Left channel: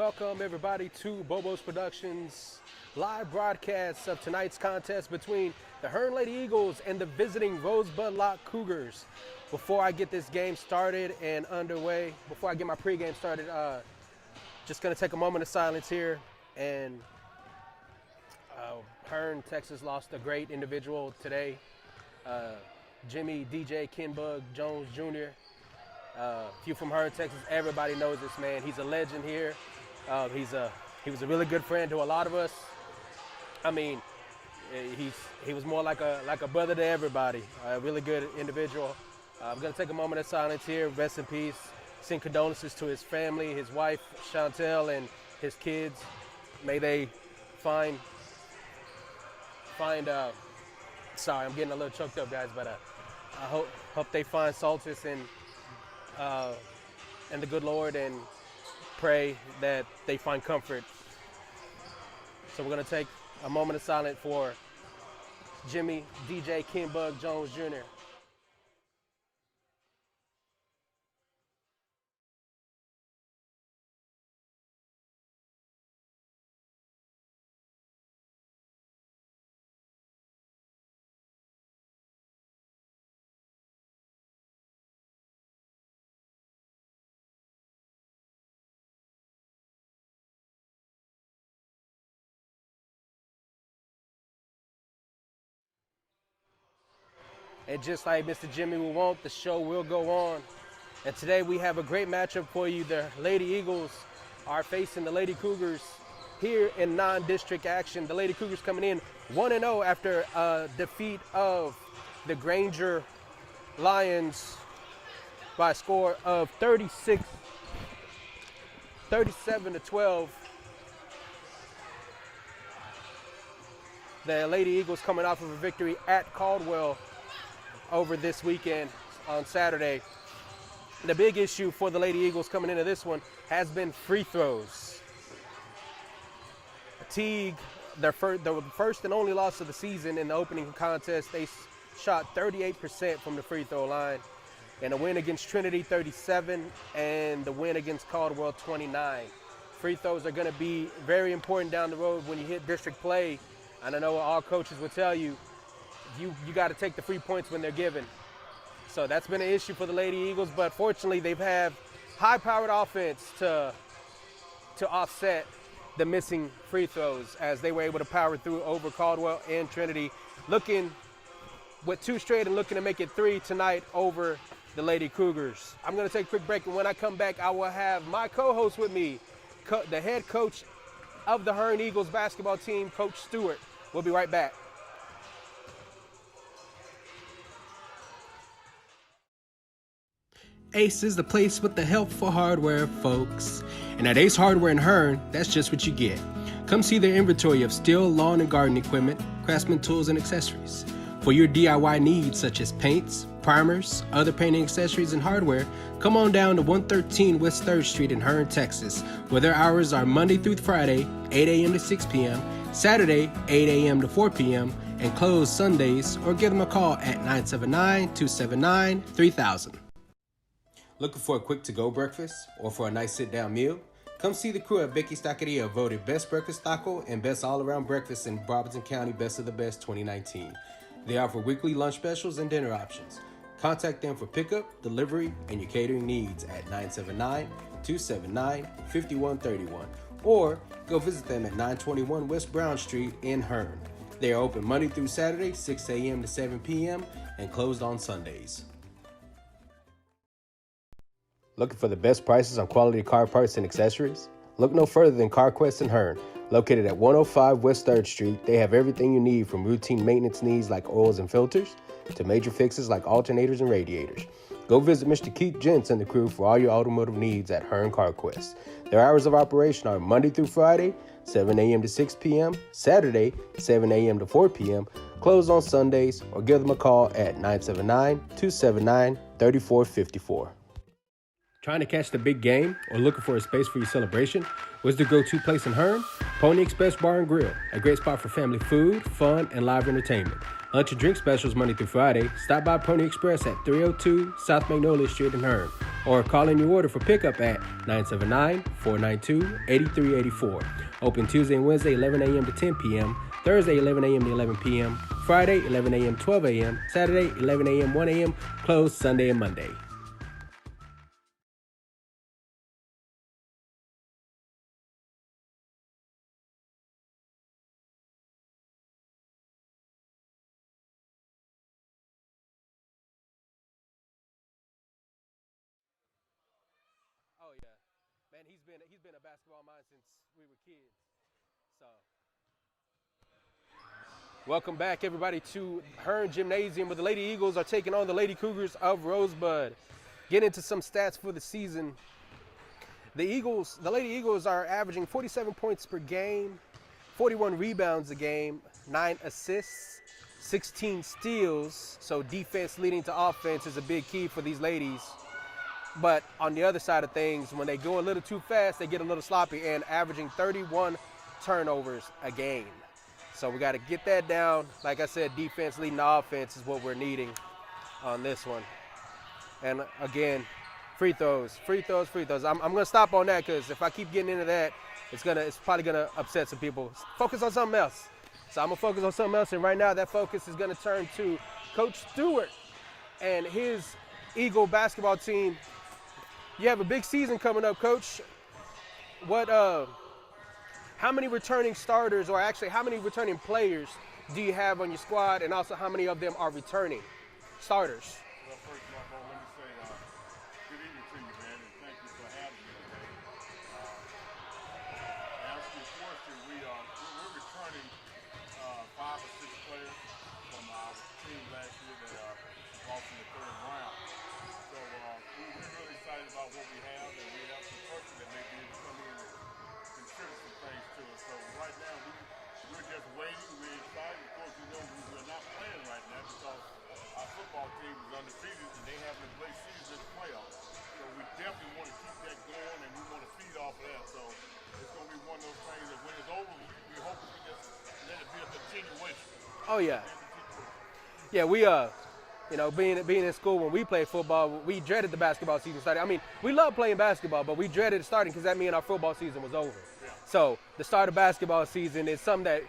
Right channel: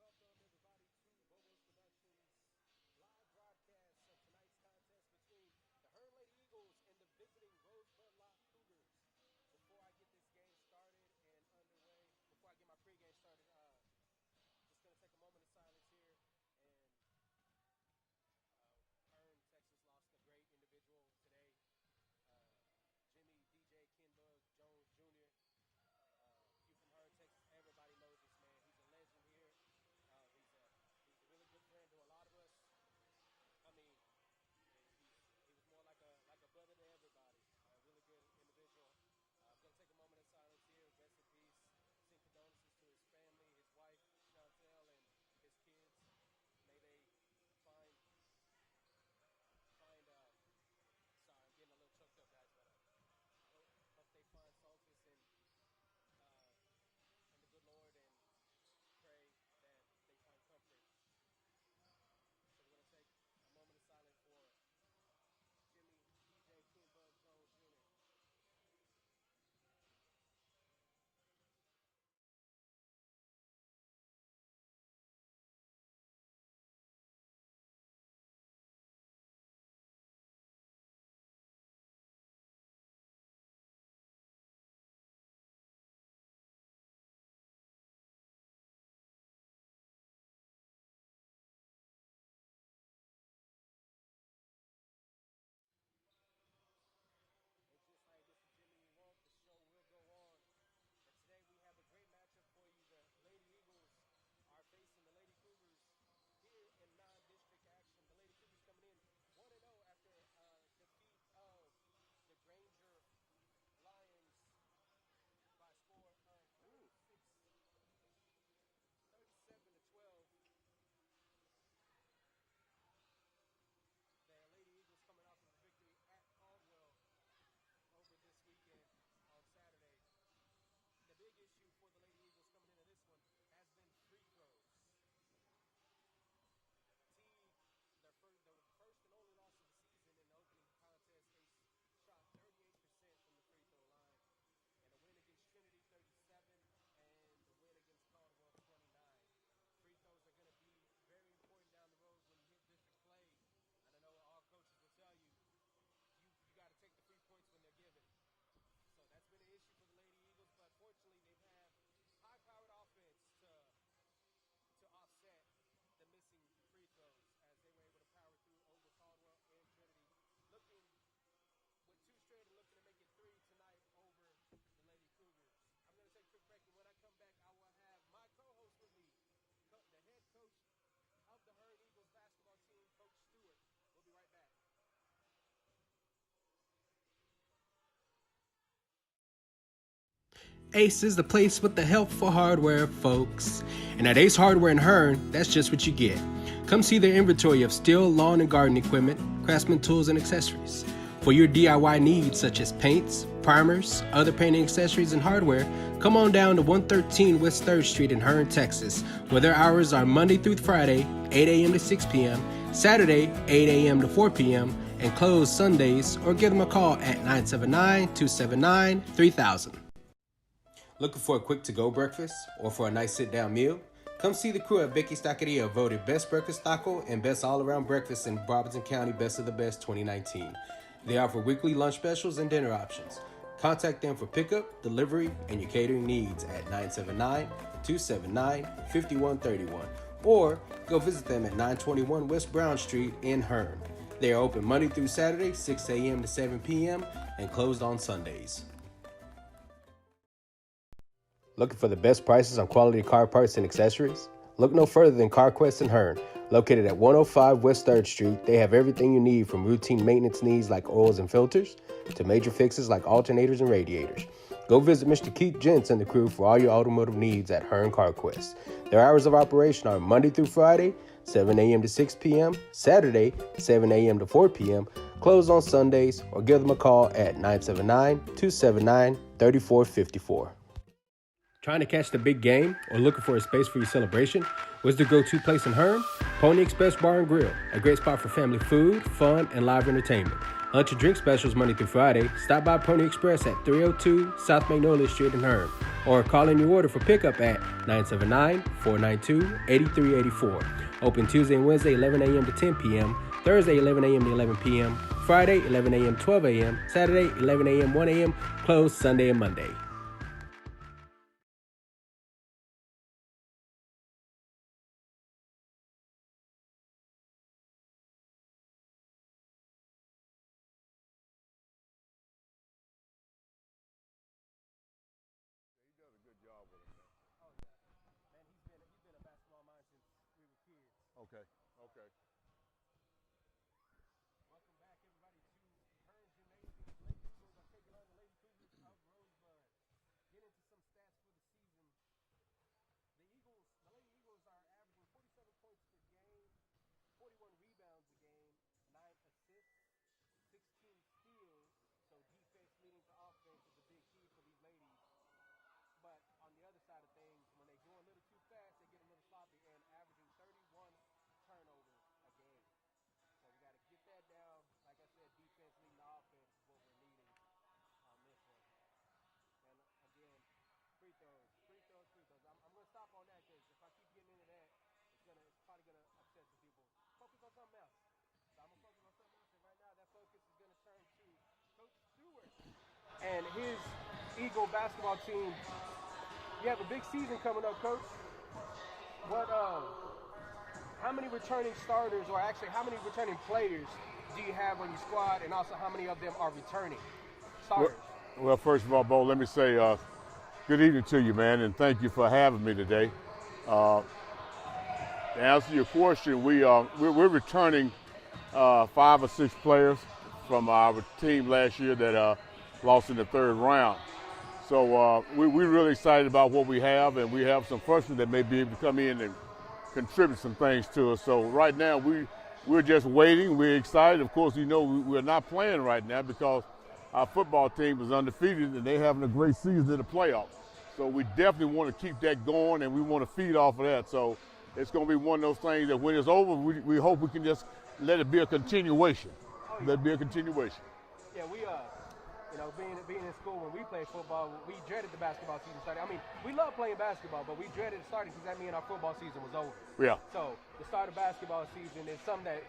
Welcome everybody to Bobo's Productions live broadcast of tonight's contest between the Hearne Lady Eagles and the visiting Rosebud-Lott Cougars. Before I get this game started and underway, before I get my pregame started, just gonna take a moment of silence here. And Hearne, Texas lost a great individual today. Jimmy DJ Kenbug Jones Jr. If you're from Hearne, Texas, everybody knows this man. He's a legend here. He was a really good friend to a lot of us. I mean, he was more like a brother to everybody. A really good individual. I'm gonna take a moment of silence here. Rest in peace. Send condolences to his family, his wife Chantel, and his kids. May they find. Sorry, I'm getting a little choked up, guys. But I hope they find solace and the good Lord, and pray that they find comfort. So we're gonna take a moment of silence for Jimmy DJ Kenbug Jones Jr. And just like Mr. Jimmy will want, the show will go on. And today we have a great matchup for you. The Lady Eagles are facing the Lady Cougars here in non-district action. The Lady Cougars coming in 1-0 after a defeat of the Granger Lions by a score of 37-12. The Lady Eagles coming off of a victory at Caldwell over this weekend on Saturday. The big issue for the Lady Eagles coming into this one has been free throws. Teague, the first and only loss of the season in the opening contest, they shot 38% from the free throw line. And a win against Trinity, 37, and the win against Caldwell, 29. Free throws are gonna be very important down the road when you hit district play. And I know all coaches will tell you, you got to take the free points when they're given. So that's been an issue for the Lady Eagles, but fortunately they've had high-powered offense to offset the missing free throws as they were able to power through over Caldwell and Trinity, looking with 2 straight and looking to make it 3 tonight over the Lady Cougars. I'm going to take a quick break, and when I come back, I will have my co-host with me, the head coach of the Hearne Eagles basketball team, Coach Stewart. We'll be right back. Ace is the place with the helpful hardware, folks. And at Ace Hardware in Hearne, that's just what you get. Come see their inventory of steel, lawn, and garden equipment, craftsman tools, and accessories. For your DIY needs such as paints, primers, other painting accessories, and hardware, come on down to 113 West 3rd Street in Hearne, Texas, where their hours are Monday through Friday, 8 a.m. to 6 p.m., Saturday, 8 a.m. to 4 p.m., and closed Sundays, or give them a call at 979-279-3000. Looking for a quick to-go breakfast or for a nice sit-down meal? Come see the crew at Vicky's Taqueria, voted Best Breakfast Taco and Best All-Around Breakfast in Robertson County Best of the Best 2019. They offer weekly lunch specials and dinner options. Contact them for pickup, delivery, and your catering needs at 979-279-5131 or go visit them at 921 West Brown Street in Hearne. They are open Monday through Saturday, 6 a.m. to 7 p.m. and closed on Sundays. Looking for the best prices on quality car parts and accessories? Look no further than CarQuest in Hearne. Located at 105 West 3rd Street, they have everything you need from routine maintenance needs like oils and filters to major fixes like alternators and radiators. Go visit Mr. Keith Gents and the crew for all your automotive needs at Hearne CarQuest. Their hours of operation are Monday through Friday, 7 a.m. to 6 p.m., Saturday, 7 a.m. to 4 p.m., closed on Sundays, or give them a call at 979-279-3454. Trying to catch the big game or looking for a space for your celebration? What's the go-to place in Hearne? Pony Express Bar and Grill, a great spot for family food, fun, and live entertainment. Lunch and drink specials Monday through Friday. Stop by Pony Express at 302 South Magnolia Street in Hearne. or call in your order for pickup at 979-492-8384. Open Tuesday and Wednesday, 11 a.m. to 10 p.m., Thursday, 11 a.m. to 11 p.m., Friday, 11 a.m. 12 a.m., Saturday, 11 a.m. 1 a.m., closed Sunday and Monday. Oh yeah, man, he's been a basketball mind since we were kids. Okay. So. Okay. Welcome back, everybody, to Hearne Gymnasium, where the Lady Eagles are taking on the Lady Cougars of Rosebud. Get into some stats for the season. The Lady Eagles are averaging 47 points per game, 41 rebounds a game, 9 assists, 16 steals. So defense leading to offense is a big key for these ladies. But on the other side of things, when they go a little too fast, they get a little sloppy and averaging 31 turnovers a game. So we got to get that down. Like I said, defense leading the offense is what we're needing on this one. And again, free throws. I'm going to stop on that because if I keep getting into that, it's probably going to upset some people. Focus on something else. So I'm going to focus on something else. And right now that focus is going to turn to Coach Stewart and his Eagle basketball team. You have a big season coming up, Coach. How many returning starters, or actually how many returning players do you have on your squad, and also how many of them are returning starters? Well, first of all, Bo, let me say good evening to you, man, and thank you for having me today. To answer your question, we're returning 5 or 6 players from our team last year that lost in the 3rd round. So we're really excited about what we have, and we have some freshmen that may be able to come in and contribute some things to us. So right now we're just waiting. We're excited. Of course, we're not playing right now because our football team is undefeated and they're having a great season in the playoffs. So we definitely want to keep that going, and we want to feed off of that. So it's going to be one of those things that when it's over, we hope we can just let it be a continuation. Oh yeah. Let it be a continuation. Yeah, we being in school when we played football, we dreaded the basketball season starting. I mean, we love playing basketball, but we dreaded it starting because that meant our football season was over. Yeah. So the start of basketball season is something that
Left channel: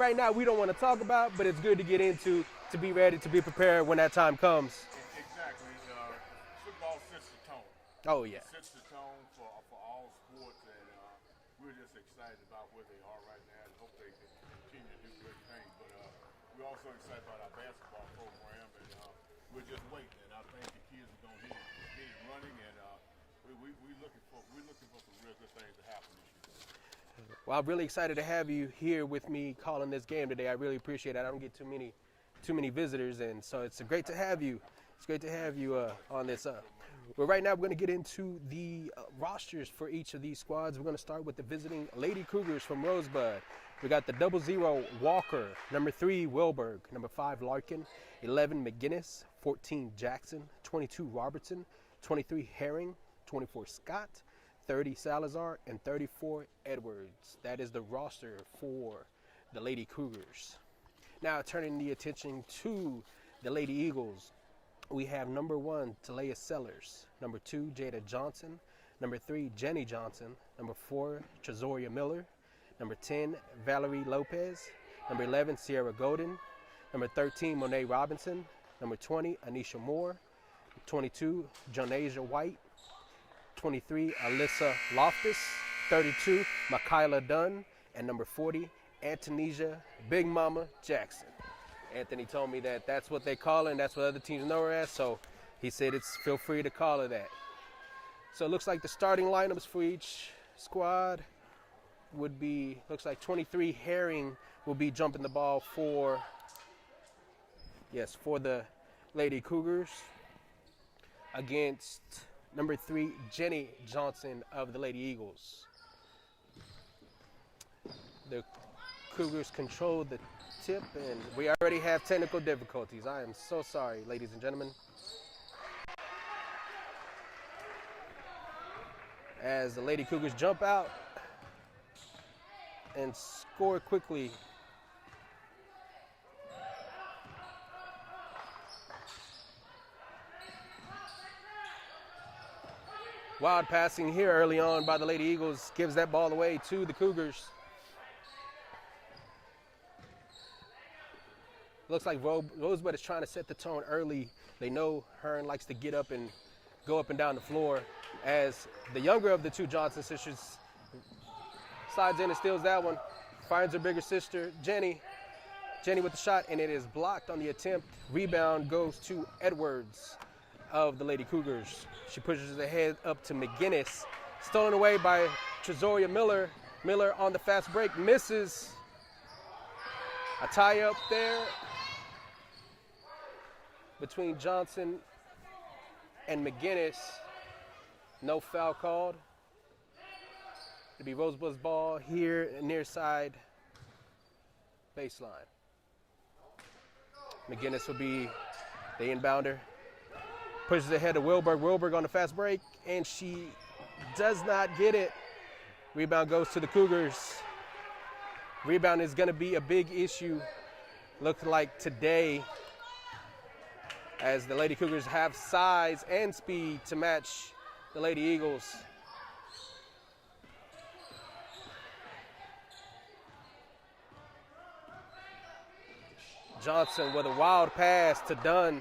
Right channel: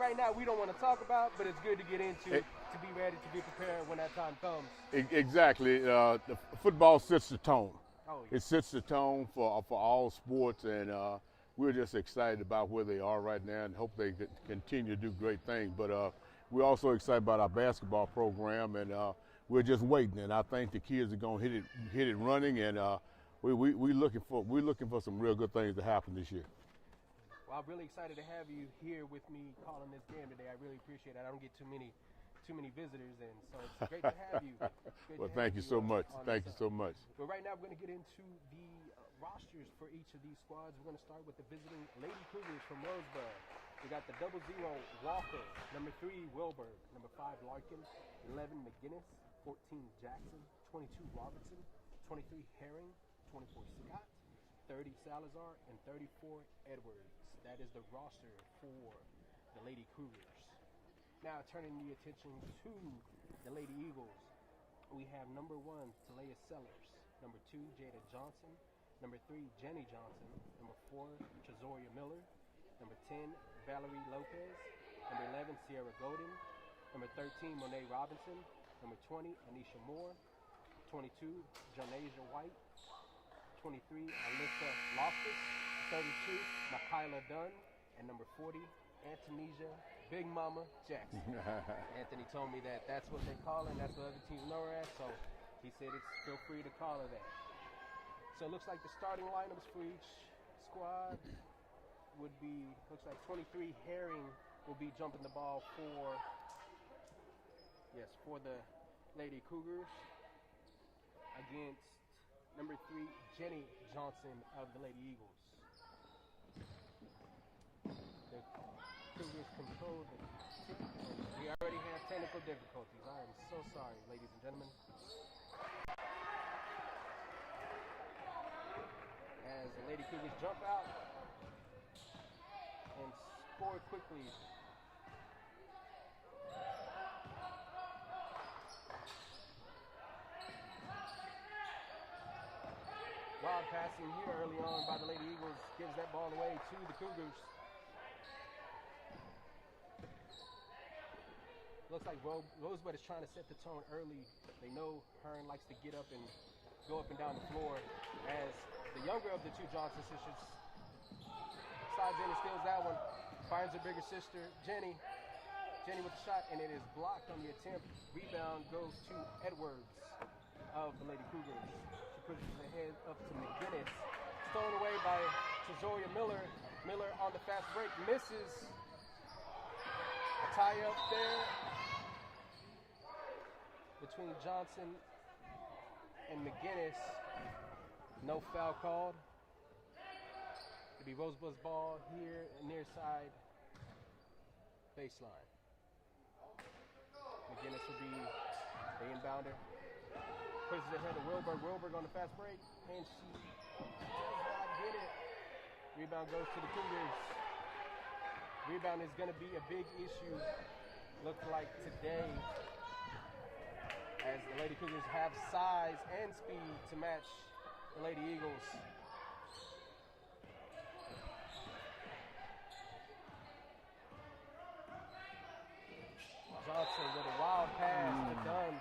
right now we don't want to talk about, but it's good to get into, to be ready, to be prepared when that time comes. Exactly. The football sets the tone. Oh yeah. It sets the tone for all sports, and we're just excited about where they are right now and hope they continue to do great things. But we're also excited about our basketball program, and we're just waiting. And I think the kids are going to hit it running, and we're looking for some real good things to happen this year. Well, I'm really excited to have you here with me calling this game today. I really appreciate it. I don't get too many visitors, and so it's great to have you. It's great to have you on this. Thank you so much. Well, right now we're going to get into the rosters for each of these squads. We're going to start with the visiting Lady Cougars from Rosebud. We got the 00 Walker, number 3 Wilberg, number 5 Larkin, 11 McGinnis, 14 Jackson, 22 Robertson, 23 Herring, 24 Scott, 30 Salazar, and 34 Edwards. That is the roster for the Lady Cougars. Now turning the attention to the Lady Eagles, we have number 1 Talia Sellers, number 2 Jada Johnson, number 3 Jenny Johnson, number 4 Trezoria Miller, number 10 Valerie Lopez, number 11 Sierra Golden, number 13 Monet Robinson, number 20 Anisha Moore, 22 Jonasia White, 23 Alyssa Loftus, 32 Michaela Dunn, and number 40 Antonesia Big Mama Jackson. Anthony told me that that's what they call her, and that's what other teams know her as, so he said feel free to call her that. So it looks like the starting lineups for each squad would be, looks like 23 Herring will be jumping the ball for the Lady Cougars against number 3 Jenny Johnson of the Lady Eagles. The Cougars control the tip, and we already have technical difficulties. I am so sorry, ladies and gentlemen. As the Lady Cougars jump out and score quickly. Wild passing here early on by the Lady Eagles gives that ball away to the Cougars. Looks like Rosebud is trying to set the tone early. They know Hearne likes to get up and go up and down the floor, as the younger of the two Johnson sisters slides in and steals that one. Finds her bigger sister, Jenny. Jenny with the shot, and it is blocked on the attempt. Rebound goes to Edwards of the Lady Cougars. She pushes the head up to McGinnis. Stolen away by Trezoria Miller. Miller on the fast break, misses. A tie up there between Johnson and McGinnis. No foul called. It'll be Rosebud's ball here near side baseline. McGinnis will be the inbounder. Pushes ahead to Wilberg. Wilberg on the fast break, and she does not get it. Rebound goes to the Cougars. Rebound is going to be a big issue, looks like today, as the Lady Cougars have size and speed to match the Lady Eagles. Johnson with a wild pass to Dunn.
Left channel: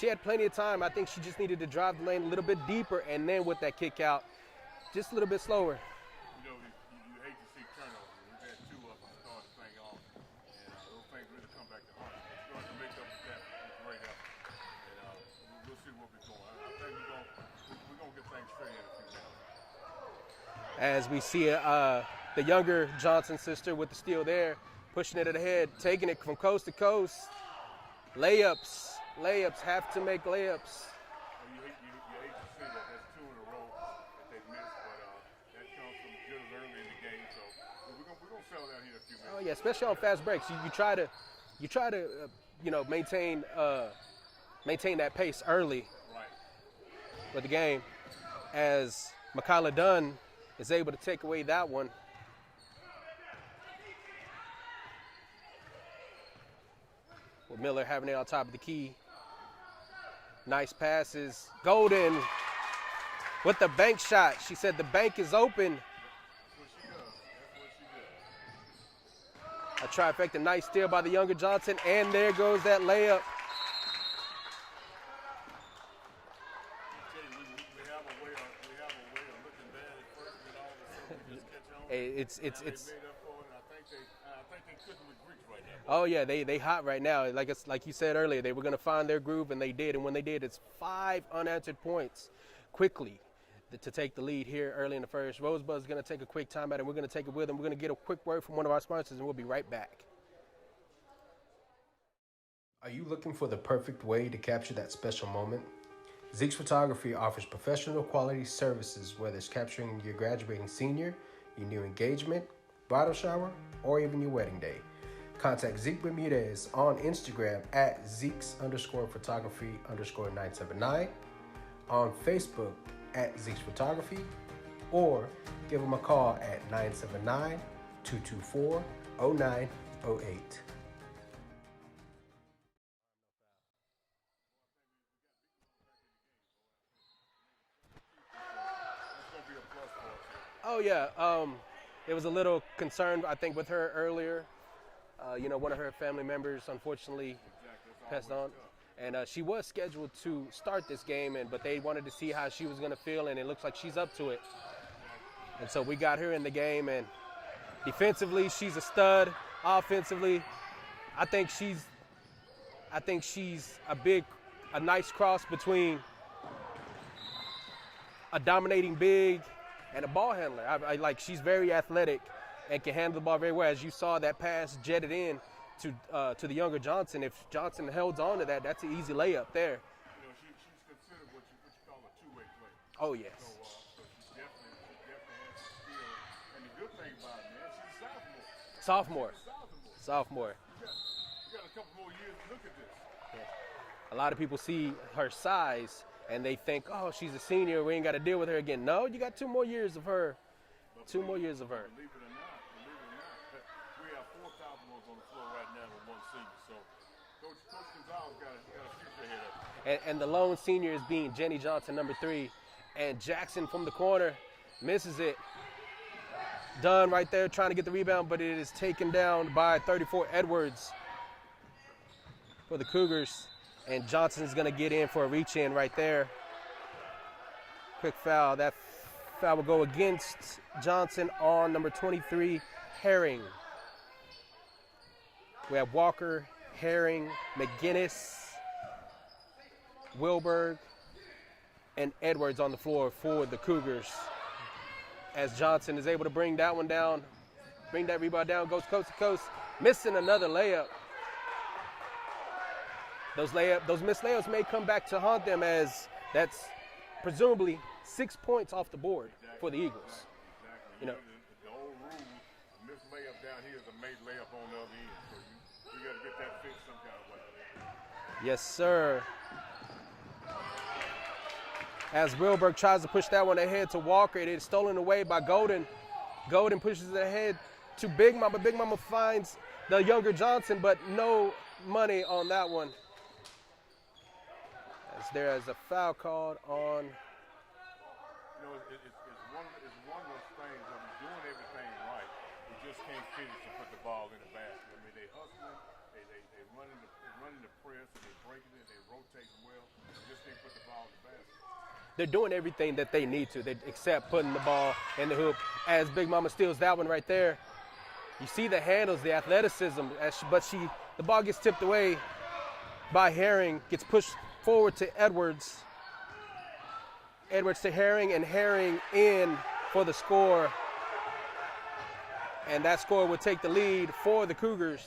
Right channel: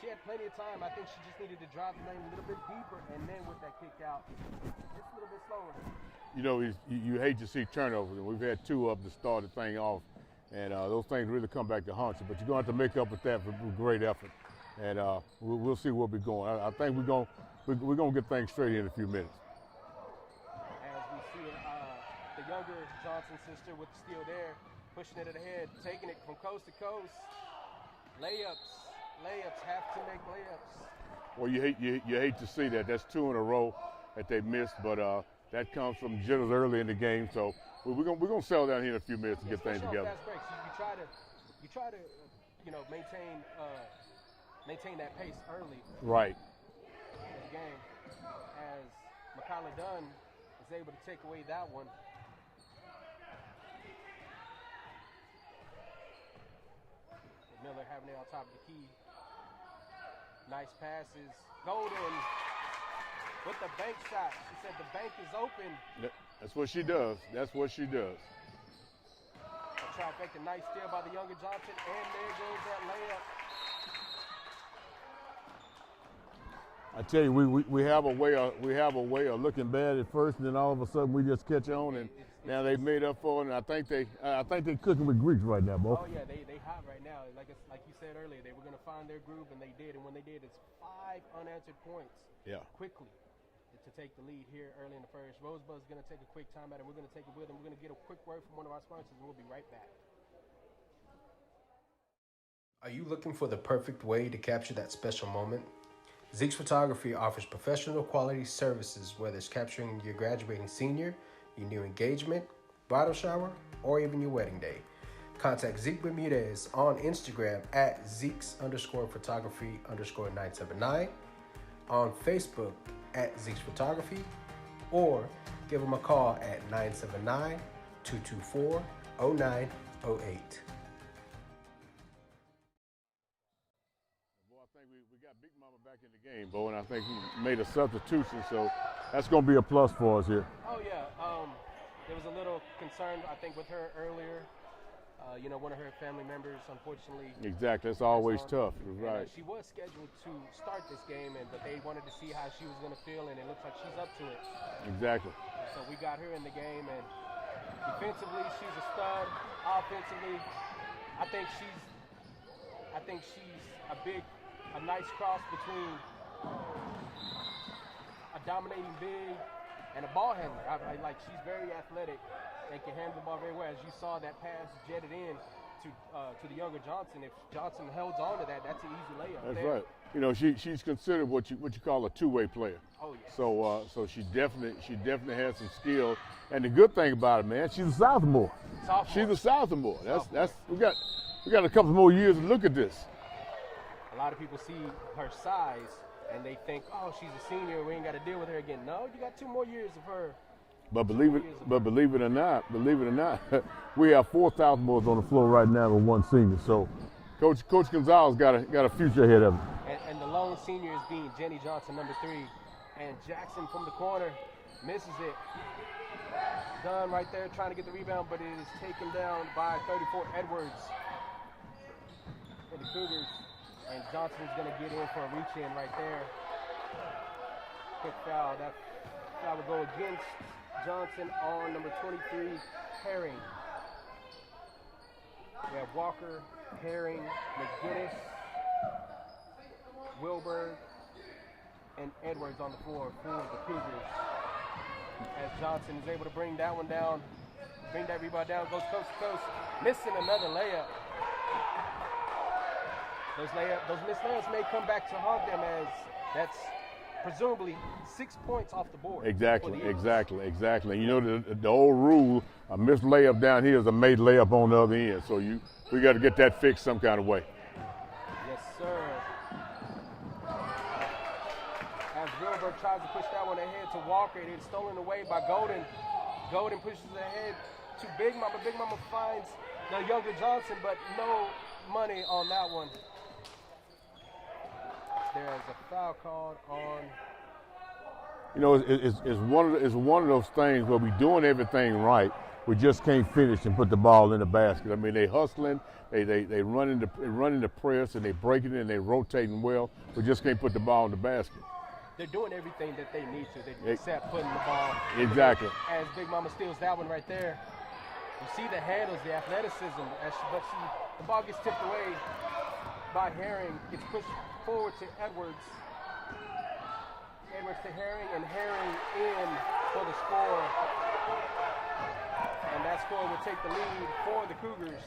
She had plenty of time. I think she just needed to drive the lane a little bit deeper, and then with that kick out, just a little bit slower. You know, you hate to see turnovers. We've had 2 of them to start the thing off, and those things really come back to haunt you. But you're going to have to make up with that with great effort, and we'll see where we're going. I think we're going to get things straight in a few minutes. As we see the younger Johnson sister with the steal there, pushing it ahead, taking it from coast to coast. Layups have to make layups. Well, you hate to see that. That's 2 in a row that they missed, but that comes from jitters early in the game. So we're gonna settle down here in a few minutes. Oh, yeah, especially on fast breaks. You try to maintain that pace early. Right. With the game, as Makayla Dunn is able to take away that one. With Miller having it on top of the key. Nice passes. Golden with the bank shot. She said the bank is open. That's what she does. That's what she does. A trifecta. Nice steal by the younger Johnson, and there goes that layup. I tell you, we have a way of looking bad at first, and then all of a sudden we just catch on. And they made up for it. And I think they cooking with Greeks right now, boy. Oh yeah, they hot right now. Like you said earlier, they were gonna find their groove, and they did. And when they did, it's 5 unanswered points quickly to take the lead here early in the first. Rosebud's gonna take a quick timeout, and we're gonna take it with them. We're gonna get a quick word from one of our sponsors, and we'll be right back. Are you looking for the perfect way to capture that special moment? Zeke's Photography offers professional quality services, whether it's capturing your graduating senior, your new engagement, bridal shower, or even your wedding day. Contact Zeke Bermudez on Instagram at Zeke's_photography_979, on Facebook at Zeke's Photography, or give them a call at 979-224-0908. Bo, and I think he made a substitution, so that's going to be a plus for us here. Oh yeah, there was a little concern I think with her earlier. One of her family members, unfortunately. Exactly, it's always tough. And she was scheduled to start this game, but they wanted to see how she was going to feel, and it looks like she's up to it. Exactly. And so we got her in the game, and defensively she's a stud. Offensively, I think she's a nice cross between a dominating big and a ball handler. She's very athletic and can handle the ball very well. As you saw, that pass jetted in to the younger Johnson. If Johnson holds on to that, that's an easy layup. That's there. Right. She's considered what you call a two-way player. Oh yeah. So she definitely has some skill. And the good thing about it, man, she's a sophomore. She's a sophomore. That's we got a couple more years to look at this. A lot of people see her size and they think, oh, she's a senior, we ain't got to deal with her again. No, you got 2 more years of her. But believe it or not, we have 4 sophomores on the floor right now with 1 senior. So Coach Gonzalez got a future ahead of him. And the lone senior is being Jenny Johnson, number 3. And Jackson from the corner misses it. Dunn right there trying to get the rebound, but it is taken down by 34 Edwards for the Cougars. And Johnson's going to get in for a reach-in right there. Quick foul. That foul will go against Johnson on number 23, Herring. We have Walker, Herring, McGinnis, Wilberg, and Edwards on the floor for the Cougars. As Johnson is able to bring that one down, bring that rebound down, goes coast to coast, missing another layup. Those missed layups may come back to haunt them, as that's presumably 6 points off the board. Exactly, for the Eagles. exactly. You know, the old rule, a missed layup down here is a made layup on the other end. So we got to get that fixed some kind of way. Yes, sir. As Wilberg tries to push that one ahead to Walker, it is stolen away by Golden. Golden pushes it ahead to Big Mama. Big Mama finds the younger Johnson, but no money on that one. There is a foul called on. You know, it's one of those things where we're doing everything right, we just can't finish and put the ball in the basket. I mean, they hustling, they running the press, and they breaking it, and they rotating well. We just can't put the ball in the basket. They're doing everything that they need to, except putting the ball in exactly. the hoop. As Big Mama steals that one right there. You see the handles, the athleticism, but the ball gets tipped away by Herring, gets pushed forward to Edwards. Edwards to Herring, and Herring in for the score. And that score will take the lead for the Cougars,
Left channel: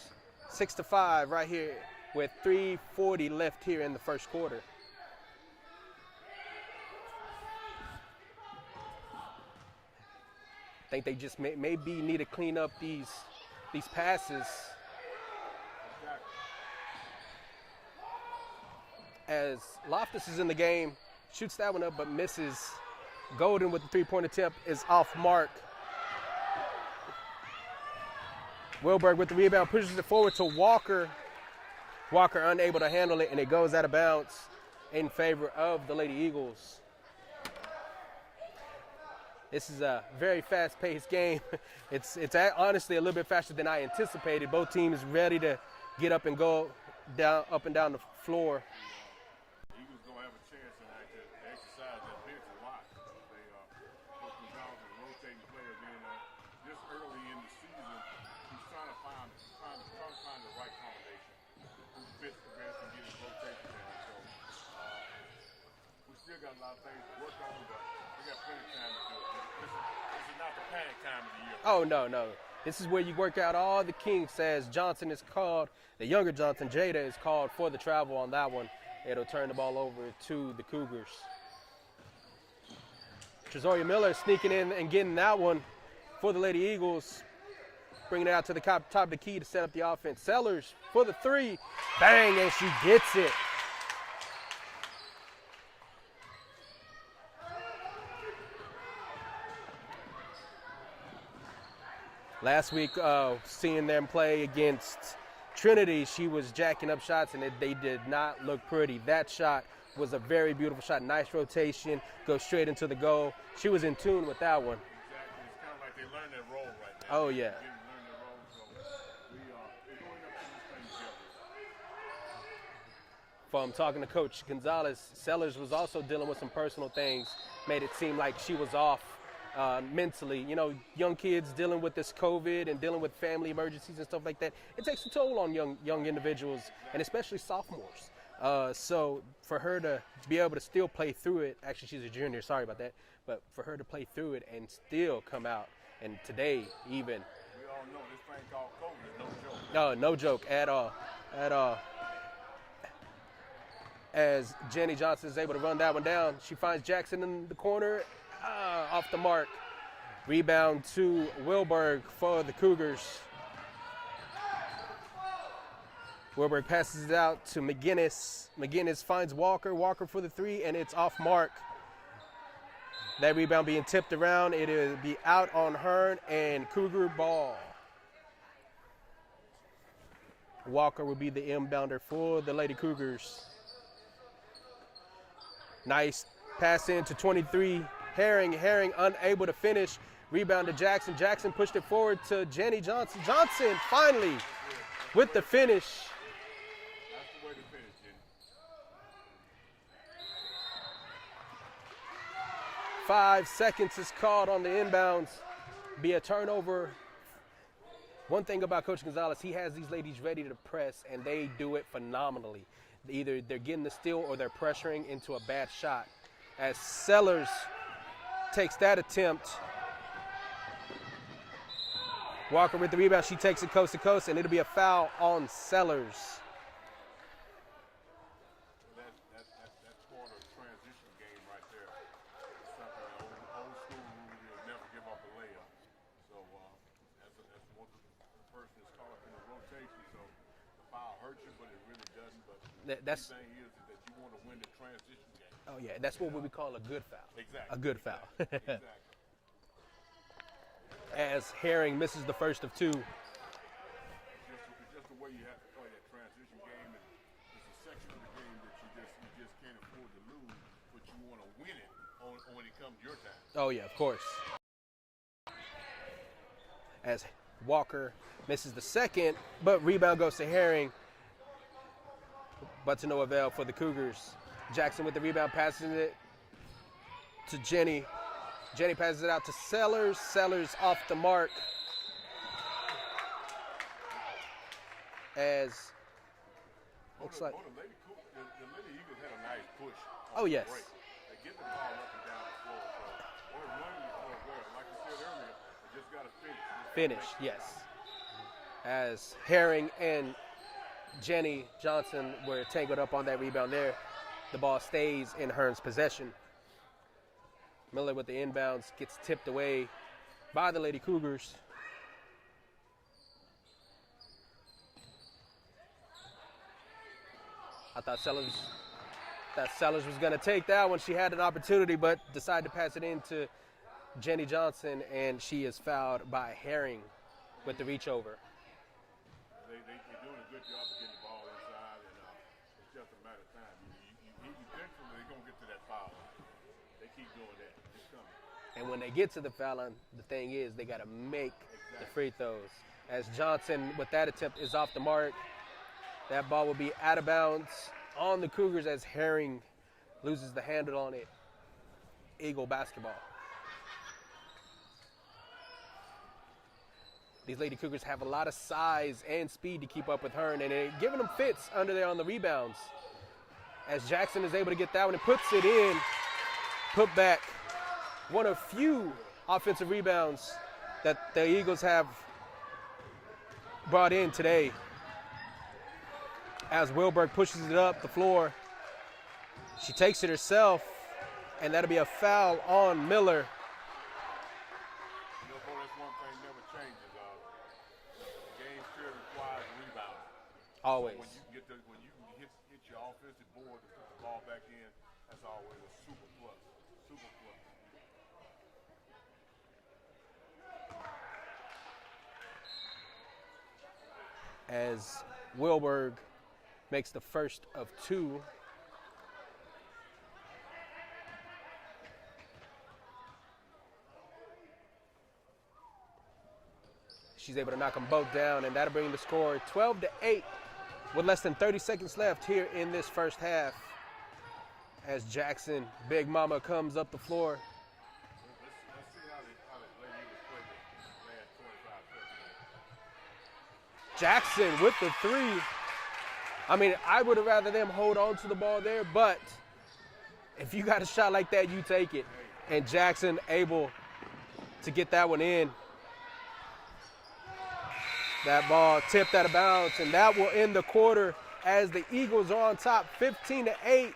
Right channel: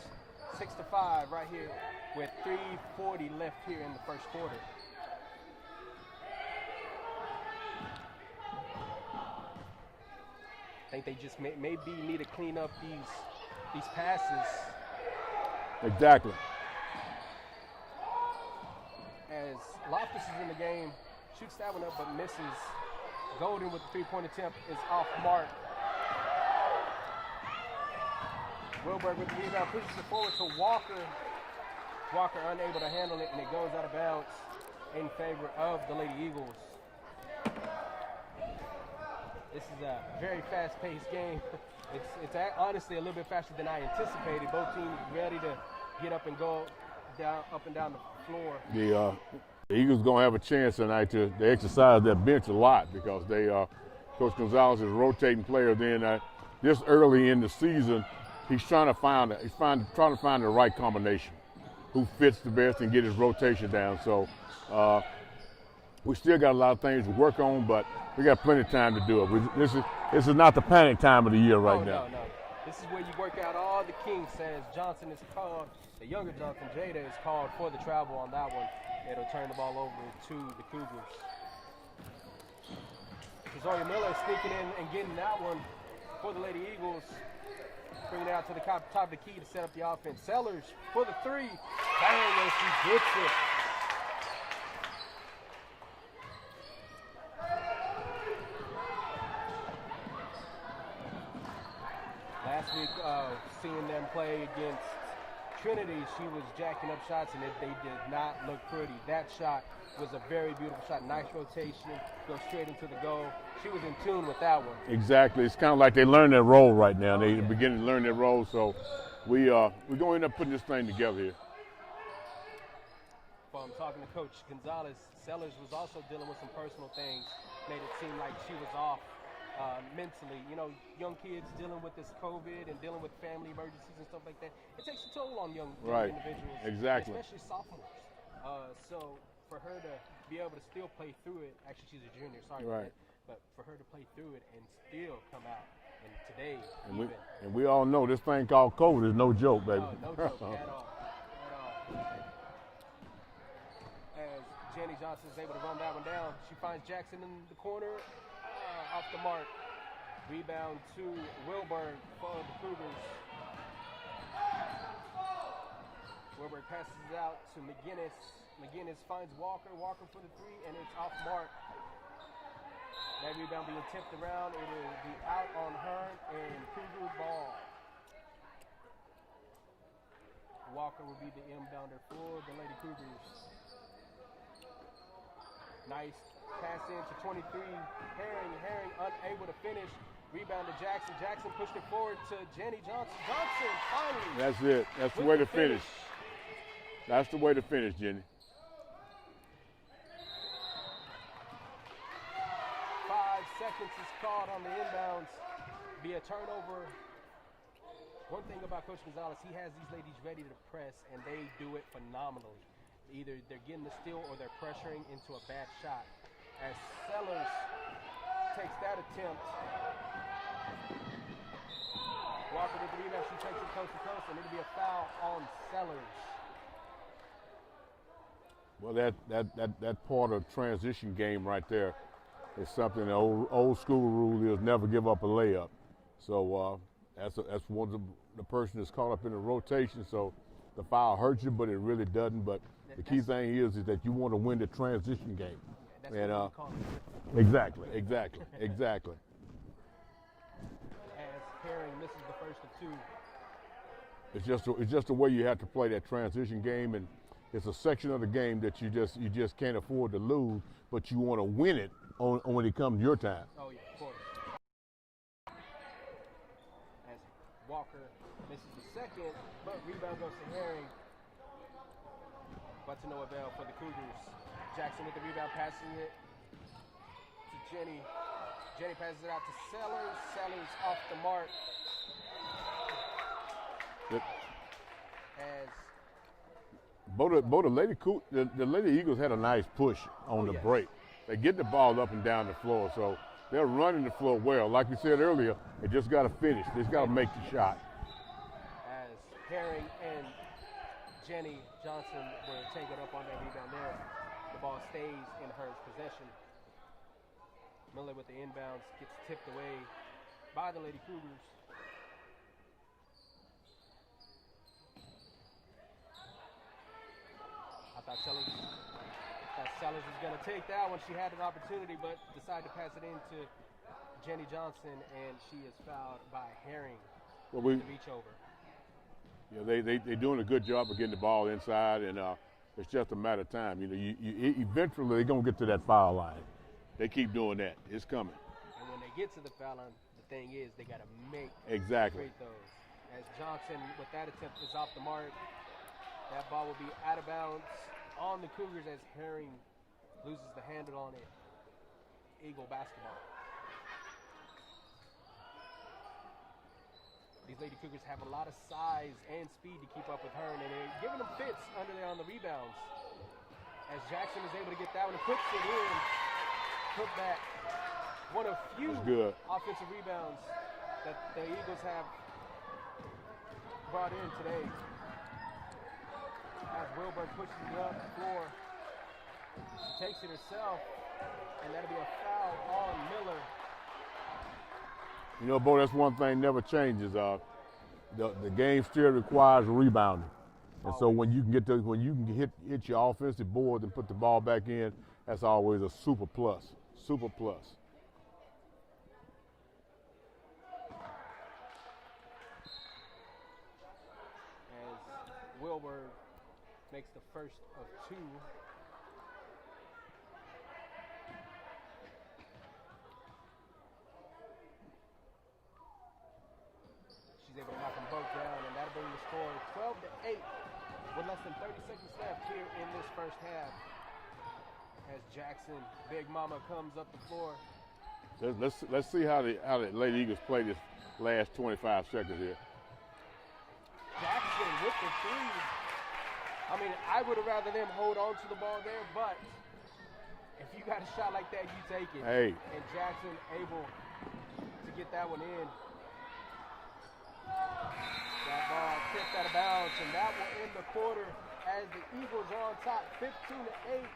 6-5 right here with 3:40 left here in the first quarter. I think they just maybe need to clean up these passes. Exactly. As Loftus is in the game, shoots that one up but misses. Golden with the three-point attempt is off mark. Wilberg with the rebound, pushes it forward to Walker. Walker unable to handle it, and it goes out of bounds in favor of the Lady Eagles. This is a very fast-paced game. It's honestly a little bit faster than I anticipated. Both teams ready to get up and go up and down the floor. The Eagles gonna have a chance tonight to exercise their bench a lot, because Coach Gonzalez is a rotating player. Then this early in the season, he's trying to find the right combination, who fits the best, and get his rotation down. So we still got a lot of things to work on, but we got plenty of time to do it. This is not the panic time of the year right now. No. This is where you work out all the kinks, as Johnson is called, the younger Johnson, Jada, is called for the travel on that one. It'll turn the ball over to the Cougars. Trezoria Miller sneaking in and getting that one for the Lady Eagles. Bringing it out to the top of the key to set up the offense. Sellers for the three. Bang, and she gets it. Last week, seeing them play against Trinity, she was jacking up shots, and they did not look pretty. That shot was a very beautiful shot. Nice rotation, goes straight into the goal. She was in tune with that one. Exactly. It's kind of like they learn their role right now. Oh, They're beginning to learn their role. So we're going to end up putting this thing together here. From talking to Coach Gonzalez, Sellers was also dealing with some personal things. Made it seem like she was off mentally. You know, young kids dealing with this COVID and dealing with family emergencies and stuff like that. It takes a toll on young Right. individuals, Exactly. and especially sophomores. So for her to be able to still play through it, actually she's a junior, sorry about Right. that, but for her to play through it and still come out, and today even. And we all know this thing called COVID is no joke, baby. No joke at all. As Jenny Johnson is able to run that one down, she finds Jackson in the corner, off the mark. Rebound to Wilberg for the Cougars. Wilberg passes it out to McGinnis. McGinnis finds Walker. Walker for the three, and it's off mark. That rebound being tipped around. It will be out on Hearne, and Cougar ball. Walker will be the inbounder for the Lady Cougars. Nice Pass into 23, Herring unable to finish. Rebound to Jackson. Jackson pushed it forward to Jenny Johnson. Johnson finally. That's it. That's with the way the to finish. finish. That's the way to finish, Jenny. 5 seconds is called on the inbounds. Be a turnover. One thing about Coach Gonzalez, he has these ladies ready to press, and they do it phenomenally. Either they're getting the steal or they're pressuring into a bad shot. As Sellers takes that attempt. Walker with the rebound. She takes it coast to coast, and it'll be a foul on Sellers. Well, that part of transition game right there is something the old school rule is never give up a layup. So that's one of the person that's caught up in the rotation. So the foul hurts you, but it really doesn't. But the key thing is that you want to win the transition game. Oh yeah, that's what we would call a good foul. Exactly. A good foul. Exactly. As Herring misses the first of 2. It's just the way you have to play that transition game, and it's a section of the game that you just can't afford to lose, but you want to win it when it comes your time. Oh yeah, of course. As Walker misses the second, but rebound goes to Herring, but to no avail for the Cougars. Jackson with the rebound, passes it to Jenny. Jenny passes it out to Sellers. Sellers off the mark. Yep. As both the Lady Eagles had a nice push on the break. They get the ball up and down the floor, so they're running the floor well. Like we said earlier, they just got to finish. They just got to make the shot. As Herring and Jenny Johnson were tangled up on that rebound there, the ball stays in Hearne's possession. Miller with the inbounds gets tipped away by the Lady Cougars. I thought Sellers was going to take that one. She had an opportunity, but decided to pass it into Jenny Johnson, and she is fouled by Herring with the reach over. Yeah, they're doing a good job of getting the ball inside, and it's just a matter of time. You eventually they're going to get to that foul line. They keep doing that. It's coming. And when they get to the foul line, the thing is they got to make free throws. As Johnson, with that attempt, is off the mark. That ball will be out of bounds on the Cougars as Herring loses the handle on it. Eagle basketball. These Lady Cougars have a lot of size and speed to keep up with Hearne, and they're giving them fits under there on the rebounds. As Jackson is able to get that one and puts it in. Put back. One of few offensive rebounds that the Eagles have brought in today. As Wilberg pushes it up the floor. She takes it herself, and that'll be a foul on Miller. You know, Bo, that's one thing never changes. The game still requires rebounding. So when you can hit your offensive board and put the ball back in, that's always a super plus. Super plus. As Wilberg makes the first of 2. She's able to knock them both down, and that'll bring the score 12-8 with less than 30 seconds left here in this first half. As Jackson, Big Mama, comes up the floor. Let's see how the Lady Eagles play this last 25 seconds here. Jackson with the 3. I mean, I would have rather them hold on to the ball there, but if you got a shot like that, you take it. Hey. And Jackson able to get that one in. That ball tipped out of bounds, and that will end the quarter as the Eagles are on top 15-8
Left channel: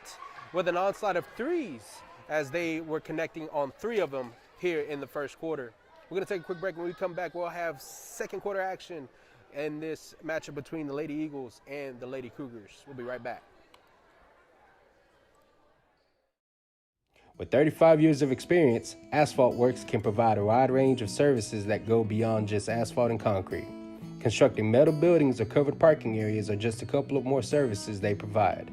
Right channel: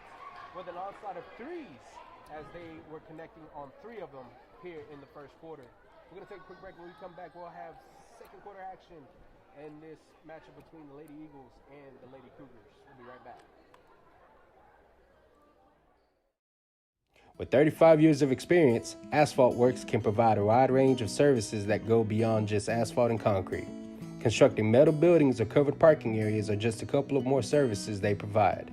with an onslaught of 3s as they were connecting on 3 of them here in the first quarter. We're going to take a quick break. When we come back, we'll have second quarter action in this matchup between the Lady Eagles and the Lady Cougars. We'll be right back. With 35 years of experience, Asphalt Works can provide a wide range of services that go beyond just asphalt and concrete. Constructing metal buildings or covered parking areas are just a couple of more services they provide.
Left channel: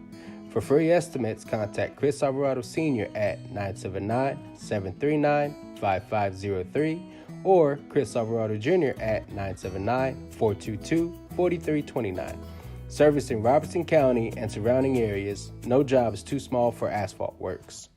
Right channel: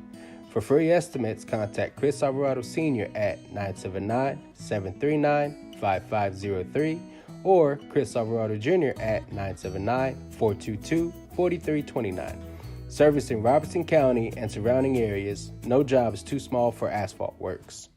For free estimates, contact Chris Alvarado Sr. at 979-739-5503 or Chris Alvarado Jr. at 979-422-4329. Servicing Robertson County and surrounding areas, no job is too small for asphalt works.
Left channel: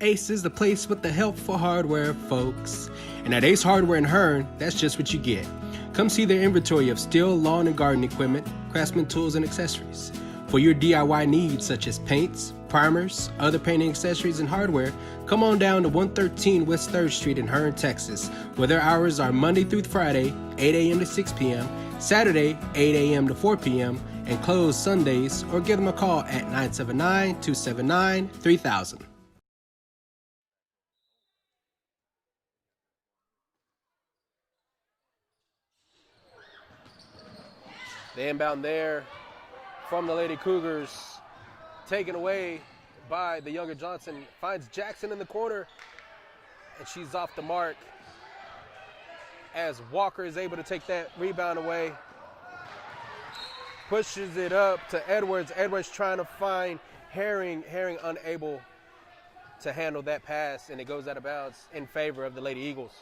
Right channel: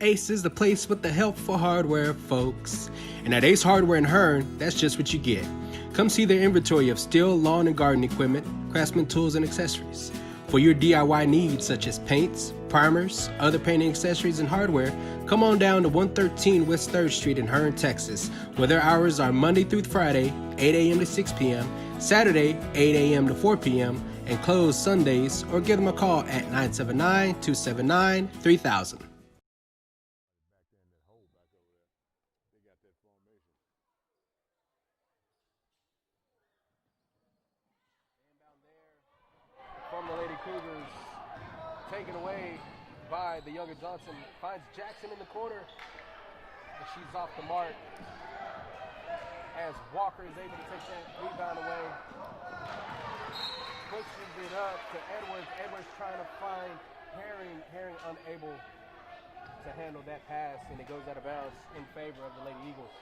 Ace is the place with the helpful hardware, folks. And at Ace Hardware in Hearne, that's just what you get. Come see their inventory of steel, lawn, and garden equipment, craftsman tools, and accessories. For your DIY needs such as paints, primers, other painting accessories, and hardware, come on down to 113 West 3rd Street in Hearne, Texas, where their hours are Monday through Friday, 8 a.m. to 6 p.m., Saturday, 8 a.m. to 4 p.m., and closed Sundays, or give them a call at 979-279-3000. The inbound there from the Lady Cougars, taken away by the younger Johnson, finds Jackson in the corner, and she's off the mark as Walker is able to take that rebound away. Pushes it up to Edwards. Edwards trying to find Herring. Herring unable to handle that pass, and it goes out of bounds in favor of the Lady Eagles.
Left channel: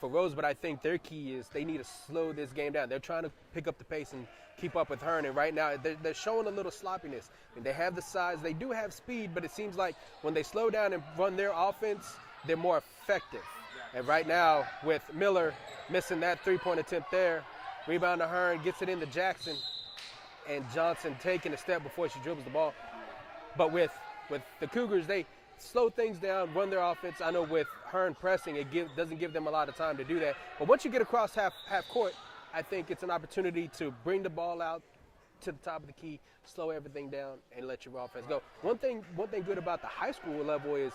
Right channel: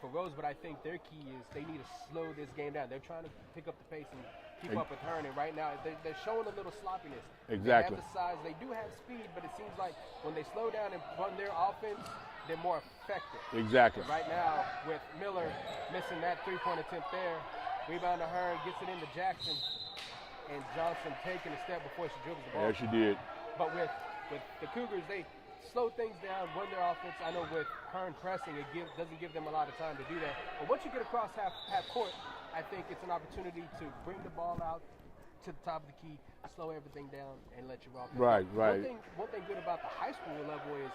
For Rosebud, I think their key is they need to slow this game down. They're trying to pick up the pace and keep up with Hearne, and right now they're showing a little sloppiness. Exactly. They have the size, they do have speed, but it seems like when they slow down and run their offense, they're more effective. Exactly. And right now, with Miller missing that three-point attempt there, rebound to Hearne, gets it into Jackson, and Johnson taking a step before she dribbles the ball. Yeah, she did. But with the Cougars, they slow things down, run their offense. I know with Hearne pressing, it doesn't give them a lot of time to do that. But once you get across half court, I think it's an opportunity to bring the ball out to the top of the key, slow everything down, and let your offense Right, go. right. One thing good about the high school level is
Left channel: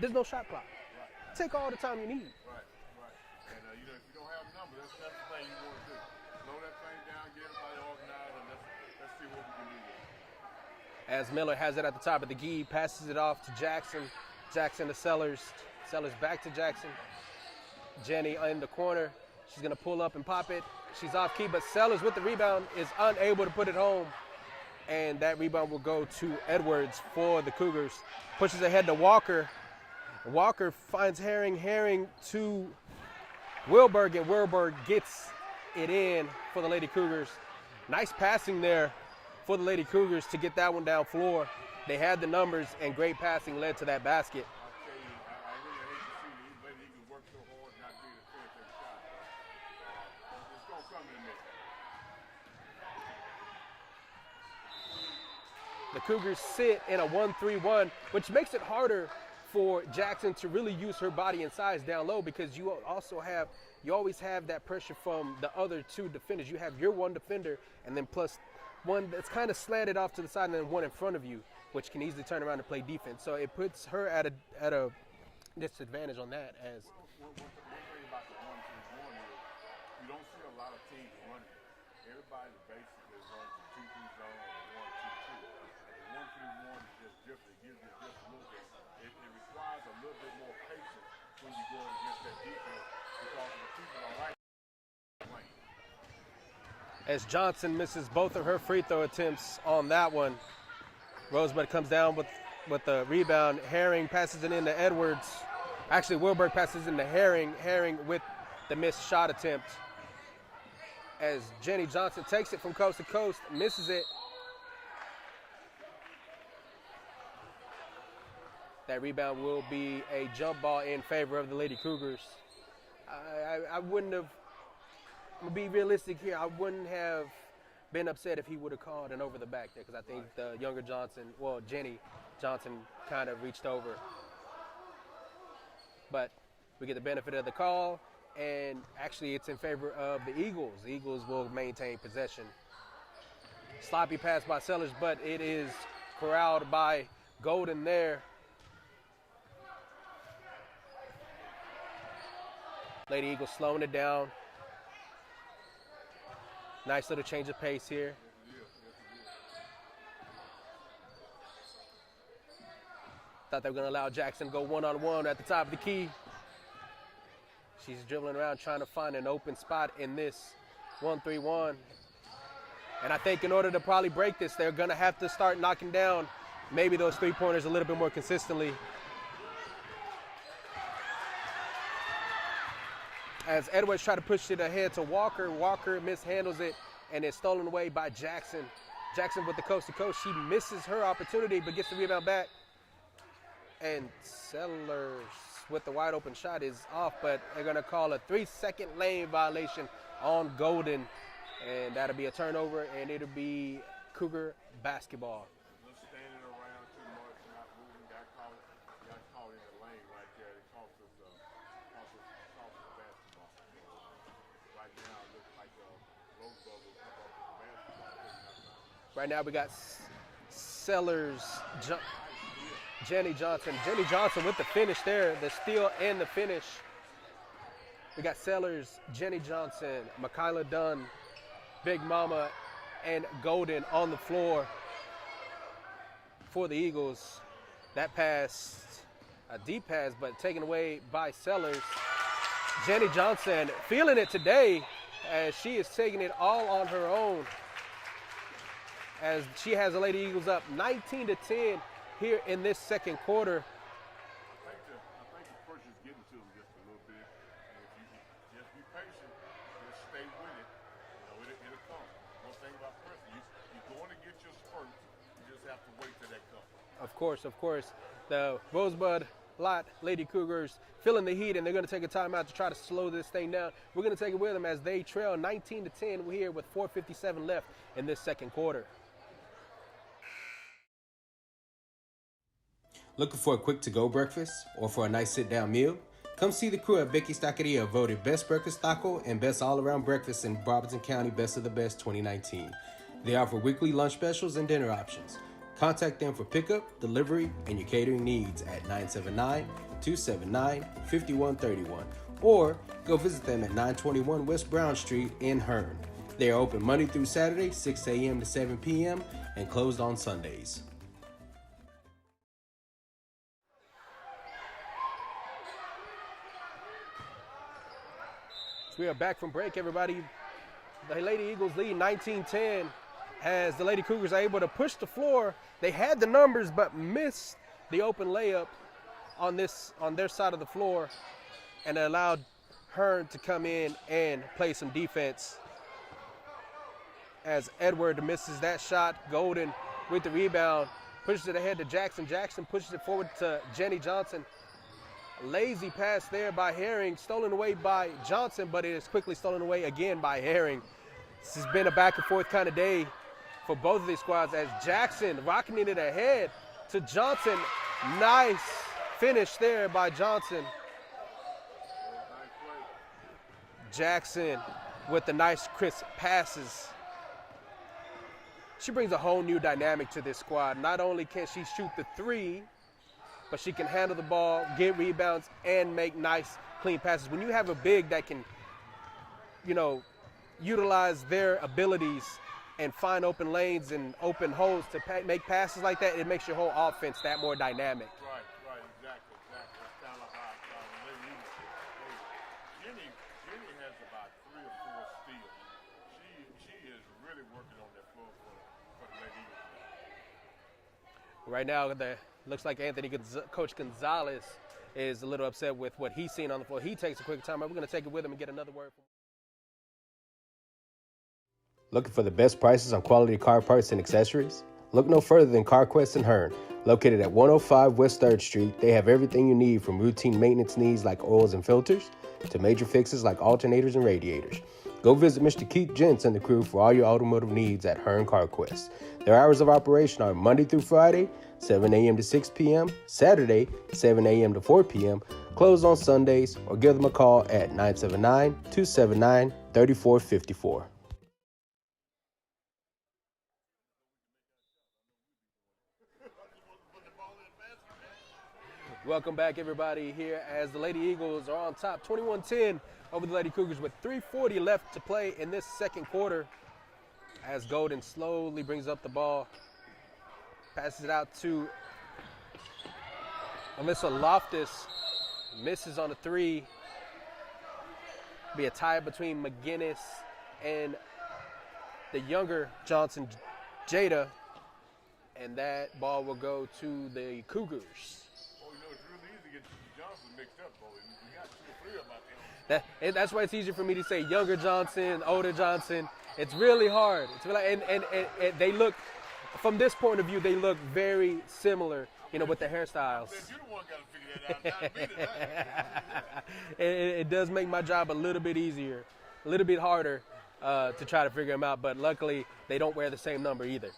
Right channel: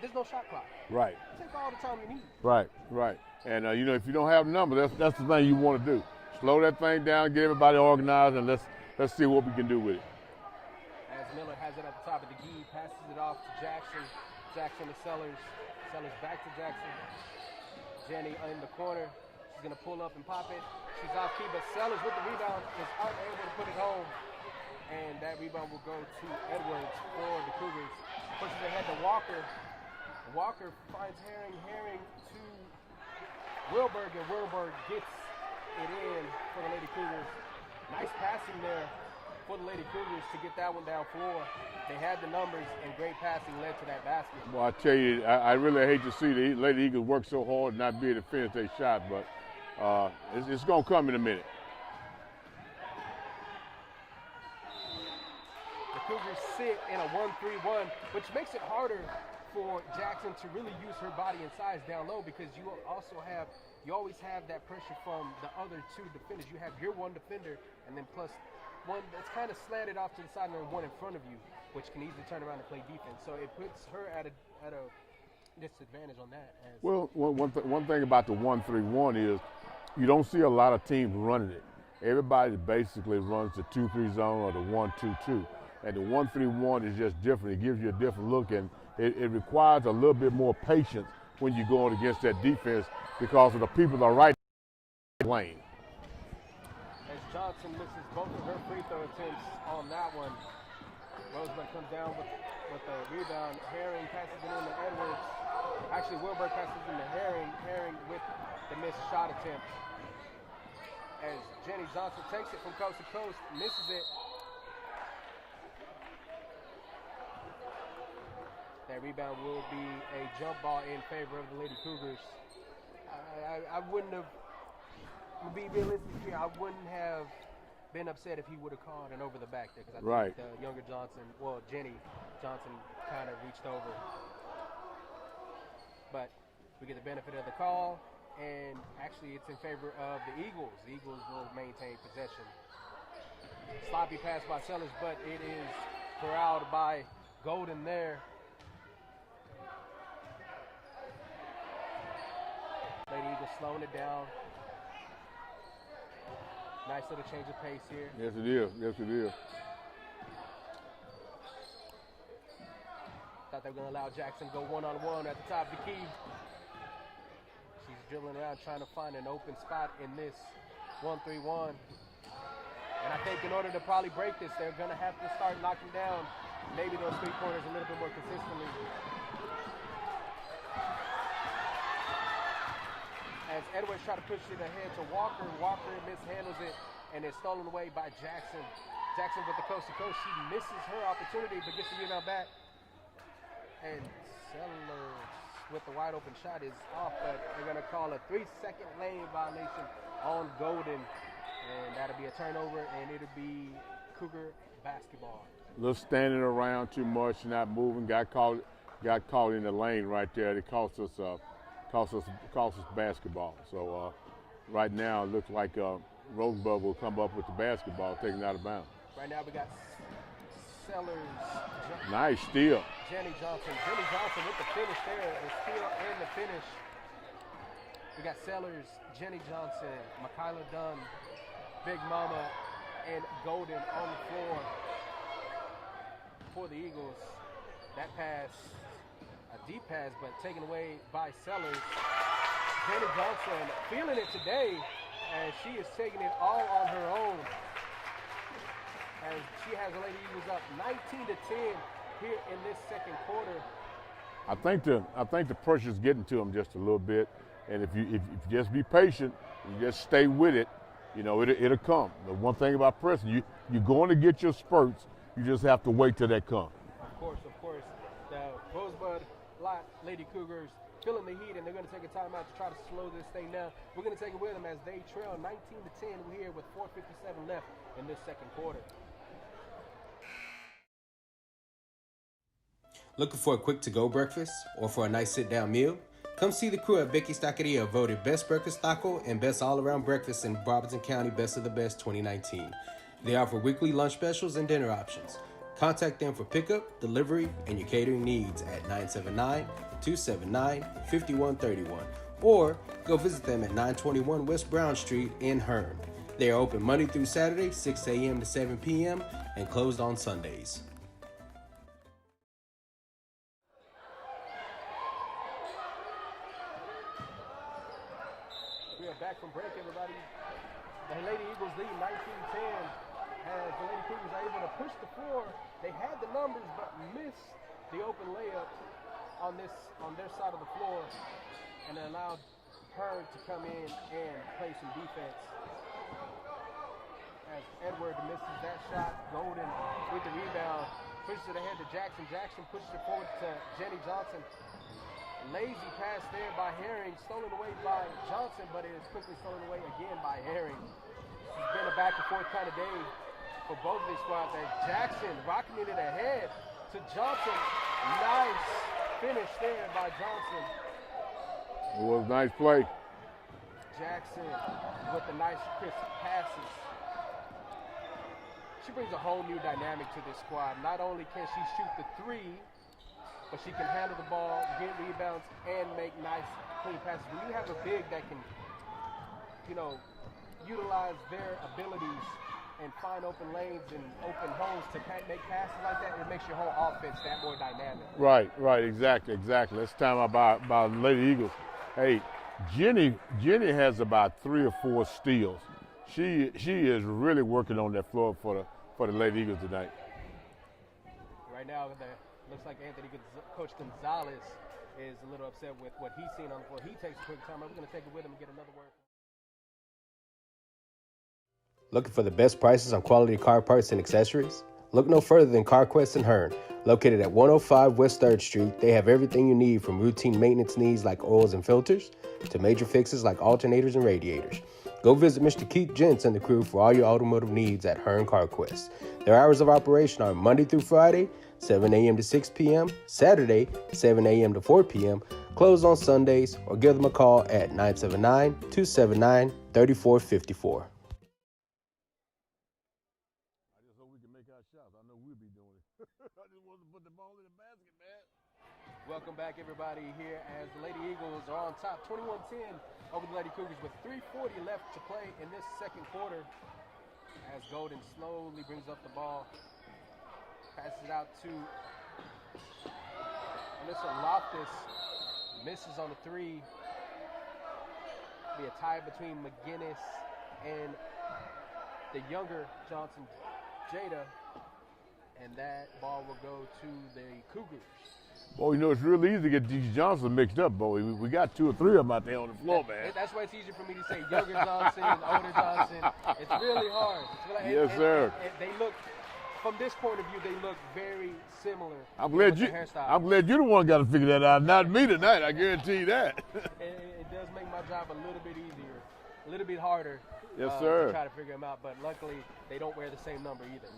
there's no shot clock. Right. Take all the time you need. Right, right. And, if you don't have numbers, that's the thing you want to do. Slow that thing down, get everybody organized, and let's see what we can do with it. As Miller has it at the top of the key, passes it off to Jackson. Jackson to Sellers. Sellers back to Jackson. Jenny in the corner. She's going to pull up and pop it. She's off key, but Sellers with the rebound is unable to put it home. And that rebound will go to Edwards for the Cougars. Pushes ahead to Walker. Walker finds Herring. Herring to Wilberg, and Wilberg gets it in for the Lady Cougars. Nice passing there for the Lady Cougars to get that one down floor. They had the numbers, and great passing led to that basket. Well, I tell you, I really hate to see the Lady Eagles work so hard and not be able to finish their shot, but it's going to come in a minute. The Cougars sit in a 1-3-1, which makes it harder for Jackson to really use her body and size down low, because you always have that pressure from the other two defenders. You have your one defender, and then plus one that's kind of slanted off to the side, and then one in front of you, which can easily turn around and play defense. So it puts her at a disadvantage on that. Well, one thing about the 1-3-1 is you don't see a lot of teams running it. Everybody basically runs the 2-3 zone or the 1-2-2. And the 1-3-1 is just different. It gives you a different look, and it requires a little bit more patience when you're going against that defense because of the people that are right in the lane. As Johnson misses both of her free throw attempts on that one, Rosebud comes down with the rebound. Herring passes it into Edwards. Actually, Wilberg passes into Herring. Herring with the missed shot attempt. As Jenny Johnson takes it from coast to coast, misses it. That rebound will be a jump ball in favor of the Lady Cougars. I wouldn't have, to be realistic here, I wouldn't have been upset if he would have called an over the back there, because I think the younger Jenny Johnson kind of reached over. But we get the benefit of the call, and actually it's in favor of the Eagles. The Eagles will maintain possession. Sloppy pass by Sellers, but it is corralled by Golden there. Lady Eagles slowing it down. Nice little change of pace here. Yes, it is. Yes, it is. Thought they were going to allow Jackson to go one-on-one at the top of the key. She's dribbling around trying to find an open spot in this 1-3-1. And I think in order to probably break this, they're going to have to start knocking down maybe those three-pointers a little bit more consistently. As Edwards try to push it ahead to Walker, Walker mishandles it, and it's stolen away by Jackson. Jackson with the coast-to-coast. She misses her opportunity, but gets the rebound back. And Sellers with the wide-open shot is off, but they're going to call a 3-second lane violation on Golden. And that'll be a turnover, and it'll be Cougar basketball. A little standing around too much, not moving. Got caught in the lane right there. It cost us basketball. So right now it looks like Rosebud will come up with the basketball, taken out of bounds. Right now we got Sellers. Nice steal. Jenny Johnson. Jenny Johnson with the finish there, the steal and the finish. We got Sellers, Jenny Johnson, Michaela Dunn, Big Mama, and Golden on the floor for the Eagles. That pass, a deep pass, but taken away by Sellers. Jenny Johnson feeling it today as she is taking it all on her own, as she has the Lady Eagles up 19-10 here in this second quarter. I think the pressure's getting to them just a little bit, and if you just be patient, you just stay with it, you know, it'll come. The one thing about pressing, you're going to get your spurts. You just have to wait till that comes. Of course. The Rosebud-Lott Lady Cougars feeling the heat, and they're going to take a timeout to try to slow this thing down. We're going to take it with them as they trail 19-10. We're here with 4:57 left in this second quarter. Looking for a quick to-go breakfast or for a nice sit-down meal? Come see the crew at Becky's Taqueria, voted Best Breakfast Taco and Best All-Around Breakfast in Robertson County Best of the Best 2019. They offer weekly lunch specials and dinner options. Contact them for pickup, delivery, and your catering needs at 979-279-5131 or go visit them at 921 West Brown Street in Hearne. They are open Monday through Saturday, 6 a.m. to 7 p.m. and closed on Sundays. We are back from break, everybody. The Lady Eagles lead 19-10 as the Lady Cougars are able to push the floor. They had the numbers but missed the open layup on their side of the floor, and it allowed Hearne to come in and play some defense. As Edward misses that shot, Golden with the rebound, pushes it ahead to Jackson. Jackson pushes it forward to Jenny Johnson. Lazy pass there by Herring, stolen away by Johnson, but it is quickly stolen away again by Herring. This has been a back and forth kind of day for both of these squads as Jackson rocketing it ahead to Johnson. Nice finish there by Johnson. It was a nice play. Jackson with the nice crisp passes. She brings a whole new dynamic to this squad. Not only can she shoot the three, but she can handle the ball, get rebounds, and make nice, clean passes. When you have a big that can, utilize their abilities and find open lanes and open holes to make passes like that, it makes your whole offense that more dynamic. Right, exactly. Let's talk about Lady Eagles. Hey, Jenny has about 3 or 4 steals. She is really working on that floor for the Lady Eagles tonight. Right now, looks like Coach Gonzalez is a little upset with what he's seen on the floor. He takes a quick time. We're going to take it with him and get another word. Looking for the best prices on quality car parts and accessories? Look no further than CarQuest in Hearne. Located at 105 West 3rd Street, they have everything you need from routine maintenance needs like oils and filters to major fixes like alternators and radiators. Go visit Mr. Keith Gents and the crew for all your automotive needs at Hearne CarQuest. Their hours of operation are Monday through Friday, 7 a.m. to 6 p.m., Saturday, 7 a.m. to 4 p.m., closed on Sundays, or give them a call at 979-279-3454. Welcome back, everybody, here as the Lady Eagles are on top 21-10 over the Lady Cougars with 3:40 left to play in this second quarter as Golden slowly brings up the ball, passes it out to Alyssa Loftus, misses on a 3. Be a tie between McGinnis and the younger Johnson, Jada, and that ball will go to the Cougars. Well, you know, it's real easy to get these Johnsons mixed up, boy. We got 2 or 3 of them out there on the floor, man. And that's why it's easier for me to say younger Johnson, older Johnson. It's really hard. It's really, and they look, from this point of view, they look very similar with the hairstyles. I'm glad you're the one got to figure that out, not me tonight. I guarantee you that. It does make my job a little bit easier, a little bit harder to try to figure them out. But luckily, they don't wear the same number either.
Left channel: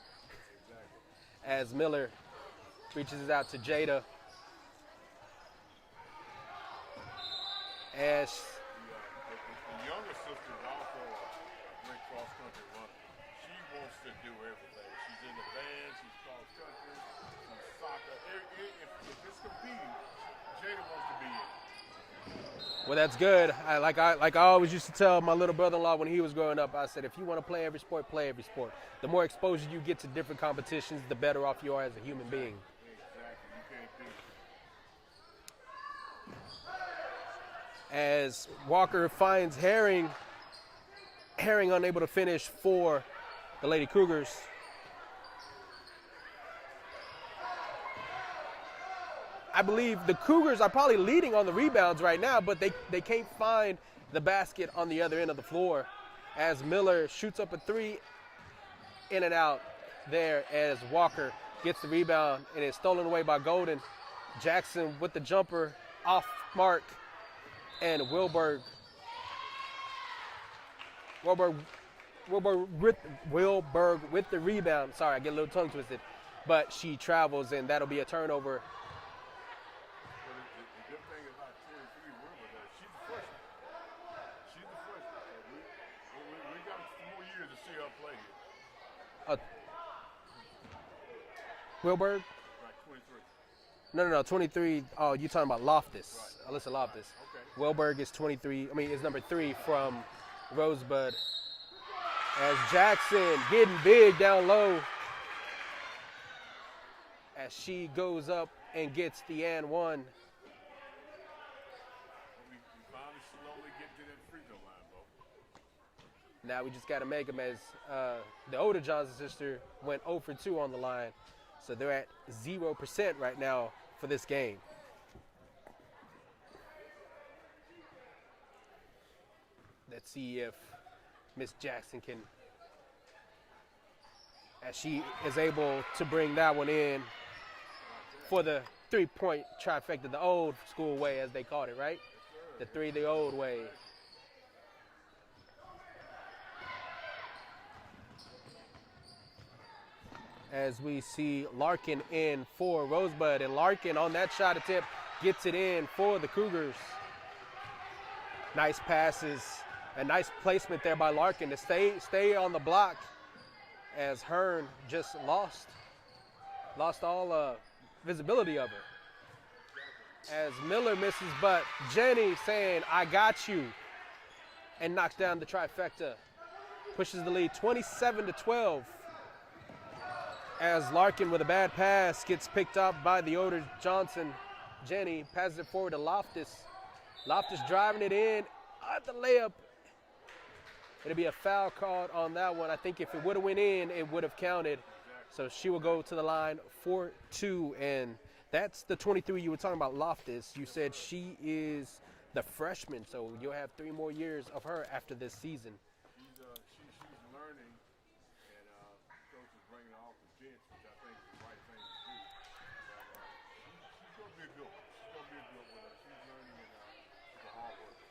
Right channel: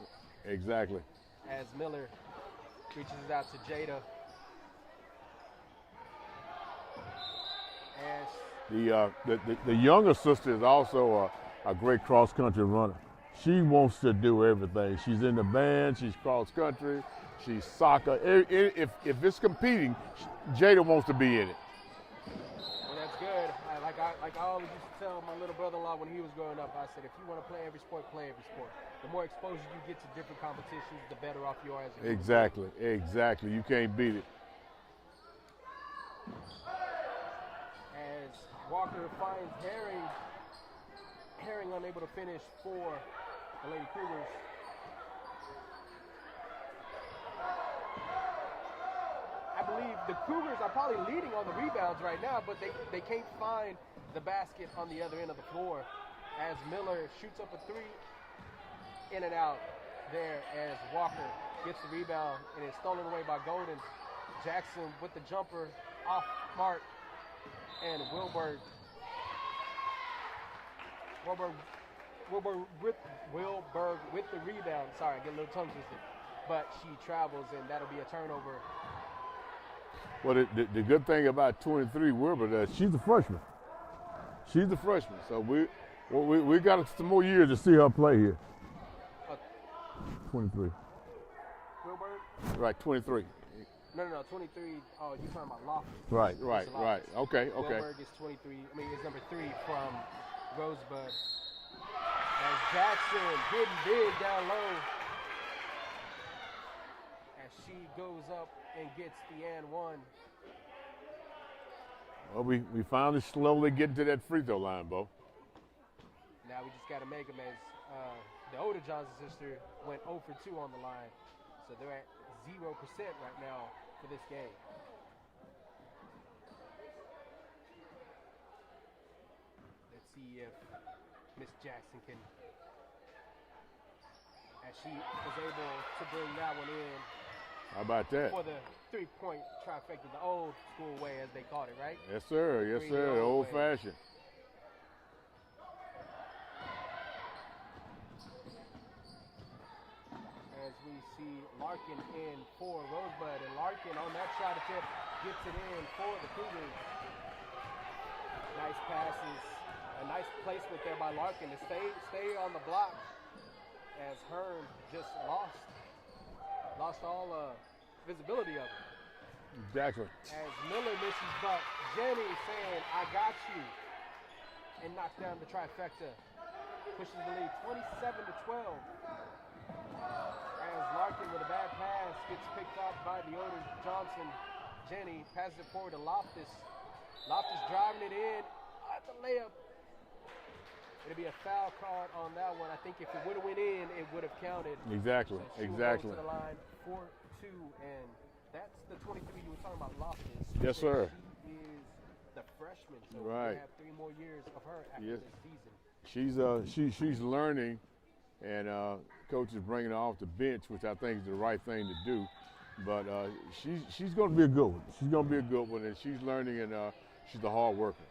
Exactly. As Miller reaches out to Jada. As the younger sister is also a great cross-country runner. She wants to do everything. She's in the band, she's cross-country, she's soccer. If it's competing, Jada wants to be in it. Well, that's good. Like I always used to tell my little brother-in-law when he was growing up, I said, if you want to play every sport, play every sport. The more exposure you get to different competitions, the better off you are as a human being. Exactly. You can't beat it. As Walker finds Herring unable to finish for the Lady Cougars. I believe the Cougars are probably leading on the rebounds right now, but they can't find the basket on the other end of the floor as Miller shoots up a 3, in and out there as Walker gets the rebound and is stolen away by Golden. Jackson with the jumper off mark, and Wilberg with the rebound. Sorry, I get a little tongue twisted, but she travels, and that'll be a turnover. Well, the good thing about 23 Wilbur, she's a freshman. So we got some more years to see her play here. 23. Wilberg? Right, 23. No, 23. Oh, you're talking about Loftus. Right. Okay. Wilberg is 23. Is number 3 from Rosebud. As Jackson getting big down low. As she goes up and gets the and one. Well, we finally slowly getting to that free throw line, Bo. Now we just got to make them as the older Johnson sister went 0 for 2 on the line. So they're at 0% right now for this game. Let's see if Miss Jackson can, as she is able to bring that one in. How about that? For the 3-point trifecta, the old school way, as they called it, right? Yes, sir. The old fashioned. As we see Larkin in for Rosebud, and Larkin on that shot attempt gets it in for the Cougars. Nice passes, a nice placement there by Larkin to stay on the block, as Hearne just lost all visibility of her. Exactly. As Miller misses, but Jenny saying, I got you, and knocks down the trifecta. Pushes the lead 27-12. As Larkin with a bad pass gets picked up by the older Johnson. Jenny passes it forward to Loftus. Loftus driving it in at the layup. It'll be a foul called on that one. I think if it would have went in, it would have counted. Exactly. So she will go to the line for 2, and that's the 23 you were talking about, Loftus. You said sir. She is the freshman, so you'll have 3 more years of her after this season. She's learning, and coach is bringing her off the bench, which I think is the right thing to do. But she's going to be a good one. She's going to be a good one, and she's learning, and she's a hard worker.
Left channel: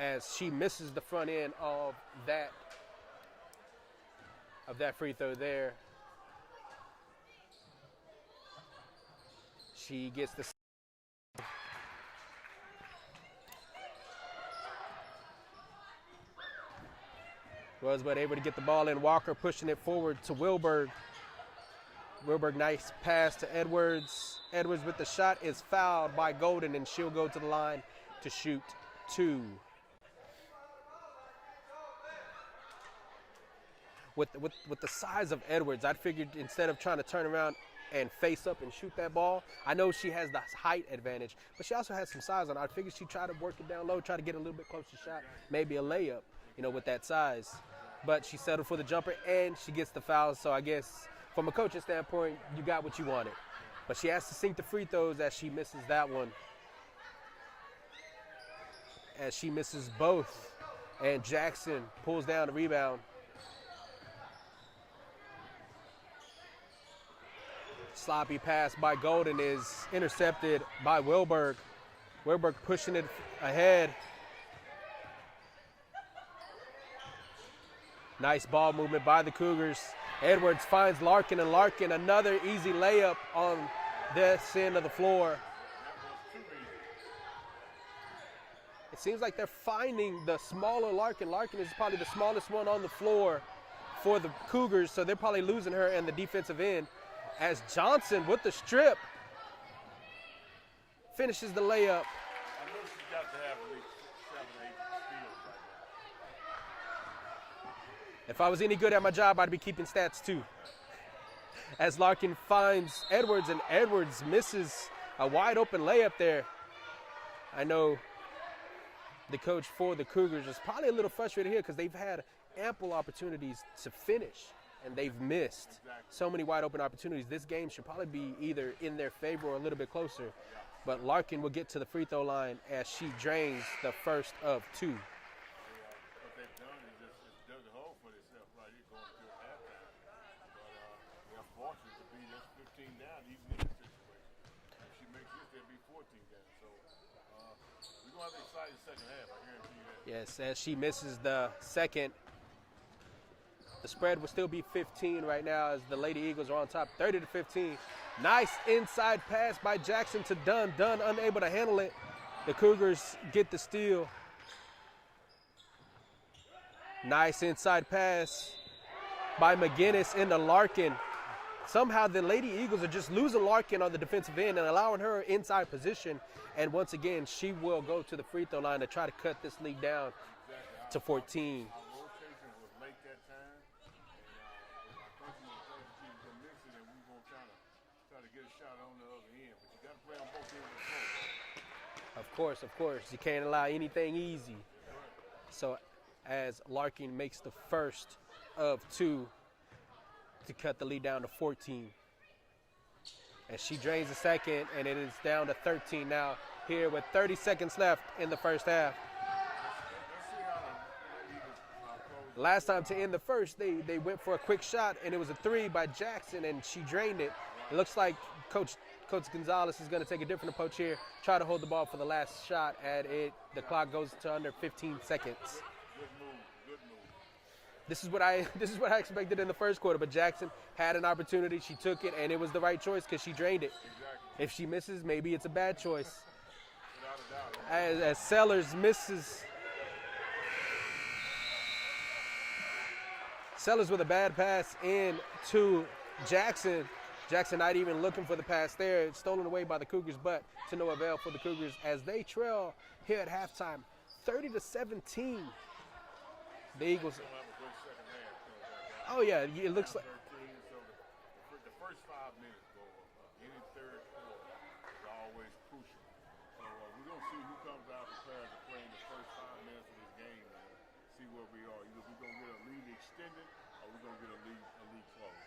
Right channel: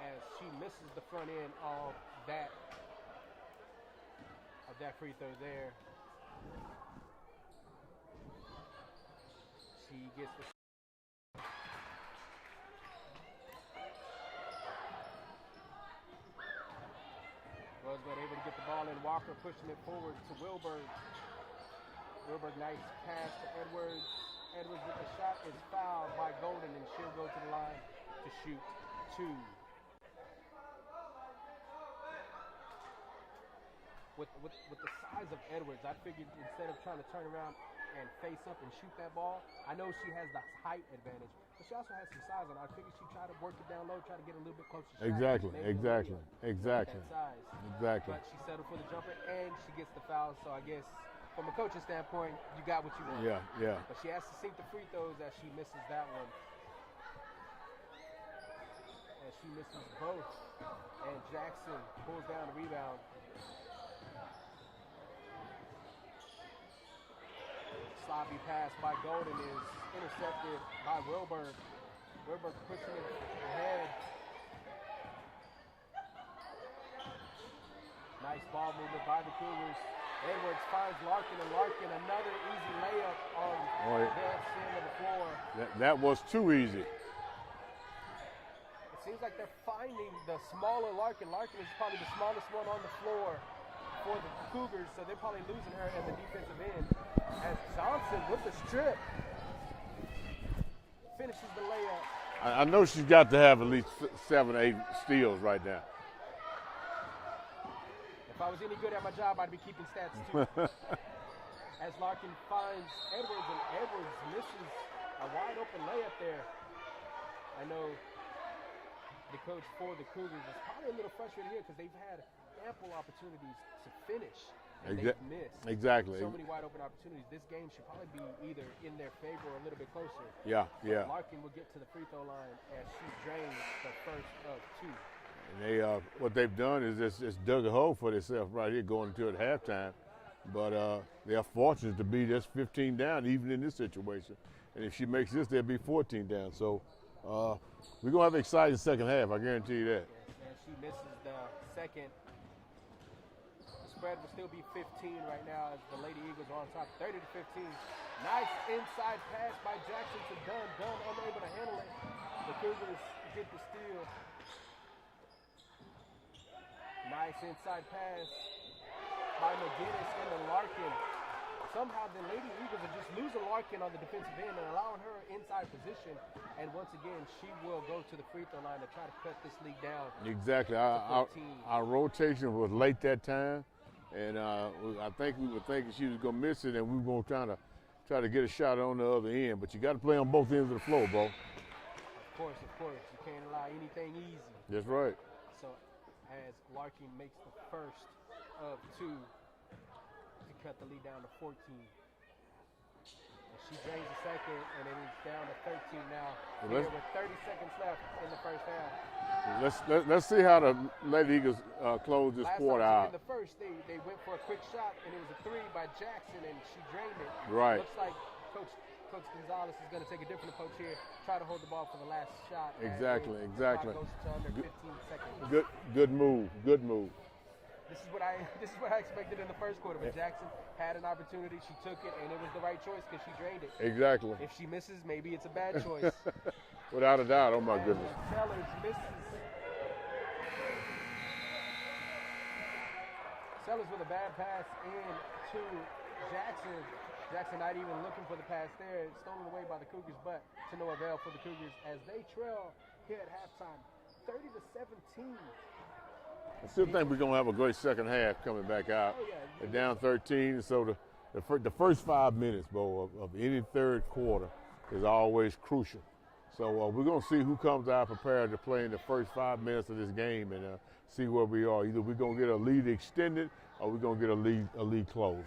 As she misses the front end of that free throw there. She gets the Rosebud able to get the ball in. Walker pushing it forward to Wilberg. Wilberg, nice pass to Edwards. Edwards with the shot is fouled by Golden, and she'll go to the line to shoot 2. With the size of Edwards, I figured instead of trying to turn around and face up and shoot that ball. I know she has the height advantage, but she also has some size on her. I figured she'd try to work it down low, try to get a little bit closer shot. Exactly. Maybe a layup, with that size. Exactly. But she settled for the jumper, and she gets the foul. So I guess from a coaching standpoint, you got what you wanted. Yeah. But she has to sink the free throws as she misses that one. As she misses both. And Jackson pulls down the rebound. Sloppy pass by Golden is intercepted by Wilberg. Wilberg pushing it ahead. Nice ball movement by the Cougars. Edwards finds Larkin, and Larkin another easy layup on this end of the floor. That was too easy. It seems like they're finding the smaller Larkin. Larkin is probably the smallest one on the floor for the Cougars, so they're probably losing her in the defensive end. As Johnson with the strip finishes the layup. I know she's got to have at least 7 or 8 steals right now. If I was any good at my job, I'd be keeping stats too. As Larkin finds Edwards, and Edwards misses a wide open layup there. I know the coach for the Cougars is probably a little frustrated here because they've had ample opportunities to finish. And they've missed so many wide open opportunities. This game should probably be either in their favor or a little bit closer. But Larkin will get to the free throw line as she drains the first of 2. And they, what they've done is just dug a hole for themselves right here going into it at halftime. But they're fortunate to be just 15 down even in this situation. And if she makes this, they'll be 14 down. So we're going to have an exciting second half, I guarantee you that. Yes, as she misses the second. The spread will still be 15 right now as the Lady Eagles are on top, 30-15. Nice inside pass by Jackson to Dunn. Dunn unable to handle it. The Cougars get the steal. Nice inside pass by McGinnis into Larkin. Somehow the Lady Eagles are just losing Larkin on the defensive end and allowing her inside position. And once again, she will go to the free throw line to try to cut this lead down to 14. Our rotation was late that time, and I think we were thinking she was going to miss it, and we were going to try to get a shot on the other end. But you got to play on both ends of the floor, Bo. Of course. You can't allow anything easy. That's right. So as Larkin makes the first of 2 to cut the lead down to 14. As she drains the second, and it is down to 13 now here with 30 seconds left in the first half. Let's see how the Lady Eagles close this Last quarter time out. in the first, they went for a quick shot, and it was a 3 by Jackson, and she drained it. Right. Looks like Coach Gonzalez is going to take a different approach here, try to hold the ball for the last shot, and the clock goes to under 15 seconds. Good move. This is what I expected in the first quarter, but Jackson had an opportunity. She took it, and it was the right choice because she drained it. Exactly. If she misses, maybe it's a bad choice. Without a doubt. Oh, my goodness. As Sellers misses. Sellers with a bad pass in to Jackson. Jackson not even looking for the pass there. It's stolen away by the Cougars, but to no avail for the Cougars as they trail here at halftime, 30-17. I still think we're going to have a great second half coming back out. Oh, yeah. It down 13. So the first 5 minutes, Bo, of any third quarter is always crucial. So we're going to see who comes out prepared to play in the first 5 minutes of this game and see where we are. Either we're going to get a lead extended or we're going to get a lead closed.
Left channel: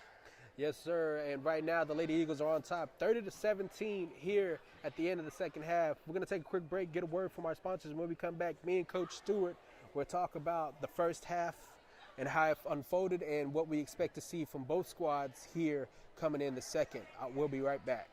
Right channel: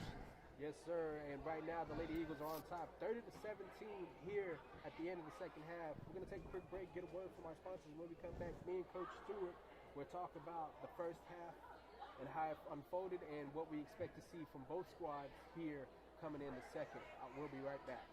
Yes, sir. And right now the Lady Eagles are on top, 30-17 here at the end of the second half. We're going to take a quick break, get a word from our sponsors. And when we come back, me and Coach Stewart we'll talk about the first half and how it unfolded and what we expect to see from both squads here coming in the second. We'll be right back.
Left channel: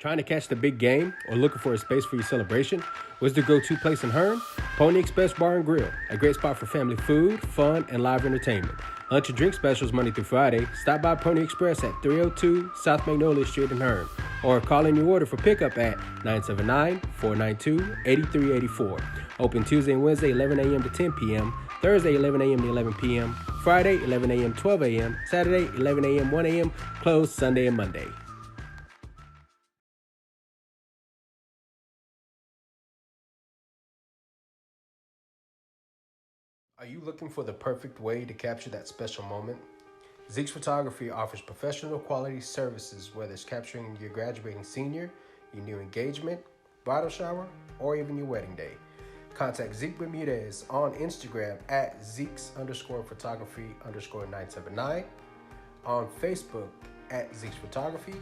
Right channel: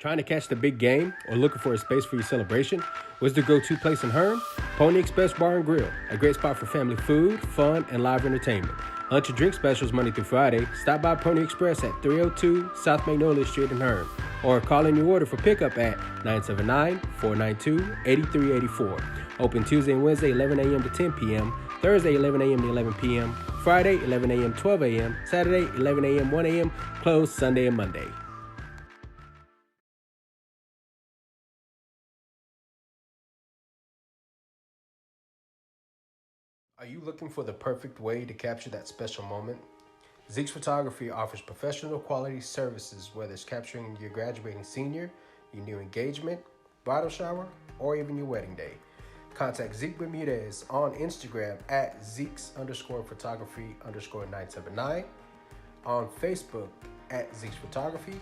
Trying to catch the big game or looking for a space for your celebration? Where's the go-to place in Hearne? Pony Express Bar and Grill, a great spot for family food, fun, and live entertainment. Lunch and drink specials Monday through Friday. Stop by Pony Express at 302 South Magnolia Street in Hearne, or call in your order for pickup at 979-492-8384. Open Tuesday and Wednesday 11 a.m. to 10 p.m., Thursday 11 a.m. to 11 p.m., Friday 11 a.m. 12 a.m., Saturday 11 a.m. 1 a.m., closed Sunday and Monday. Are you looking for the perfect way to capture that special moment? Zeke's Photography offers professional quality services, whether it's capturing your graduating senior, your new engagement, bridal shower, or even your wedding day. Contact Zeke Bermudez on Instagram at Zeke's_photography_979, on Facebook at Zeke's Photography,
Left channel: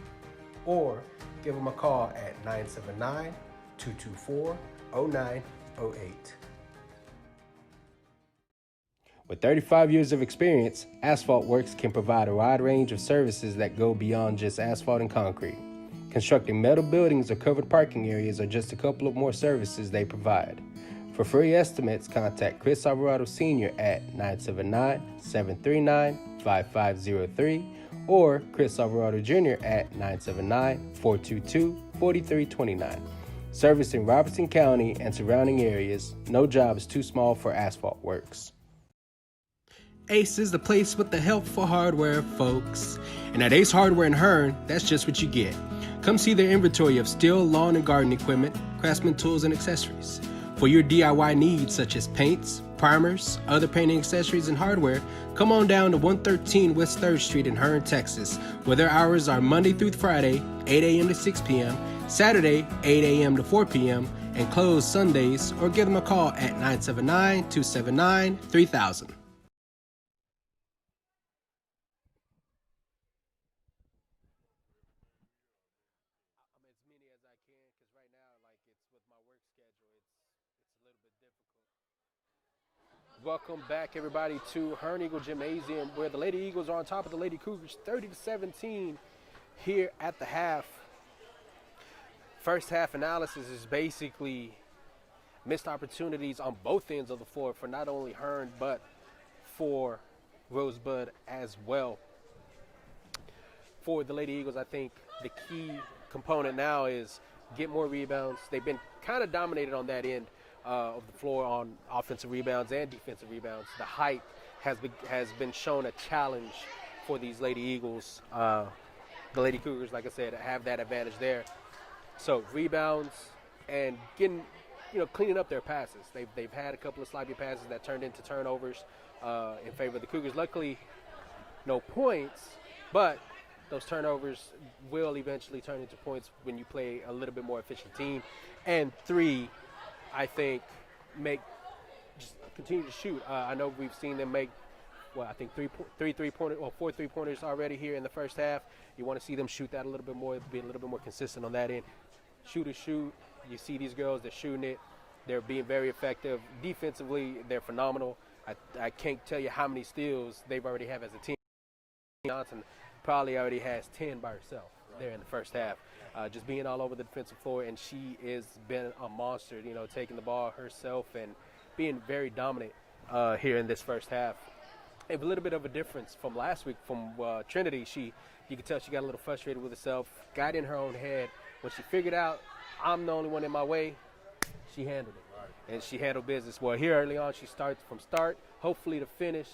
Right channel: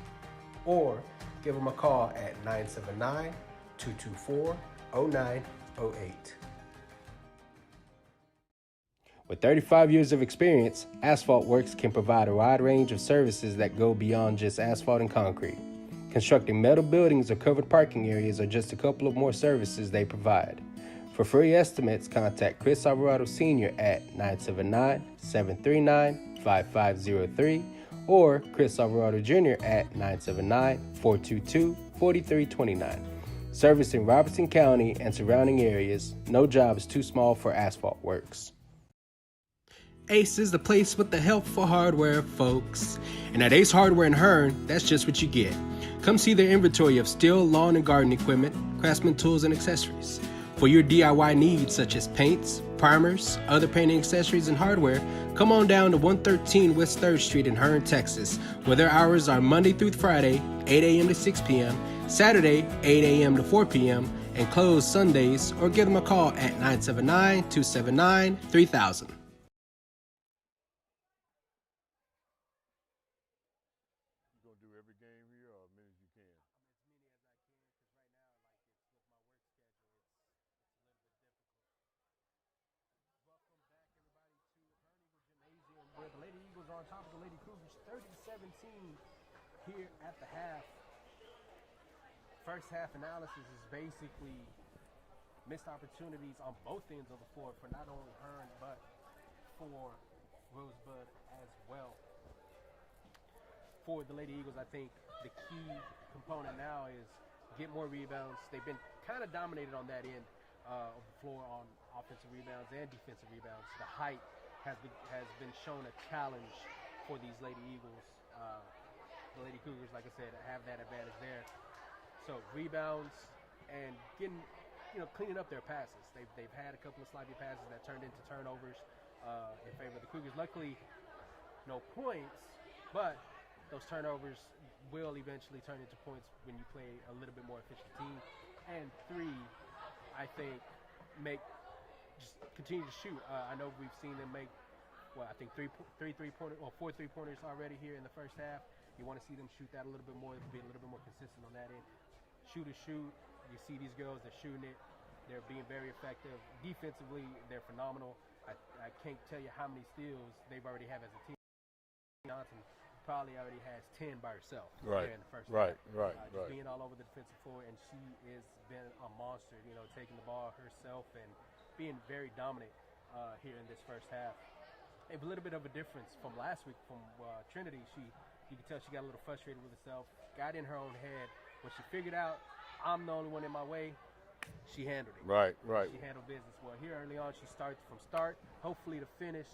or give him a call at 979-224-0908. With 35 years of experience, Asphalt Works can provide a wide range of services that go beyond just asphalt and concrete. Constructing metal buildings or covered parking areas are just a couple of more services they provide. For free estimates, contact Chris Alvarado Sr. at 979-739-5503 or Chris Alvarado Jr. at 979-422-4329. Servicing Robertson County and surrounding areas, no job is too small for Asphalt Works. Ace is the place with the helpful hardware, folks. And at Ace Hardware in Hearne, that's just what you get. Come see their inventory of steel, lawn, and garden equipment, craftsman tools, and accessories. For your DIY needs such as paints, primers, other painting accessories, and hardware, come on down to 113 West 3rd Street in Hearne, Texas, where their hours are Monday through Friday, 8 a.m. to 6 p.m., Saturday, 8 a.m. to 4 p.m., and closed Sundays, or give them a call at 979-279-3000. Welcome back, everybody, to Hearne Eagle Gymnasium, where the Lady Eagles are on top of the Lady Cougars, 30-17 here at the half. First half analysis is basically missed opportunities on both ends of the floor for not only Hearne, but for Rosebud as well. For the Lady Eagles, I think the key component now is get more rebounds. They've been kind of dominated on that end of the floor on offensive rebounds and defensive rebounds. The height has been shown a challenge for these Lady Eagles. The Lady Cougars, like I said, have that advantage there. So rebounds and cleaning up their passes. They've had a couple of sloppy passes that turned into turnovers in favor of the Cougars. Luckily, no points, but those turnovers will eventually turn into points when you play a little bit more efficient team. And three, I think, continue to shoot. I know we've seen them make, I think four three-pointers already here in the first half. You want to see them shoot that a little bit more, be a little bit more consistent on that end. Shoot. You see these girls, they're shooting it. They're being very effective. Defensively, they're phenomenal. I can't tell you how many steals they've already have as a team. Johnson probably already has 10 by herself there in the first half. Being all over the defensive floor, and she has been a monster, taking the ball herself and being very dominant here in this first half. A little bit of a difference from last week from Trinity. You could tell she got a little frustrated with herself, got in her own head. When she figured out I'm the only one in my way, she handled it. And she handled business. Well, here early on, she starts from start, hopefully to finish.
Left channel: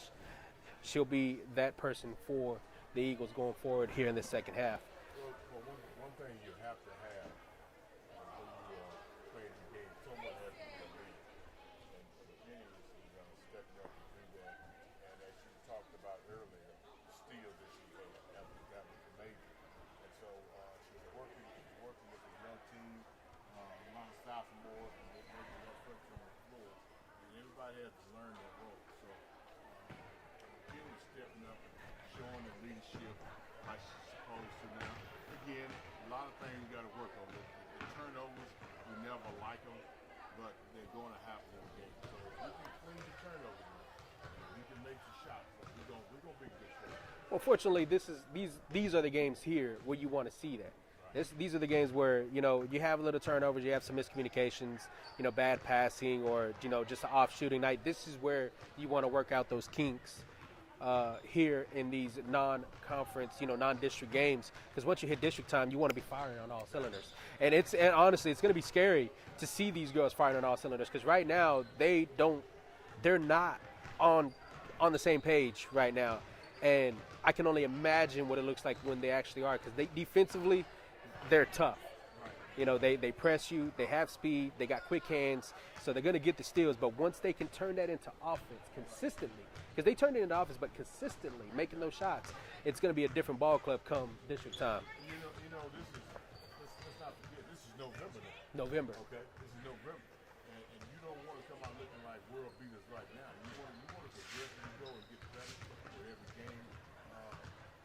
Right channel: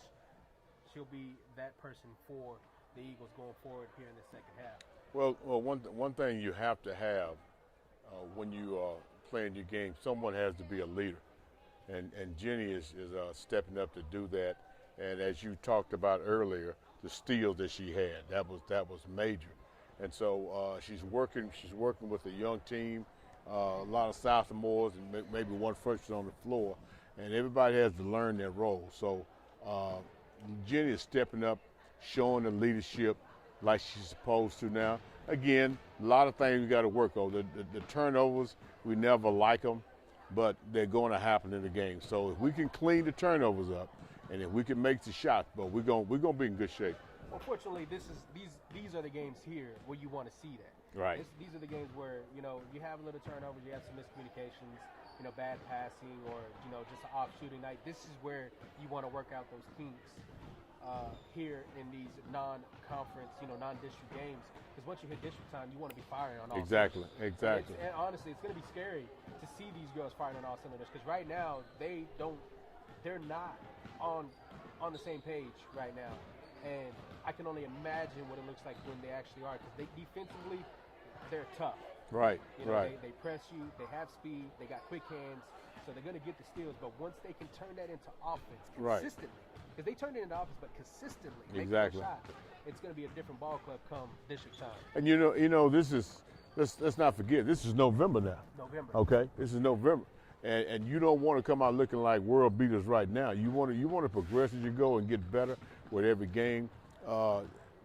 She'll be that person for the Eagles going forward here in the second half. Well, one thing you have to have when you are playing your game, someone has to be a leader, and Jenny is stepping up to do that. And as you talked about earlier, the steals that she had, that was major. And so she's working with a young team, a lot of sophomores, and maybe one freshman on the floor, and everybody has to learn their role. So Jenny is stepping up, showing the leadership like she's supposed to now. Again, a lot of things we got to work on. The turnovers, we never like them, but they're going to happen in the game. So if we can clean the turnovers up, and if we can make the shots, but we're gonna be in good shape. Unfortunately, these are the games here where you want to see that. These are the games where you have a little turnovers, you have some miscommunications, bad passing, or just an off shooting night. This is where you want to work out those kinks here in these non-conference, non-district games. Because once you hit district time, you want to be firing on all cylinders. Exactly. And honestly, it's going to be scary to see these girls firing on all cylinders. Because right now they're not on the same page right now. And I can only imagine what it looks like when they actually are, because defensively, they're tough. Right. You know, right. they press you, they have speed, they got quick hands, so they're going to get the steals. But once they can turn that into offense consistently, because they turn it into offense, but consistently making those shots, it's going to be a different ball club come district time. And you know, this is let's not forget, this is November now. November. Okay, this is November, and you don't want to come out looking like world beaters right now. You want to progress as you go and get better with every game.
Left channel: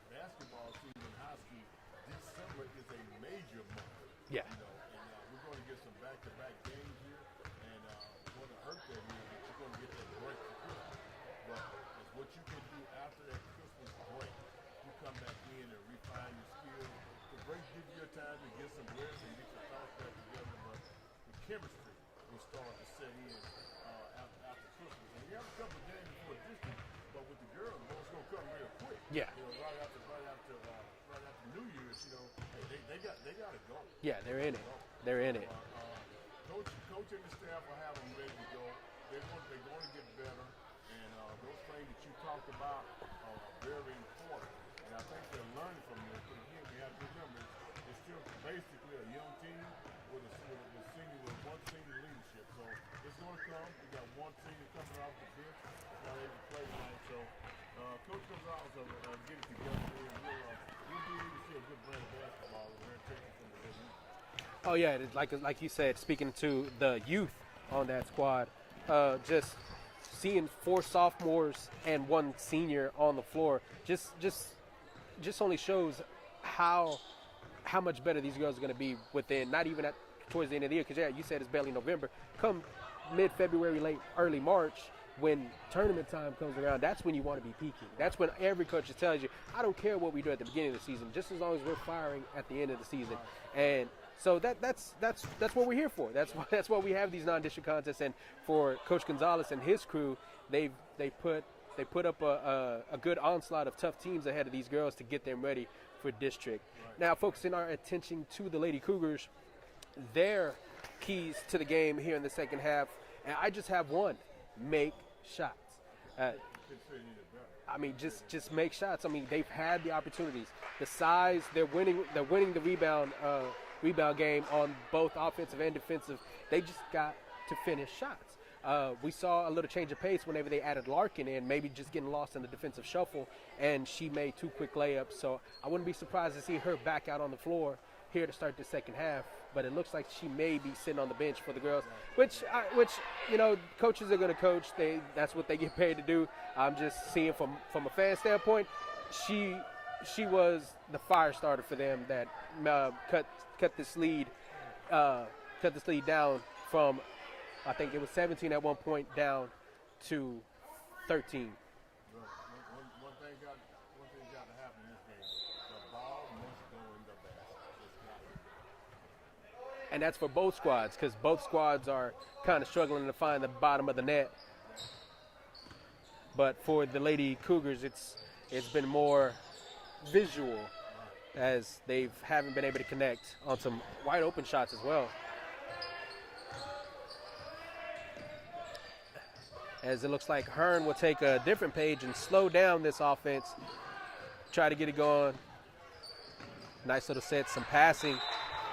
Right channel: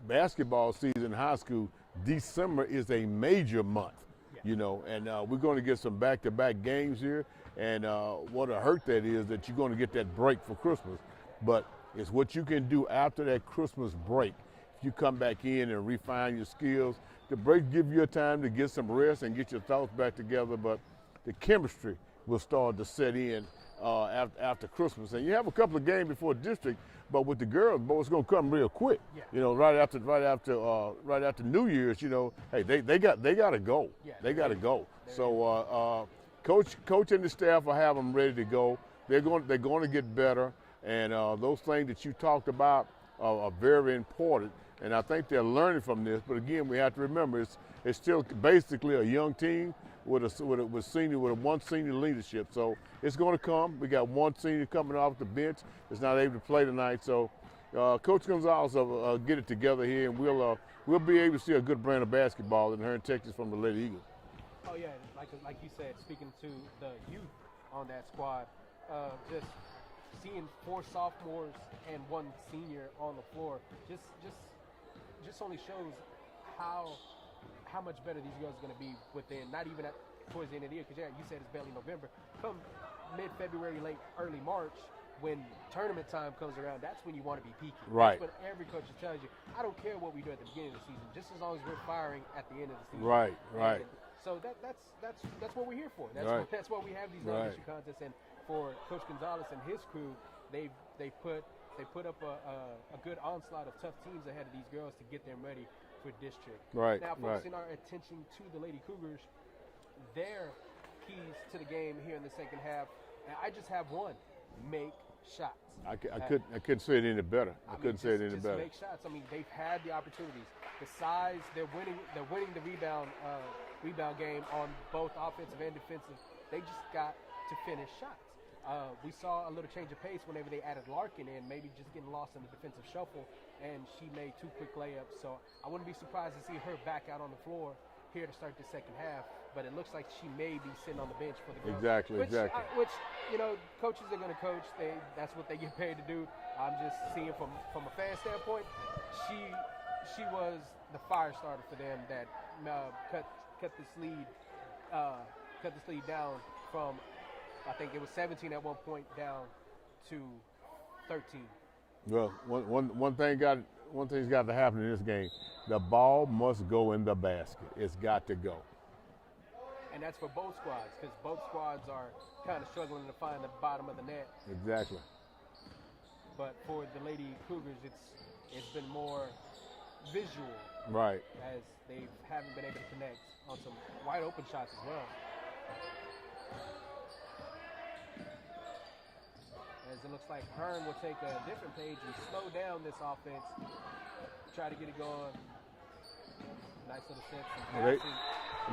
Basketball season in high school, December is a major month. Yeah. You know, and we're going to get some back-to-back games here, and what a hurt that is that you're going to get that break for Christmas. But it's what you can do after that Christmas break. You come back in and refine your skills. The break gives you a time to get some rest and get your thoughts back together, but the chemistry will start to set in after Christmas. And you have a couple of games before district, but with the girls, boy, it's going to come real quick. Yeah. You know, right after New Year's, you know, hey, they got to go. Yeah, they got to go. They're So coach and the staff will have them ready to go. They're going to get better, and those things that you talked about are very important. And I think they're learning from this. But again, we have to remember it's still basically a young team with one senior leadership. So it's going to come. We got one senior coming off the bench. Is not able to play tonight. So Coach Gonzalez will get it together here, and we'll be able to see a good brand of basketball in Hearne, Texas, from the Lady Eagles. Oh yeah, like you said, speaking to the youth on that squad, just seeing 4 sophomores and 1 senior on the floor just only shows how much better these girls are going to be within, not even towards the end of the year, because you said it's barely November. Come mid-February, early March, when tournament time comes around, that's when you want to be peaking. Right. That's when every coach tells you, I don't care what we do at the beginning of the season, just as long as we're firing at the end of the season. Right. And so that's what we're here for. That's why we have these non-district contests. And for Coach Gonzalez and his crew, they put up a good onslaught of tough teams ahead of these girls to get them ready for district. Right. Now, focusing our attention to the Lady Cougars, their keys to the game here in the second half, and I just have one: make shots. I couldn't say it any better. I mean, just make shots. I mean, they've had the opportunities, the size. They're winning the rebound game on both offensive and defensive. They just got to finish shots. We saw a little change of pace whenever they added Larkin in, maybe just getting lost in the defensive shuffle, and she made 2 quick layups. So I wouldn't be surprised to see her back out on the floor here to start the second half. But it looks like she may be sitting on the bench for the girls. Exactly. Which you know, coaches are going to coach. That's what they get paid to do. I'm just seeing from a fan standpoint, she was the fire starter for them that cut this lead down from, I think it was 17 at one point, down to 13. Well, one thing's got to happen in this game. The ball must go in the basket. It's got to go. And that's for both squads, because both squads are kind of struggling to find the bottom of the net. Exactly. But for the Lady Cougars, it's been more visual. Right. As they haven't been able to connect on some wide open shots as well. As it looks like Hearne will take a different page and slow down this offense, try to get it going. Nice little set, some passing.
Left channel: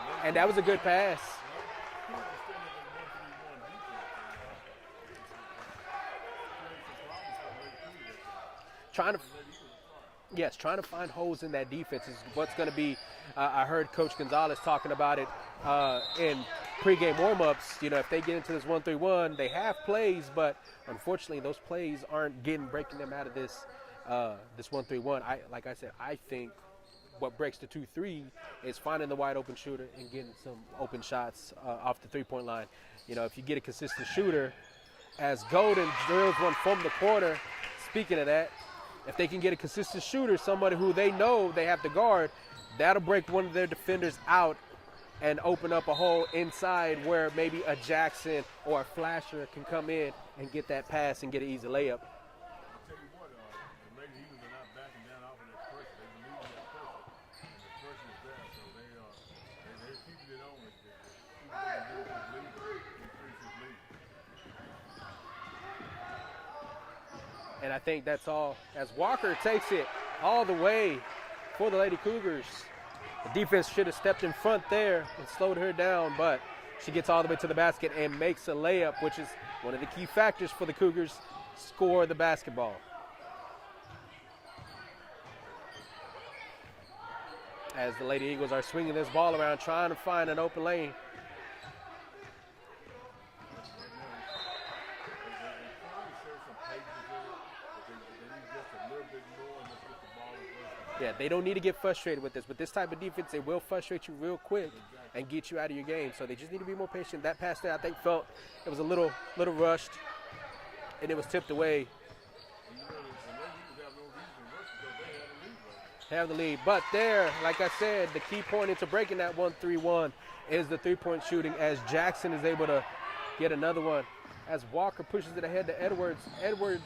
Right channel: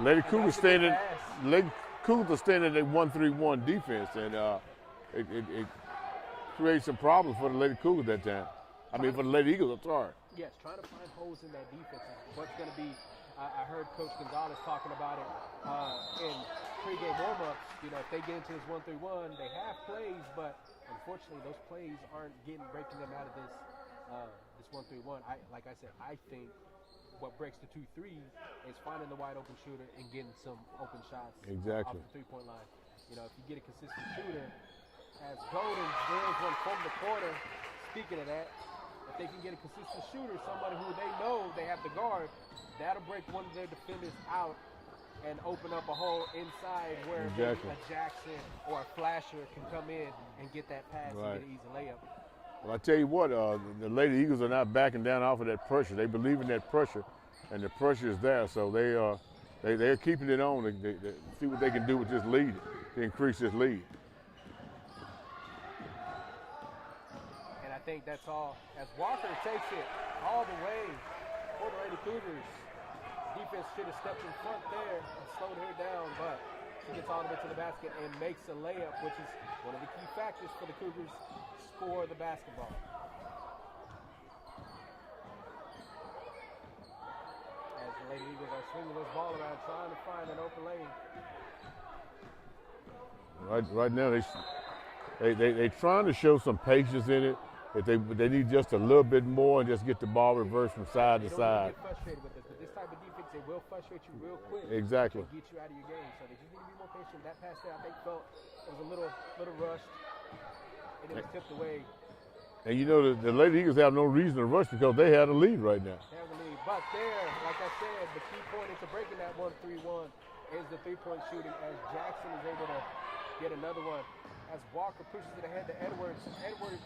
Lady and that was a good pass. Lady Cougars standing at 1-3-1 defense, and it creates some problems for the Lady Cougars that time. For the Lady Eagles, I'm sorry. Yes, trying to find holes in that defense is what's going to be. I heard Coach Gonzalez talking about it in pregame warm-ups. You know, if they get into this 1-3-1, they have plays, but unfortunately, those plays aren't breaking them out of this 1-3-1. Like I said, I think what breaks the 2-3 is finding the wide open shooter and getting some open shots off the three-point line. You know, if you get a consistent shooter, as Golden drills one from the corner, speaking of that, if they can get a consistent shooter, somebody who they know they have to guard, that'll break one of their defenders out and open up a hole inside where maybe a Jackson or a Flasher can come in and get that pass and get an easy layup. Well, I tell you what, the Lady Eagles are not backing down off of that pressure. They believe in that pressure, and the pressure is there. So they're keeping it on to see what they can do with this lead, to increase this lead. And I think that's all. As Walker takes it all the way for the Lady Cougars. The defense should have stepped in front there and slowed her down, but she gets all the way to the basket and makes a layup, which is one of the key factors for the Cougars, score the basketball. As the Lady Eagles are swinging this ball around, trying to find an open lane. Right now, they're trying to show some patience in it. If they need just a little bit more and just get the ball reversed from side to side. They don't need to get frustrated with this, but this type of defense, it will frustrate you real quick. Exactly. And get you out of your game. So they just need to be more patient. That pass there, I think, felt it was a little rushed, and it was tipped away. And you know, the Lady Eagles have no reason to rush because they have the lead right now. They have the lead. But there, like I said, the key point into breaking that 1-3-1 is the three-point shooting, as Jackson is able to get another one. As Walker pushes it ahead to Edwards. Edwards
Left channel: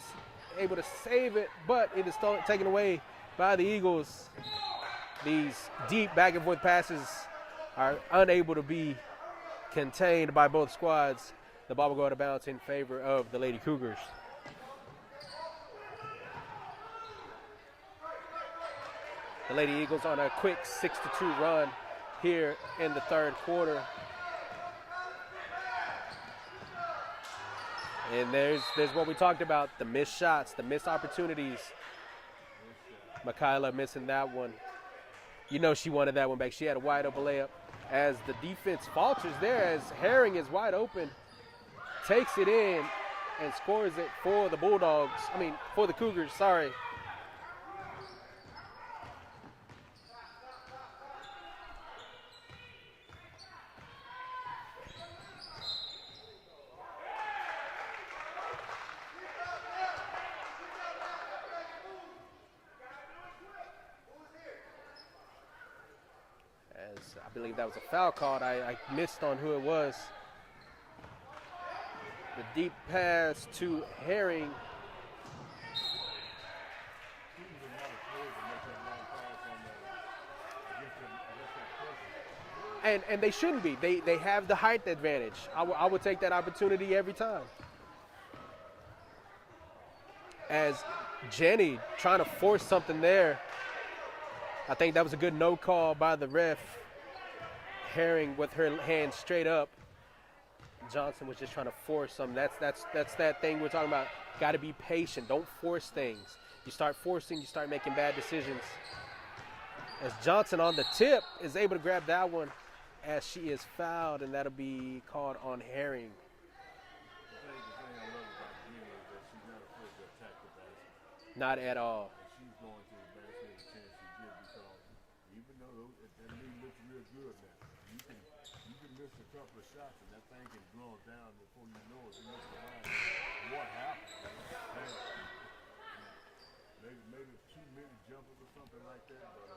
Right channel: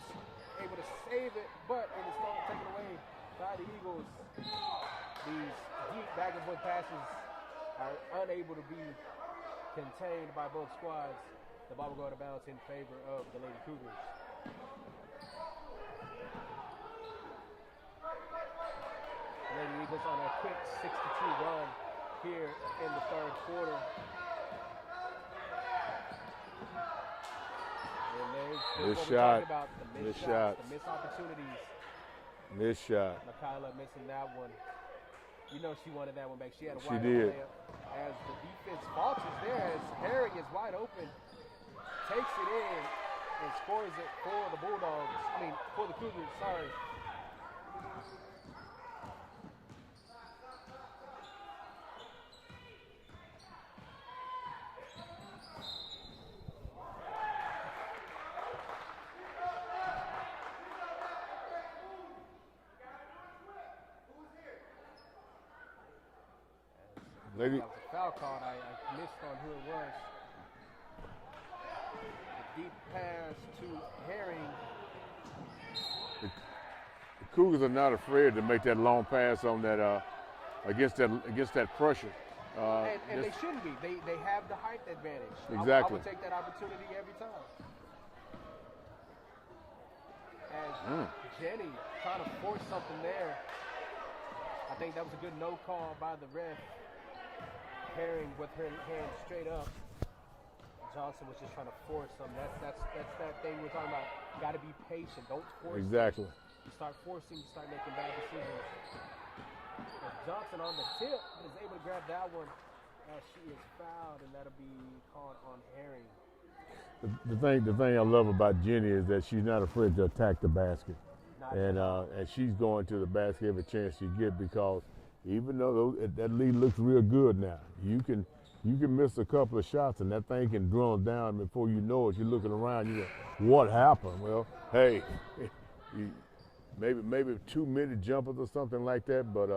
able to save it, but it is taken away by the Eagles. These deep back and forth passes are unable to be contained by both squads. The ball will go out of bounds in favor of the Lady Cougars. The Lady Eagles on a quick 6-2 run here in the third quarter. And there's what we talked about, the missed shots, the missed opportunities. Missed shot. Michaela missing that one. You know she wanted that one back. She had a wide open layup. As the defense falters there, as Herring is wide open, takes it in and scores it for the Bulldogs. For the Cougars, sorry. I believe that was a foul called. I missed on who it was. The deep pass to Herring. The Cougars are not afraid to make that long pass on that against that pressure. And they shouldn't be. They have the height advantage. Exactly. I would take that opportunity every time. As Jenny trying to force something there. I think that was a good no call by the ref. Herring with her hand straight up. Johnson was just trying to force some. That's that thing we're talking about. Got to be patient. Don't force things. You start forcing, you start making bad decisions. As Johnson on the tip is able to grab that one, as she is fouled, and that'll be called on Herring. The thing I love about Jenny is that she's not afraid to attack the basket. Not at all. And she's going to the basket every chance she gets, because even though that lead looks real good now, you can miss a couple of shots and that thing can drum down. Before you know it, you're looking around, you go, what happened? Well, hey, maybe 2-minute jumpers or something like that, but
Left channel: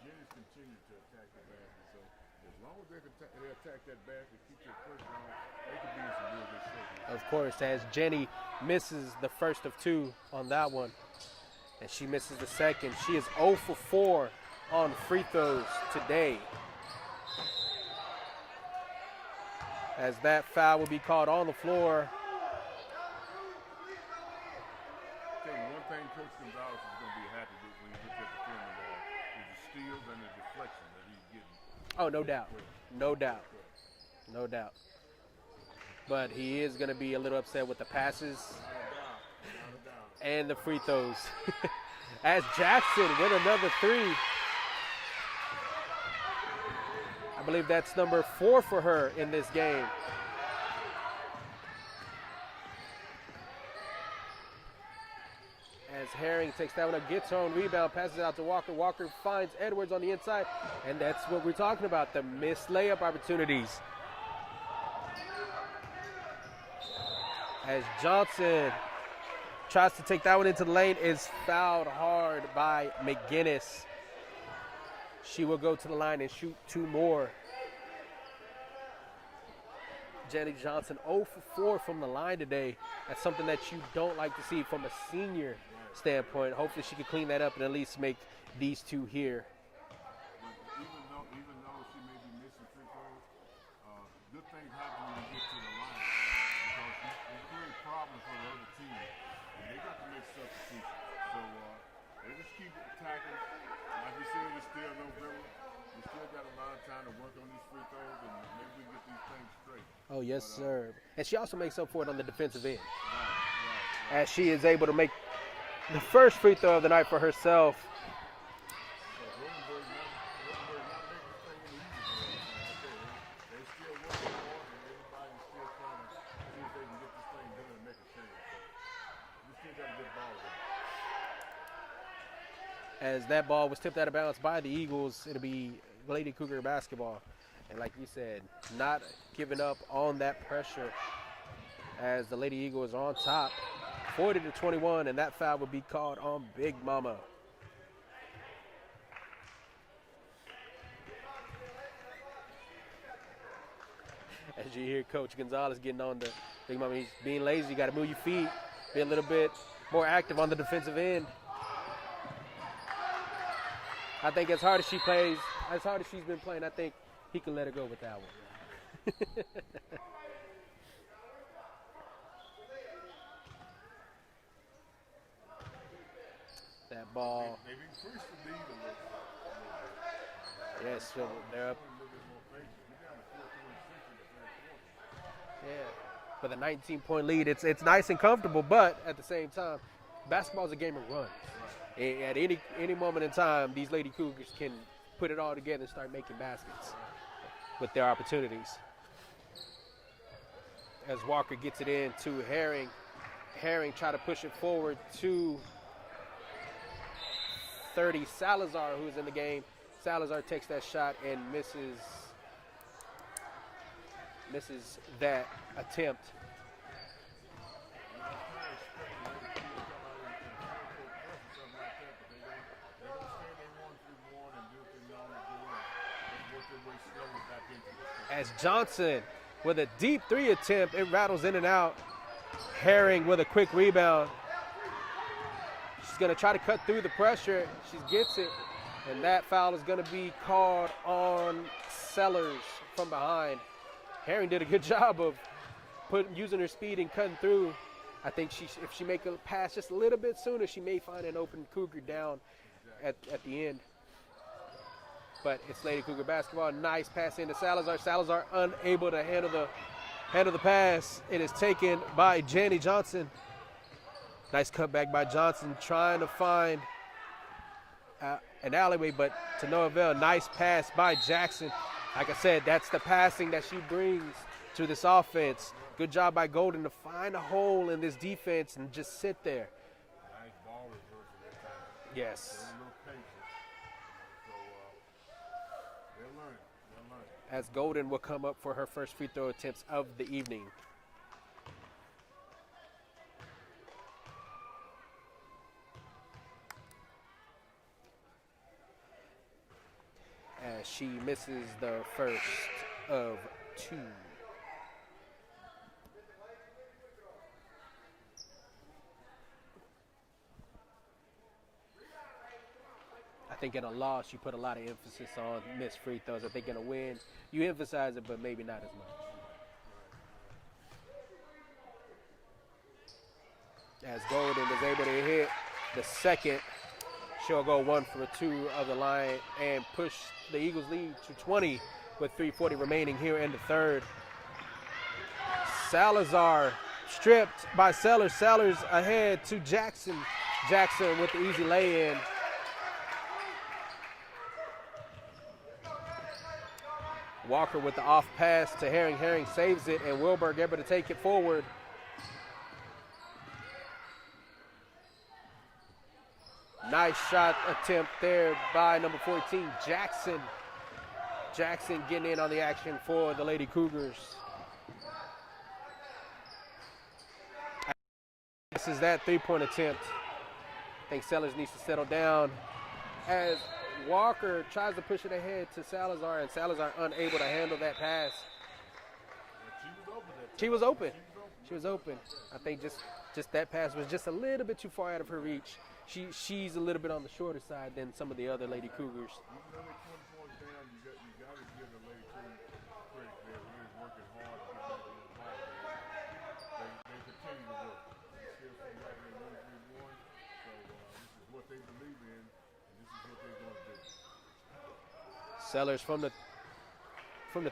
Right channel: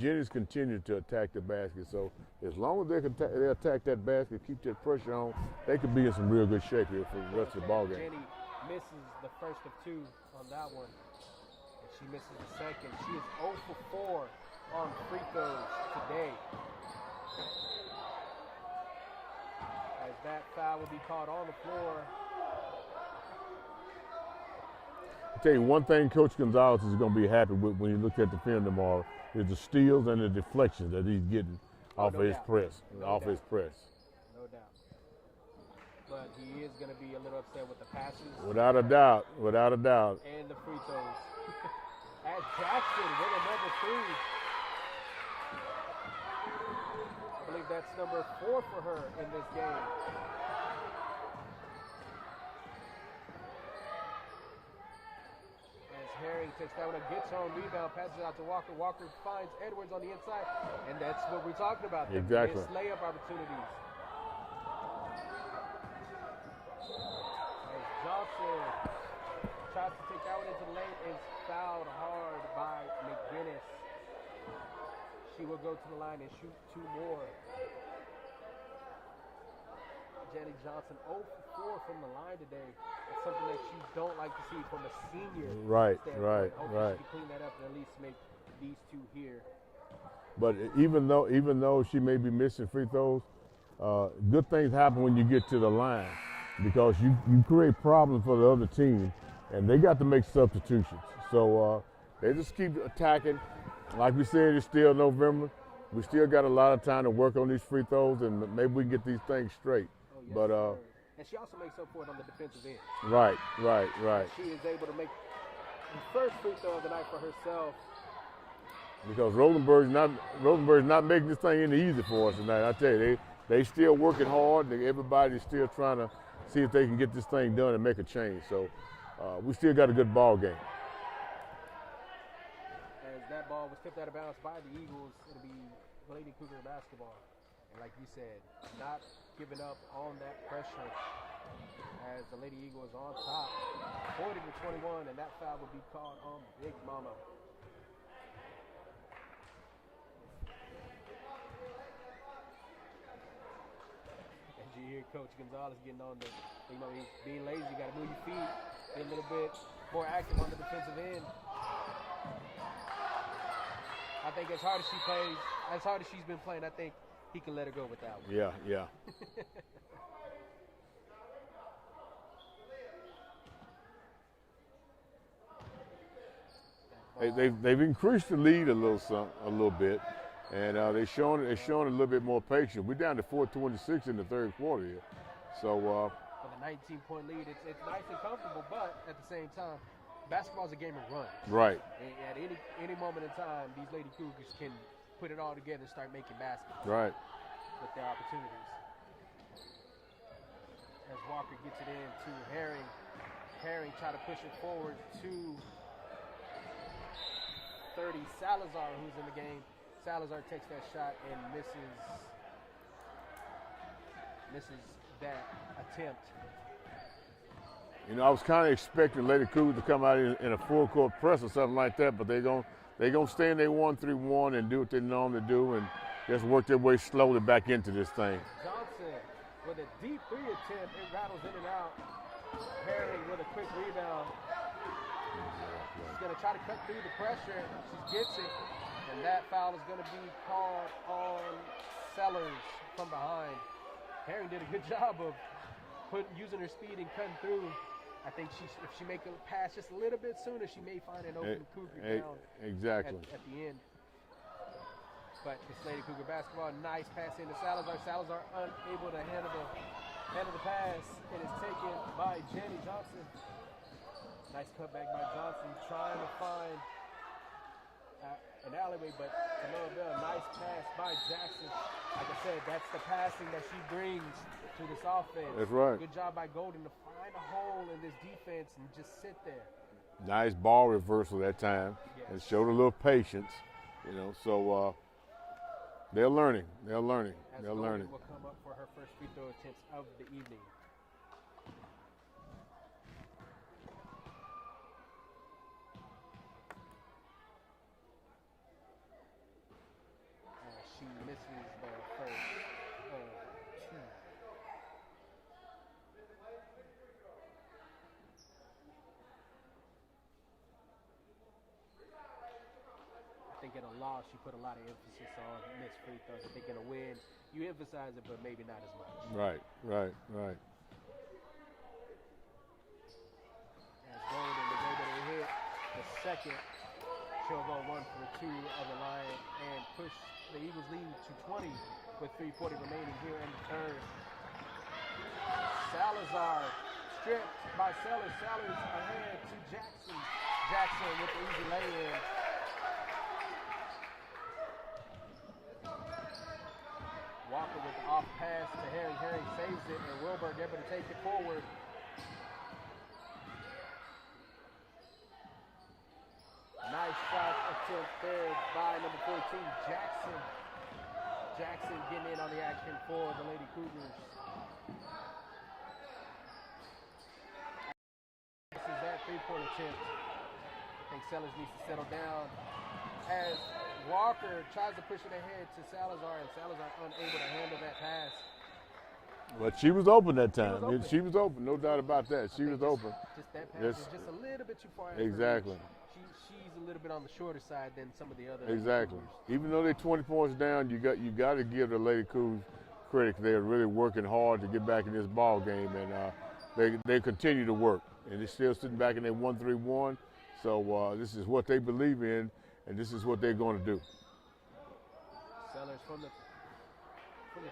Jenny's continued to attack the basket. So as long as they attack that basket, keep that pressure on, they could be in some real good shape here. Of course, as Jenny misses the first of two on that one, and she misses the second. She is 0 for 4 on free throws today. As that foul will be called on the floor. I'll tell you one thing Coach Gonzalez is going to be happy with when you look at the film tomorrow is the steals and the deflections that he's getting off of his press. No doubt. But he is going to be a little upset with the passes. Without a doubt. And the free throws. As Jackson with another three. I believe that's number 4 for her in this game. As Herring takes that one up, gets her own rebound, passes it out to Walker. Walker finds Edwards on the inside, and that's what we're talking about, the missed layup opportunities. As Johnson tries to take that one into the lane, is fouled hard by McGinnis. She will go to the line and shoot 2 more. Jenny Johnson 0 for 4 from the line today. That's something that you don't like to see from a senior standpoint. Hopefully she can clean that up and at least make these 2 here. But even though she may be missing free throws, good things happen when you get to the line, because you create problems for the other team, and they got to make substitutions. So they just keep attacking. Like we said, it's still November. we still got a lot of time to work on these free throws, and maybe we can get these things straight. Oh, yes, sir. And she also makes up for it on the defensive end. Right. As she is able to make the first free throw of the night for herself. Because Rosenberg's not making this thing any easy for us tonight. I tell you, they still working hard. Everybody's still trying to see if they can get this thing done and make a change. So we still got a good ball game. As that ball was tipped out of bounds by the Eagles, it'll be Lady Cougar basketball. And like you said, not giving up on that pressure as the Lady Eagles are on top, 40-21, and that foul would be called on Big Mama. As you hear Coach Gonzalez getting on the Big Mama, he's being lazy. You got to move your feet, be a little bit more active on the defensive end. I think as hard as she plays, as hard as she's been playing, I think he can let her go with that one. Yeah. That ball. They've increased the lead a little bit, and they're showing a little bit more patience. We're down to 4:26 in the third quarter here, so. For the 19-point lead, it's nice and comfortable, but at the same time, basketball is a game of runs. Right. At any moment in time, these Lady Cougars can put it all together and start making baskets. Right. With their opportunities. As Walker gets it in to Herring. Herring try to push it forward to 30 Salazar, who's in the game. Salazar takes that shot and misses that attempt. You know, I was kind of expecting Lady Cougars to come out in a full court press or something like that, but they're gonna stay in their 1-3-1 and do what they normally do and just work their way slowly back into this thing. As Johnson with a deep three attempt, it rattles in and out. Herring with a quick rebound. She's gonna try to cut through the pressure. She gets it, and that foul is gonna be called on Sellers from behind. Herring did a good job of using her speed and cutting through. I think if she make a pass just a little bit sooner, she may find an open Cougar down at the end. But it's Lady Cougar basketball. Nice pass into Salazar. Salazar unable to handle the pass. It is taken by Janny Johnson. Nice cutback by Johnson, trying to find an alleyway, but to no avail. Nice pass by Jackson. Like I said, that's the passing that she brings to this offense. That's right. Good job by Golden to find a hole in this defense and just sit there. Nice ball reversal that time. Yes. It showed a little patience, so they're learning. As Golden will come up for her first free throw attempts of the evening. As she misses the first of two. I think in a loss, you put a lot of emphasis on missed free throws. I think in a win, you emphasize it, but maybe not as much. Right. As Golden is able to hit the second, she'll go 1 for 2 of the line and push the Eagles lead to 20 with 3:40 remaining here in the third. Salazar stripped by Sellers. Sellers ahead to Jackson. Jackson with the easy lay-in. Walker with the off pass to Herring. Herring saves it, and Wilberg able to take it forward. Nice shot attempt there by number 14, Jackson. Jackson getting in on the action for the Lady Cougars. This is that three-point attempt. I think Sellers needs to settle down as Walker tries to push it ahead to Salazar, and Salazar unable to handle that pass. But she was open that time. She was open. She was open, no doubt about that. She was open. Just that pass was just a little bit too far out of her Exactly. reach. She's a little bit on the shorter side than some of the other Lady Exactly. Cougars. Even though they're 20 points down, you got to give the Lady Cougars credit. They're really working hard to get back in this ball game, and they continue to work. And they're still sitting back in their 1-3-1. So this is what they believe in, and this is what they're going to do. Sellers from the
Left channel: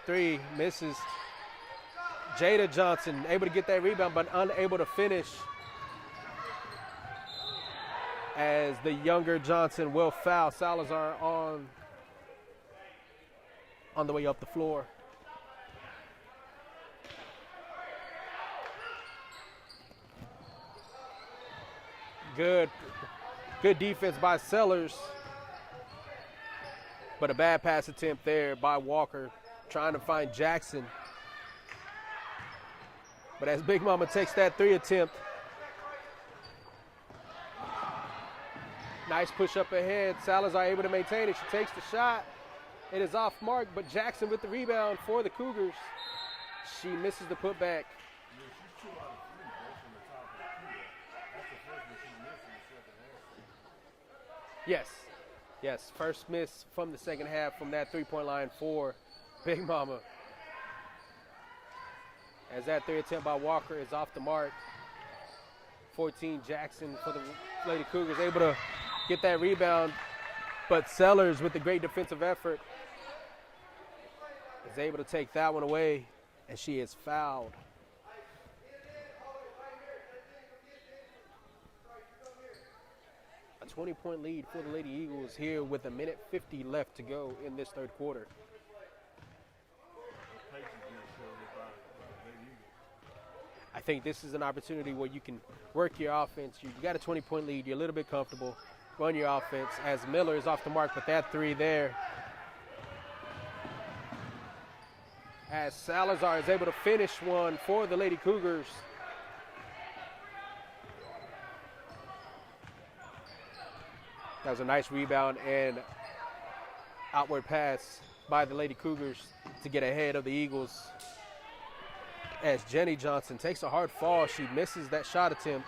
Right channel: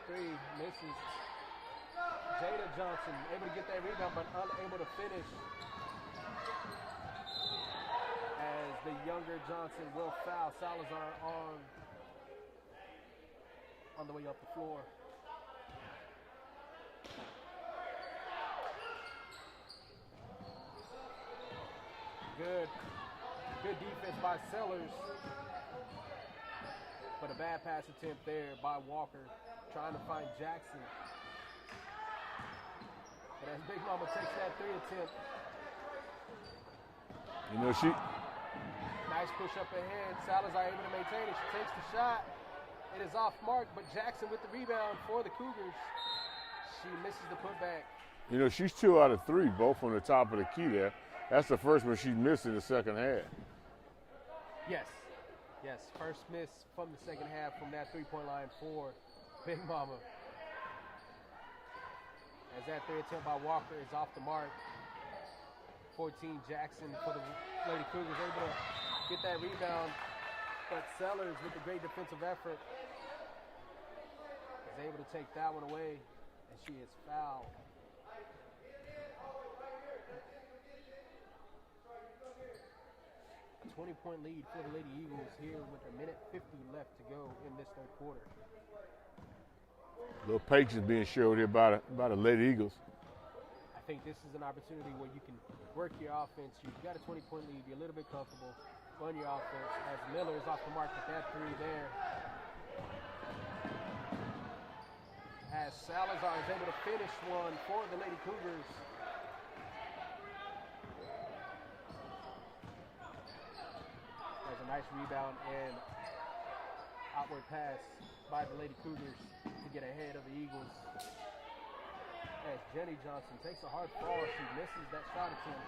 three misses. Jada Johnson able to get that rebound, but unable to finish. As the younger Johnson will foul Salazar on the way up the floor. Good defense by Sellers, but a bad pass attempt there by Walker, trying to find Jackson. But as Big Mama takes that three attempt, nice push up ahead. Salazar able to maintain it. She takes the shot. It is off mark, but Jackson with the rebound for the Cougars. She misses the putback. You know, she's 2 out of 3, both on the top of the key there. That's the first one she's missed in the second half. Yes, first miss from the second half from that three-point line for Big Mama. As that three attempt by Walker is off the mark. 14 Jackson for the Lady Cougars, able to get that rebound, but Sellers with the great defensive effort is able to take that one away, and she is fouled. A 20-point lead for the Lady Eagles here with 1:50 left to go in this third quarter. A little patience being showed here by the Lady Eagles. I think this is an opportunity where you can work your offense. You've got a 20-point lead. You're a little bit comfortable. Run your offense as Miller is off the mark, but that three there. As Salazar is able to finish one for the Lady Cougars. That was a nice rebound and outward pass by the Lady Cougars to get ahead of the Eagles. As Jenny Johnson takes a hard fall, she misses that shot attempt.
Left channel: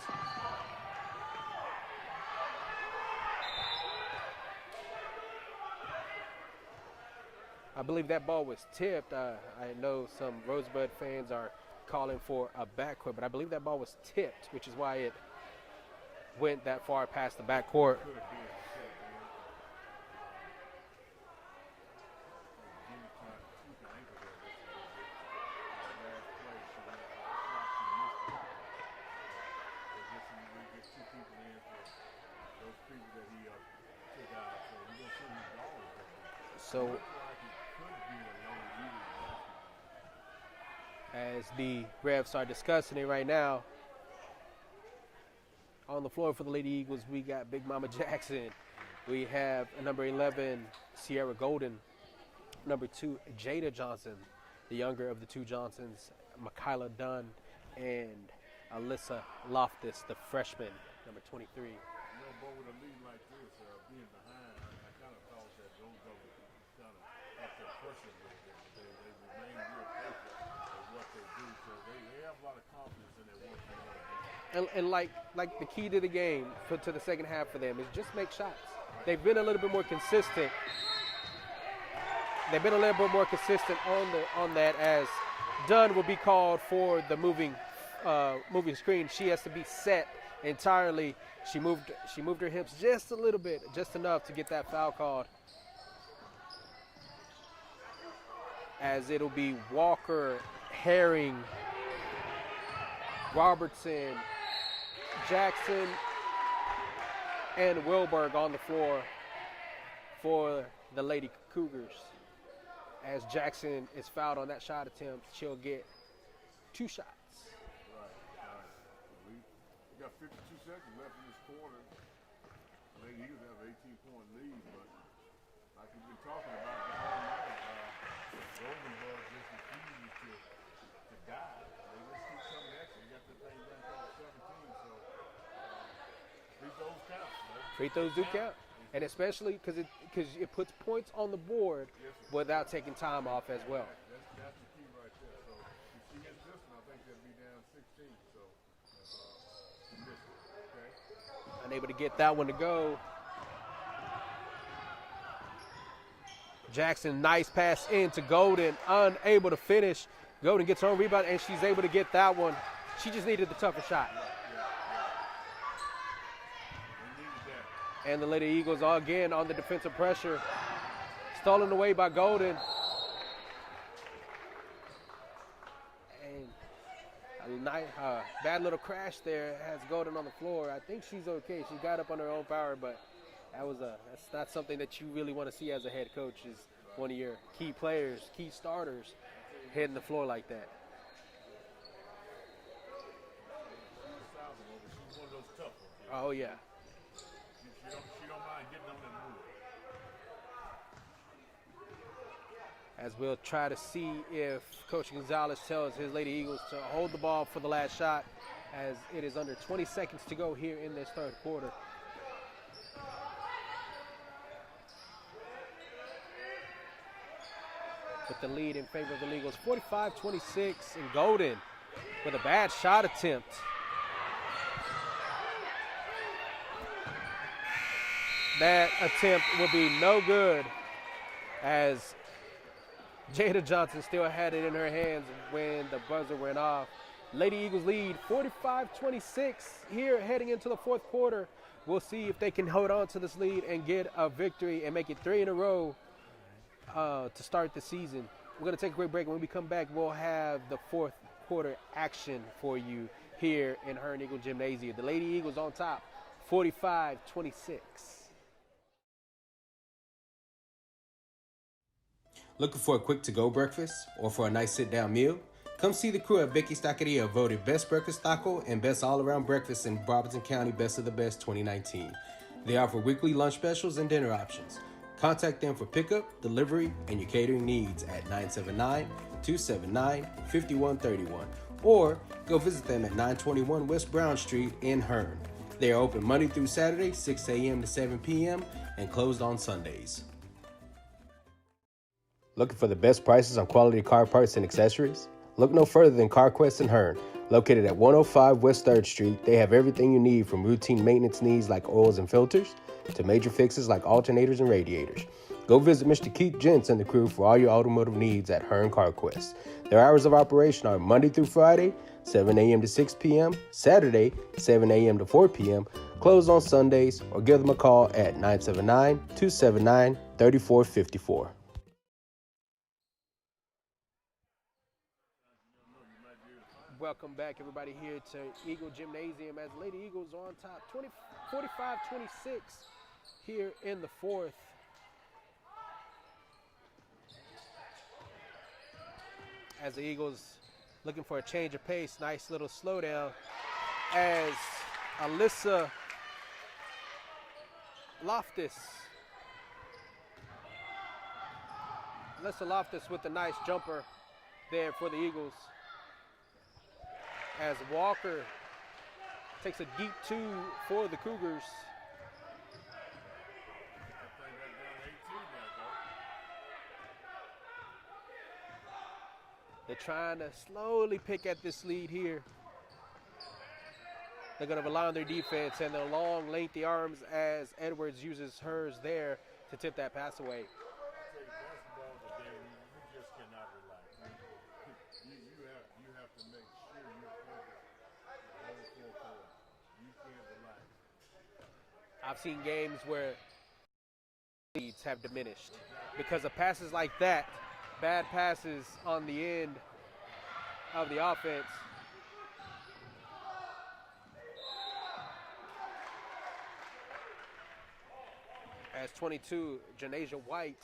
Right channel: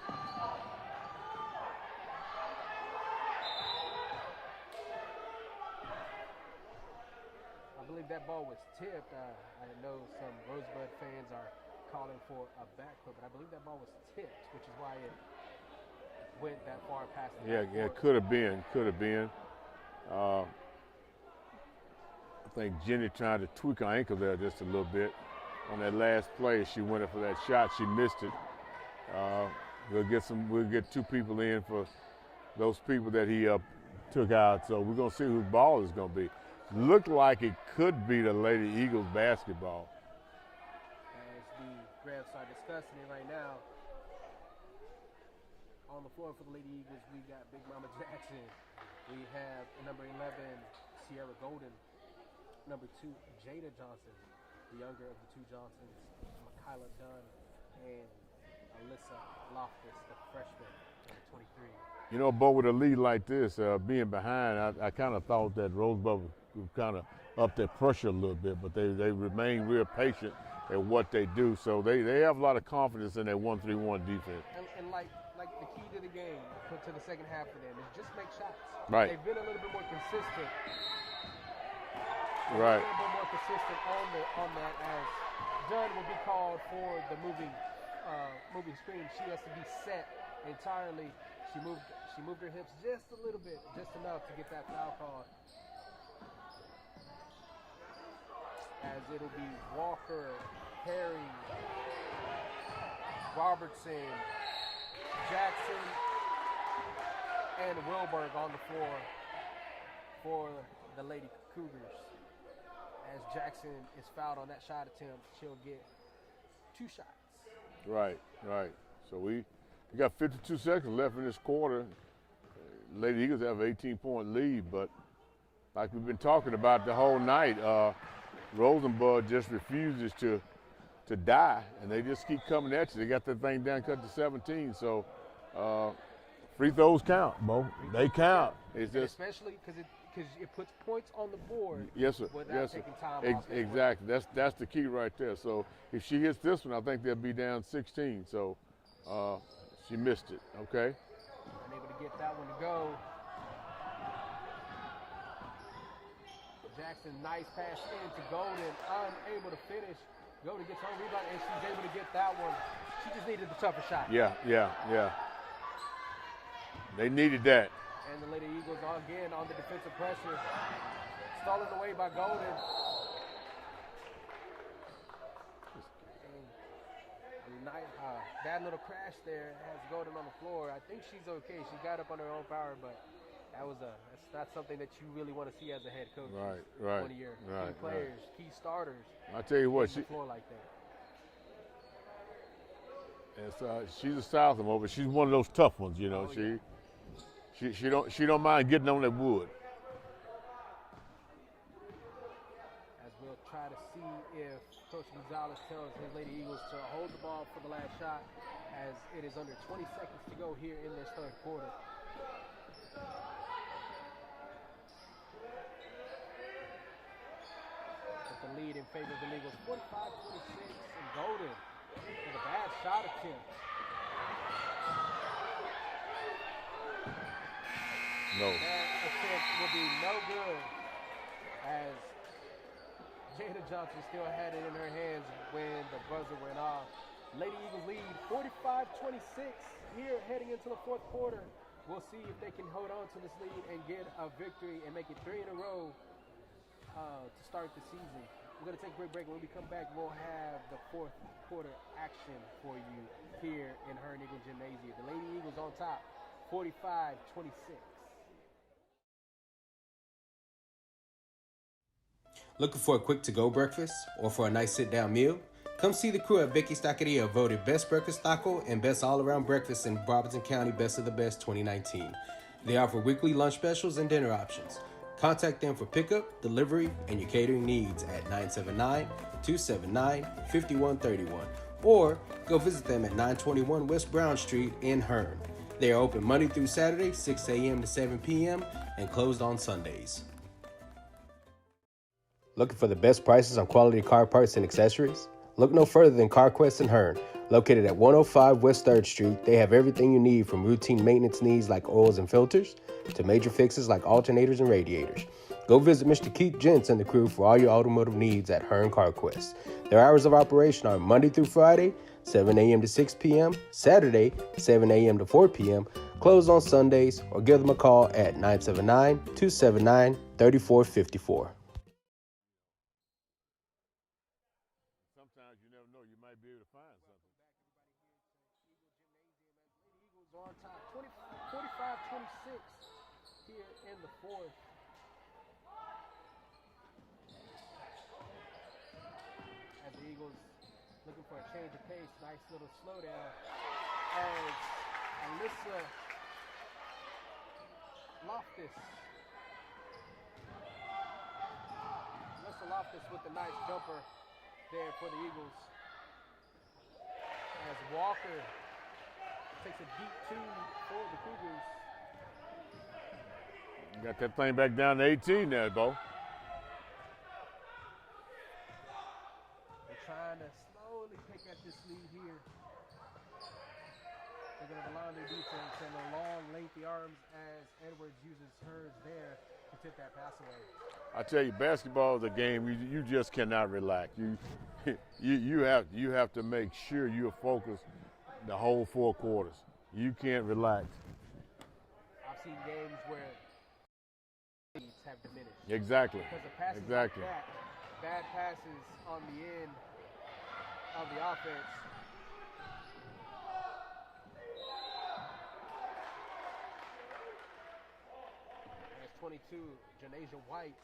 I believe that ball was tipped. I know some Rosebud fans are calling for a backcourt, but I believe that ball was tipped, which is why it went that far past the backcourt. Could have been. I think Jenny tried to tweak her ankle there just a little bit. On that last play, she went up for that shot. She missed it. We'll get 2 people in for those people that he took out. So we're gonna see whose ball is gonna be. So, looked like it could be the Lady Eagles basketball. As the refs are discussing it right now, on the floor for the Lady Eagles, we got Big Mama Jackson. We have number 11, Sierra Golden. Number 2, Jada Johnson. The younger of the 2 Johnsons, Michaela Dunn and Alyssa Loftus, the freshman, number 23. You know, but with a lead like this, being behind, I kind of thought that Rosebud would kind of up their pressure a little bit, but they remain real patient at what they do. So they have a lot of confidence in their 1-3-1 defense. And like the key to the game to the second half for them is just make shots. Right. They've been a little bit more consistent. They've been a little bit more consistent on that, as Dunn will be called for the moving screen. She has to be set entirely. She moved her hips just a little bit, just enough to get that foul called. As it'll be Walker, Herring, Robertson, Jackson, and Wilberg on the floor for the Lady Cougars. As Jackson is fouled on that shot attempt, she'll get 2 shots. Right. So we got 52 seconds left in this quarter. Lady Eagles have an 18-point lead, but like we've been talking about the whole night, Rosebud just refuses to die, and they just keep coming at you. They got that thing down cut to 17, so free throws count, Mo. They count. And especially because it puts points on the board. Yes, sir. Without taking time off as well. Exactly. That's the key right there. So if she hits this one, I think they'll be down 16. So she missed it. Okay. Unable to get that one to go. Jackson, nice pass into Golden, unable to finish. Golden gets her own rebound, and she's able to get that one. She just needed the tougher shot. Yeah. They needed that. And the Lady Eagles again on the defensive pressure. Stolen away by Golden. And bad little crash there has Golden on the floor. I think she's okay. She got up on her own power, but that's not something that you really want to see as a head coach. Right, One of your key players, key starters. I tell you what, hitting the floor like that. She's a sophomore, but she's one of those tough ones, you know. Oh, yeah. She don't mind getting on that wood. As we'll try to see if Coach Gonzalez tells his Lady Eagles to hold the ball for the last shot, as it is under 20 seconds to go here in this third quarter. With the lead in favor of the Eagles, 45-26, and Golden with a bad shot attempt. No. That attempt will be no good, as Jada Johnson still had it in her hands when the buzzer went off. Lady Eagles lead 45-26 here heading into the fourth quarter. We'll see if they can hold on to this lead and get a victory and make it 3 in a row to start the season. We're going to take a quick break, and when we come back, we'll have the fourth quarter action for you here in Hearne Eagle Gymnasium. The Lady Eagles on top, 45-26. Looking for a quick to-go breakfast or for a nice sit-down meal? Come see the crew at Vicky's Taqueria, voted Best Breakfast Taco and Best All-Around Breakfast in Robertson County Best of the Best 2019. They offer weekly lunch specials and dinner options. Contact them for pickup, delivery, and your catering needs at 979-279-5131 or go visit them at 921 West Brown Street in Hearne. They are open Monday through Saturday, 6 a.m. to 7 p.m. and closed on Sundays. Looking for the best prices on quality car parts and accessories? Look no further than CarQuest in Hearne. Located at 105 West 3rd Street, they have everything you need from routine maintenance needs like oils and filters to major fixes like alternators and radiators. Go visit Mr. Keith Gents and the crew for all your automotive needs at Hearne CarQuest. Their hours of operation are Monday through Friday, 7 a.m. to 6 p.m., Saturday, 7 a.m. to 4 p.m., closed on Sundays, or give them a call at 979-279-3454. Welcome back, everybody, here to Eagle Gymnasium as Lady Eagles are on top, 45-26 here in the fourth. As the Eagles looking for a change of pace, nice little slowdown as Alyssa Loftus with a nice jumper there for the Eagles. As Walker takes a deep two for the Cougars. Got that thing back down to 18 there, Bo. They're trying to slowly pick at this lead here. They're going to rely on their defense and their long, lengthy arms as Edwards uses hers there to tip that pass away. I tell you, basketball is a game you just cannot relax. You have to make sure you're focused the whole 4 quarters. You can't relax. I've seen games where leads have diminished. Exactly. Because of passes like that, bad passes on the end of the offense. As 22, Janasia White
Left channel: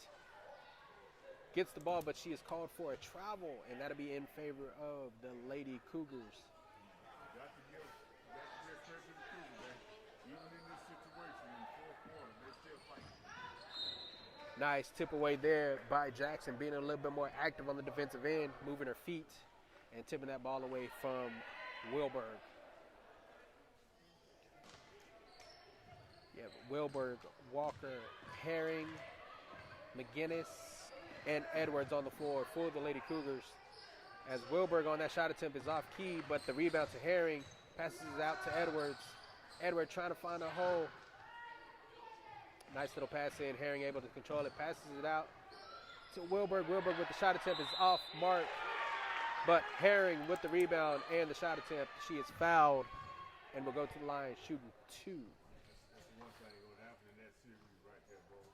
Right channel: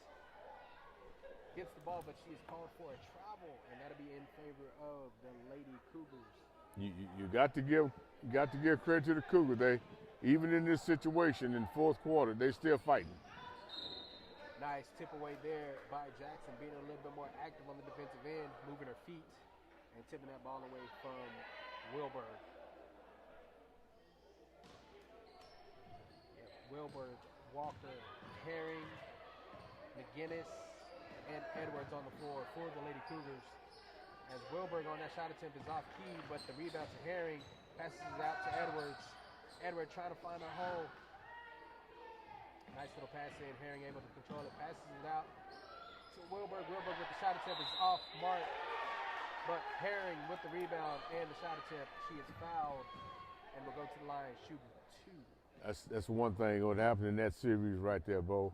gets the ball, but she is called for a travel, and that'll be in favor of the Lady Cougars. You got to give credit to the Cougars. They, even in this situation in fourth quarter, they still fighting. Nice tip away there by Jackson, being a little bit more active on the defensive end, moving her feet and tipping that ball away from Wilberg. Yeah, Wilberg, Walker, Herring, McGinnis, and Edwards on the floor for the Lady Cougars. As Wilberg on that shot attempt is off key, but the rebound to Herring, passes it out to Edwards. Edwards trying to find a hole. Nice little pass in, Herring able to control it, passes it out to Wilberg. Wilberg with the shot attempt is off mark, but Herring with the rebound and the shot attempt, she is fouled and will go to the line shooting 2. That's one thing what happened in that series right there, Bo.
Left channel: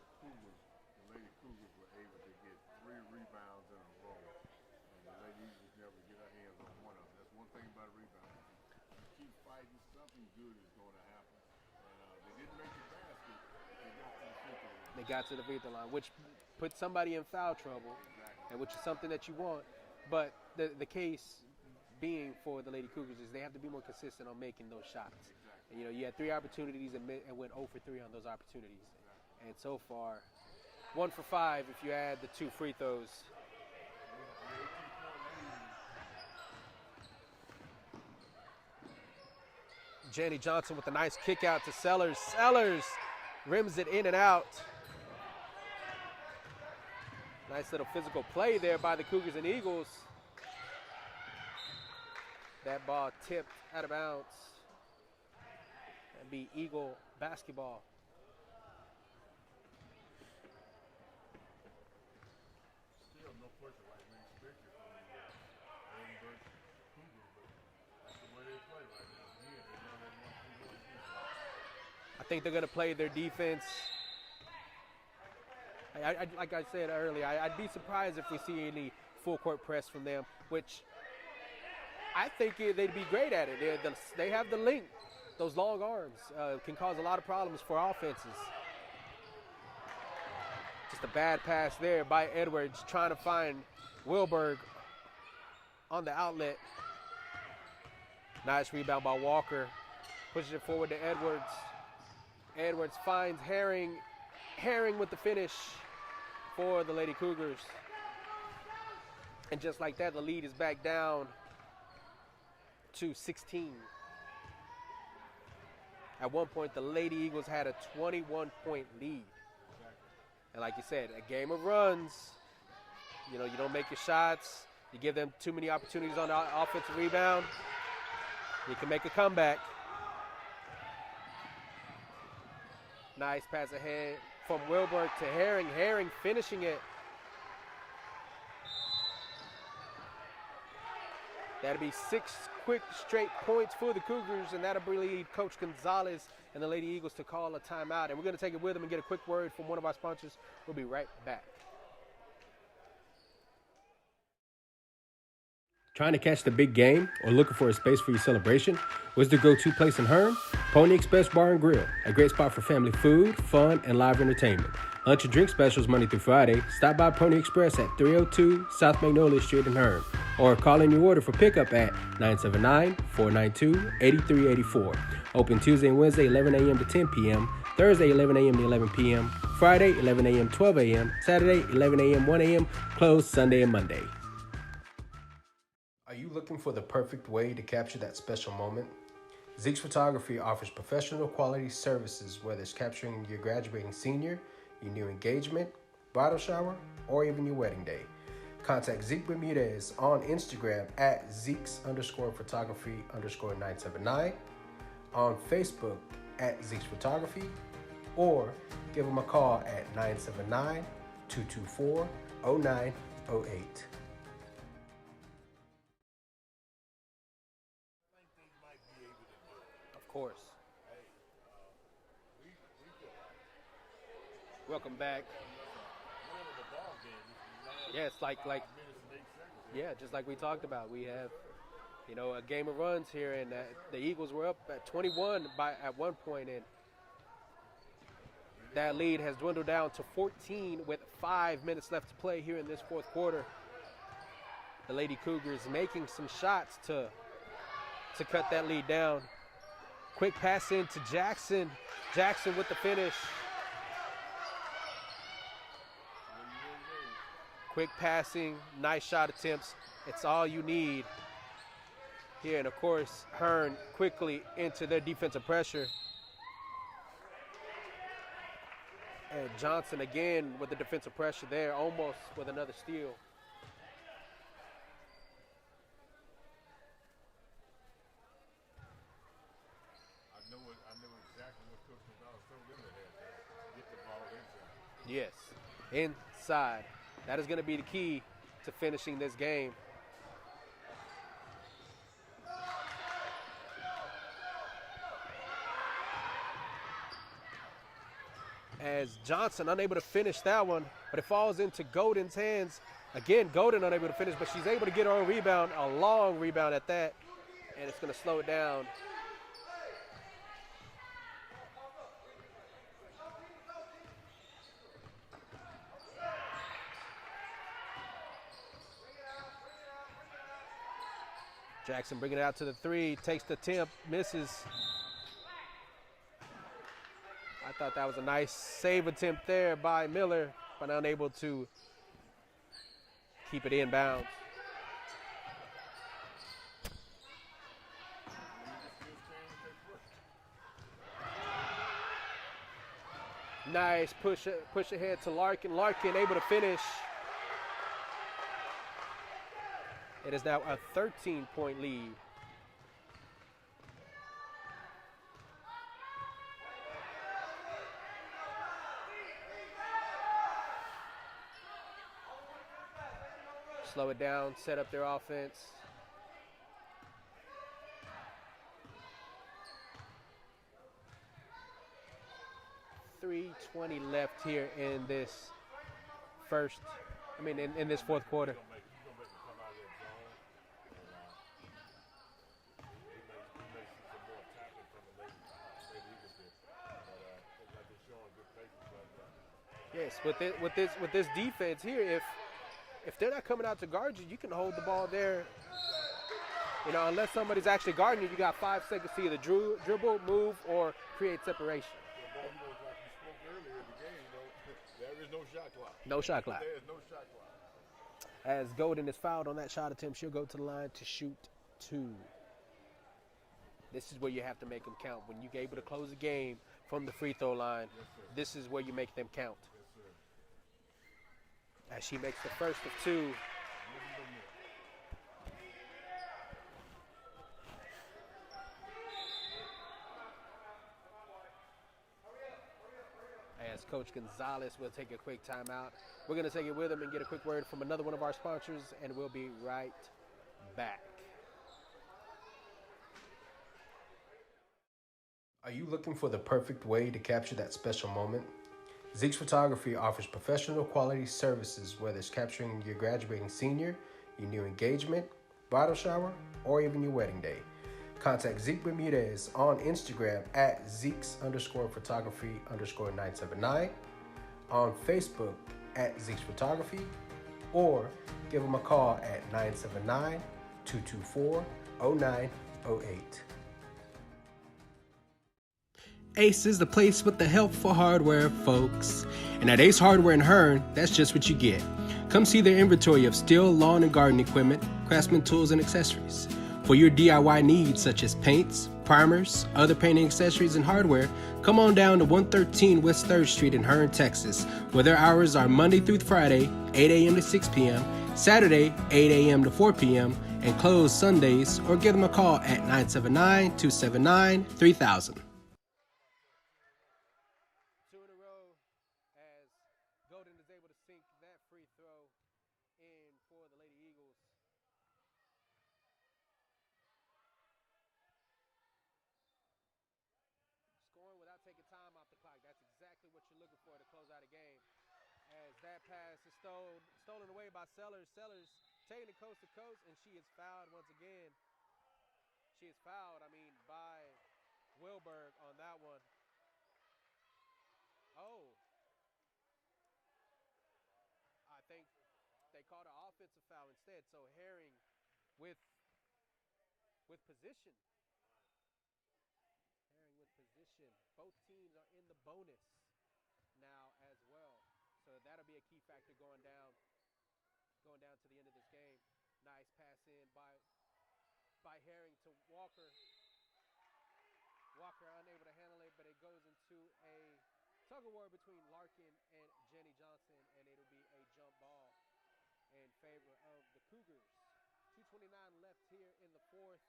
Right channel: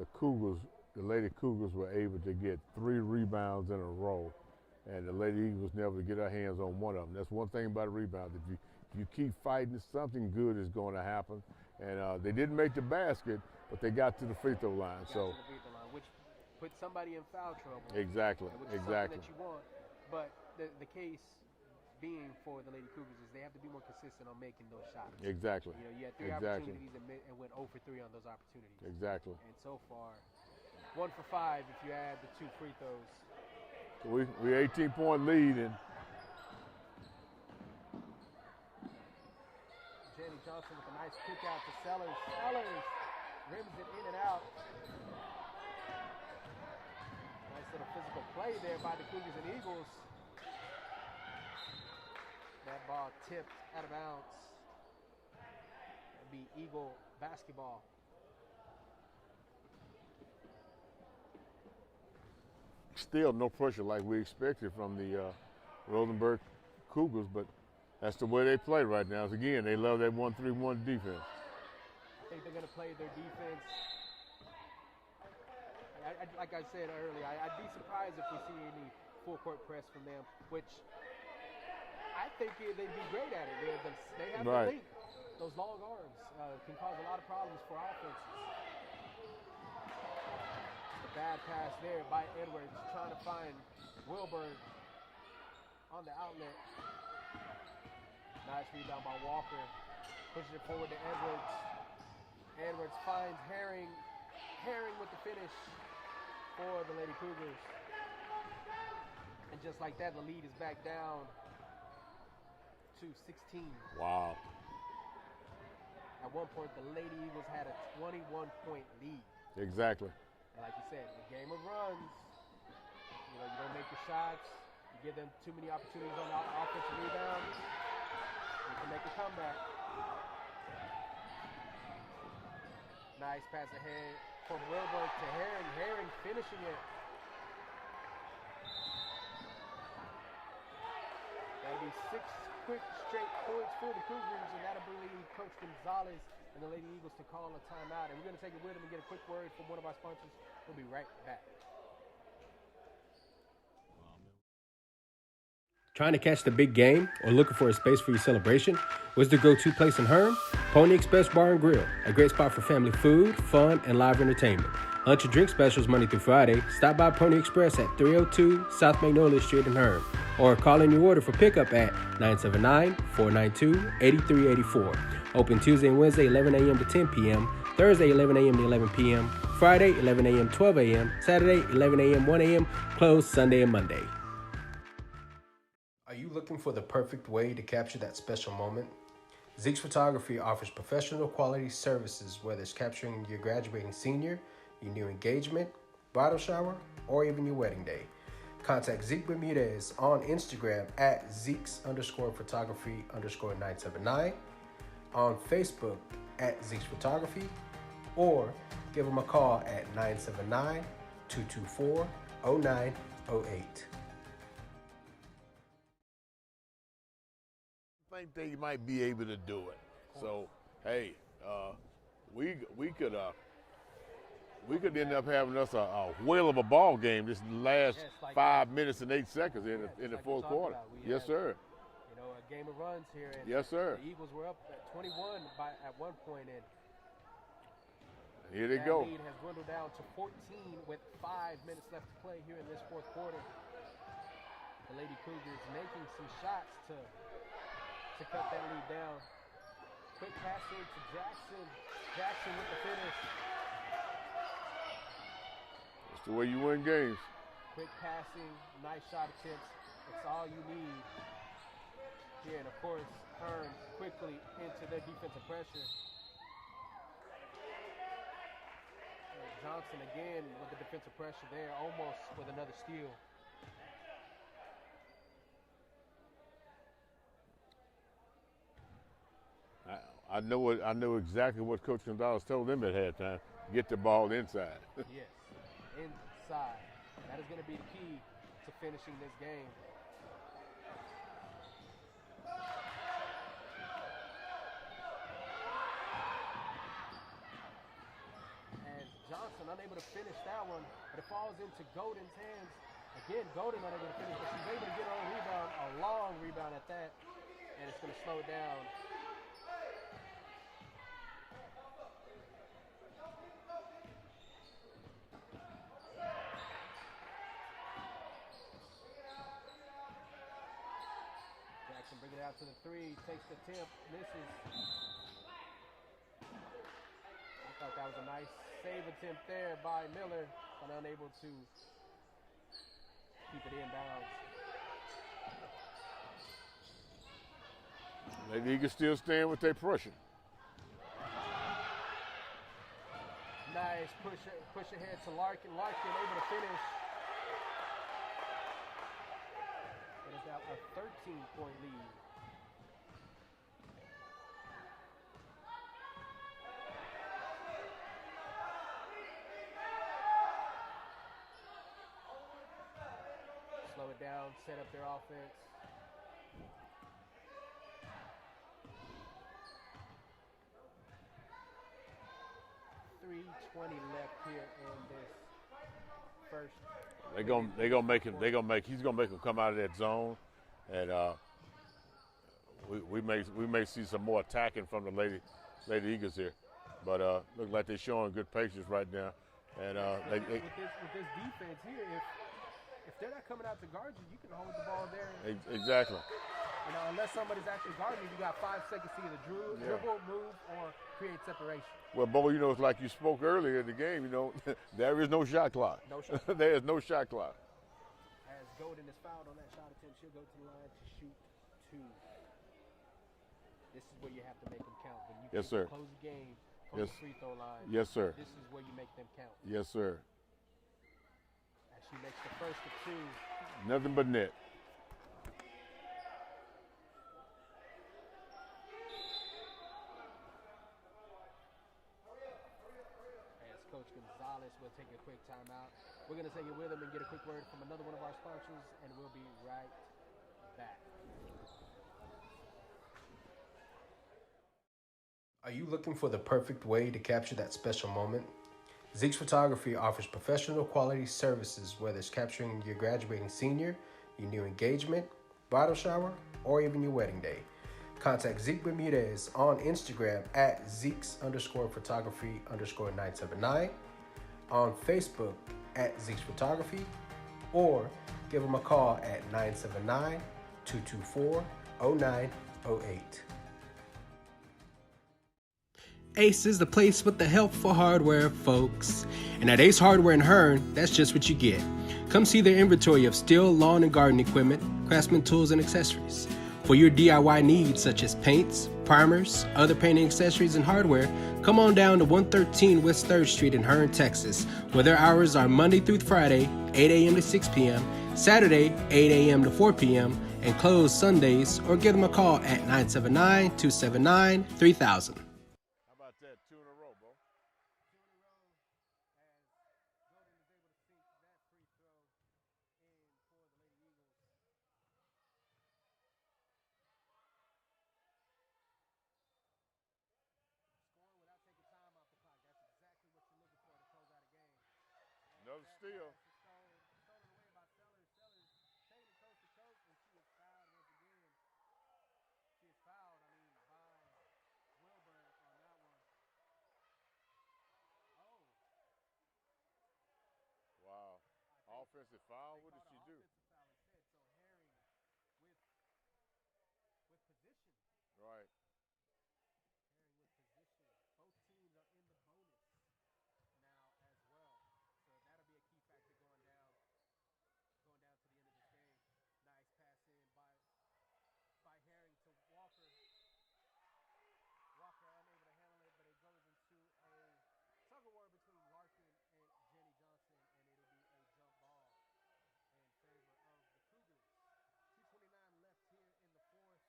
The Cougars the Lady Cougars were able to get 3 rebounds in a row, and the Lady Eagles was never to get her hands on one of them. That's one thing about a rebound. If you keep fighting, something good is going to happen. And they didn't make the basket, but they got to the free throw line. They got to the free throw line, which put somebody in foul trouble. Exactly. Which is something that you want. But the case being for the Lady Cougars is they have to be more consistent on making those shots. Exactly. You know, you had 3 opportunities and went 0 for 3 on those opportunities. Exactly. And so far, 1 for 5 if you add the 2 free throws. So we 18-point lead, and Jenny Johnson with a nice kick out to Sellers. Sellers rims it in and out. Nice little physical play there by the Cougars and Eagles. That ball tipped out of bounds. That'd be Eagle basketball. still no pressure like we expected from the Rosenberg Cougars, but that's the way they play right now. Again, they love that 1-3-1 defense. I think they're going to play their defense. Like I said earlier, I'd be surprised if we see any full court press from them, which I think they'd be great at it. They have the length. Those long arms can cause a lot of problems for offenses. Just a bad pass there by Edwards, trying to find Wilberg on the outlet. Nice rebound by Walker. Pushes it forward to Edwards. Edwards finds Herring. Herring with the finish for the Lady Cougars. And just like that, the lead is back down to 16. Wow. At one point, the Lady Eagles had a 21-point lead. Exactly. And like you said, a game of runs. You know, you don't make your shots. You give them too many opportunities on the offensive rebound. You can make a comeback. Nice pass ahead from Wilberg to Herring. Herring finishing it. That'll be 6 quick straight points for the Cougars, and that'll lead Coach Gonzalez and the Lady Eagles to call a timeout. And we're going to take it with them and get a quick word from one of our sponsors. We'll be right back. Trying to catch the big game or looking for a space for your celebration? Where's the go-to place in Hearne? Pony Express Bar and Grill, a great spot for family food, fun, and live entertainment. Lunch and drink specials Monday through Friday. Stop by Pony Express at 302 South Magnolia Street in Hearne, or call in your order for pickup at 979-492-8384. Open Tuesday and Wednesday 11 a.m. to 10 p.m., Thursday 11 a.m. to 11 p.m., Friday 11 a.m. 12 a.m., Saturday 11 a.m. 1 a.m., closed Sunday and Monday. Are you looking for the perfect way to capture that special moment? Zeke's Photography offers professional quality services, whether it's capturing your graduating senior, your new engagement, bridal shower, or even your wedding day. Contact Zeke Bermudez on Instagram at Zeke's_photography_979, on Facebook at Zeke's Photography, or give them a call at 979-224-0908. I think they might be able to do it. Of course. So, hey, we could end up having us a whale of a ball game this last 5 minutes and 8 seconds in the fourth quarter. Yes, sir. You know, a game of runs here, and yes, sir. The Eagles were up at 21 at one point, and here they that go. lead has dwindled down to 14 with 5 minutes left to play here in this fourth quarter. The Lady Cougars making some shots to cut that lead down. Quick pass in to Jackson. Jackson with the finish. That's the way you win games. Quick passing, nice shot attempts. It's all you need here. And of course, Hearne quickly into their defensive pressure. And Johnson again with the defensive pressure there, almost with another steal. I know exactly what Coach Gonzalez told them at halftime. Get the ball inside. Yes, inside. That is going to be the key to finishing this game. as Johnson unable to finish that one, but it falls into Golden's hands. Again, Golden unable to finish, but she's able to get her own rebound, a long rebound at that, and it's going to slow it down. Jackson bringing it out to the three, takes the attempt, misses. I thought that was a nice save attempt there by Miller, but unable to keep it inbounds. Maybe he can still stand with their pressure. Nice push ahead to Larkin. Larkin able to finish. It is now a 13-point lead. Slow it down, set up their offense. .320 left here in this first. He's gonna make him come out of that zone, and we may see some more attacking from the Lady Eagles here. But look like they're showing good patience right now. And yes, with this defense here, if they're not coming out to guard you, you can hold the ball there. Exactly. You know, unless somebody's actually guarding you, you got 5 seconds to either dribble, move, or create separation. Well, Bo, you know, it's like you spoke earlier in the game, you know, there is no shot clock. No shot clock. There is no shot clock. As Golden is fouled on that shot attempt, she'll go to the line to shoot 2. This is where you have to make them count. When you get to close the game from the free throw line, yes, sir. This is where you make them count. Yes, sir. As she makes the first of 2. Nothing but net. As Coach Gonzalez will take a quick timeout. We're going to take it with him and get a quick word from another one of our sponsors, and we'll be right back. Are you looking for the perfect way to capture that special moment? Zeke's Photography offers professional quality services, whether it's capturing your graduating senior, your new engagement, bridal shower, or even your wedding day. Contact Zeke Bermudez on Instagram at Zeke's_photography_979, on Facebook at Zeke's Photography, or give them a call at 979-224-0908. Ace is the place with the help for hardware, folks. And at Ace Hardware in Hearne, that's just what you get. Come see their inventory of steel, lawn, and garden equipment, craftsman tools, and accessories. For your DIY needs such as paints, primers, other painting accessories, and hardware, come on down to 113 West 3rd Street in Hearne, Texas, where their hours are Monday through Friday, 8 a.m. to 6 p.m., Saturday, 8 a.m. to 4 p.m., and closed Sundays, or give them a call at 979-279-3000. Stolen away by Sellers. Sellers taking it coast to coast, and she is fouled once again. She is fouled, by Wilberg on that one. Oh. Wow. I think offensive foul? They called an offensive foul instead. So Herring with position. Right. Herring with position. Both teams are in the bonus now as well. So that'll be a key factor going down to the end of this game. Nice pass in by Herring to Walker. Walker unable to handle it, but it goes into a tug-of-war between Larkin and Jenny Johnson, and it'll be a jump ball in favor of the Cougars. 2:29 left here in the fourth.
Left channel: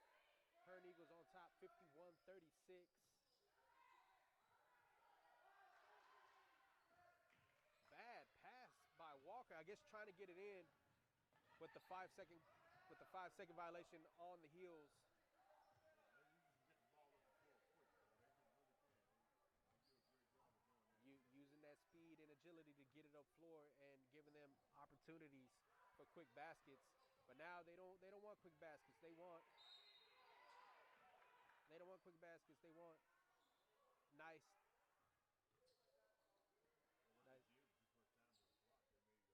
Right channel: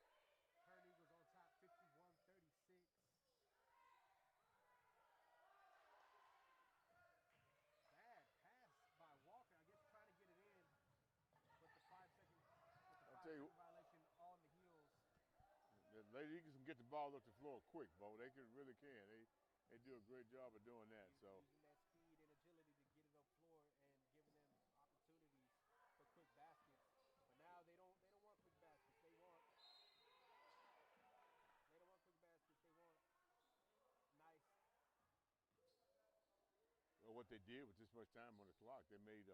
Hearne Eagles on top, 51-36. I guess trying to get it in with the 5-second violation on the heels. The Lady Eagles can get the ball up the floor quick, Bo. They really can. They do a great job of doing that. Using that the floor and giving them opportunities for quick baskets. But now they don't want quick baskets. They don't want quick baskets. They want nice. Well, what they did with this much time on the clock, they made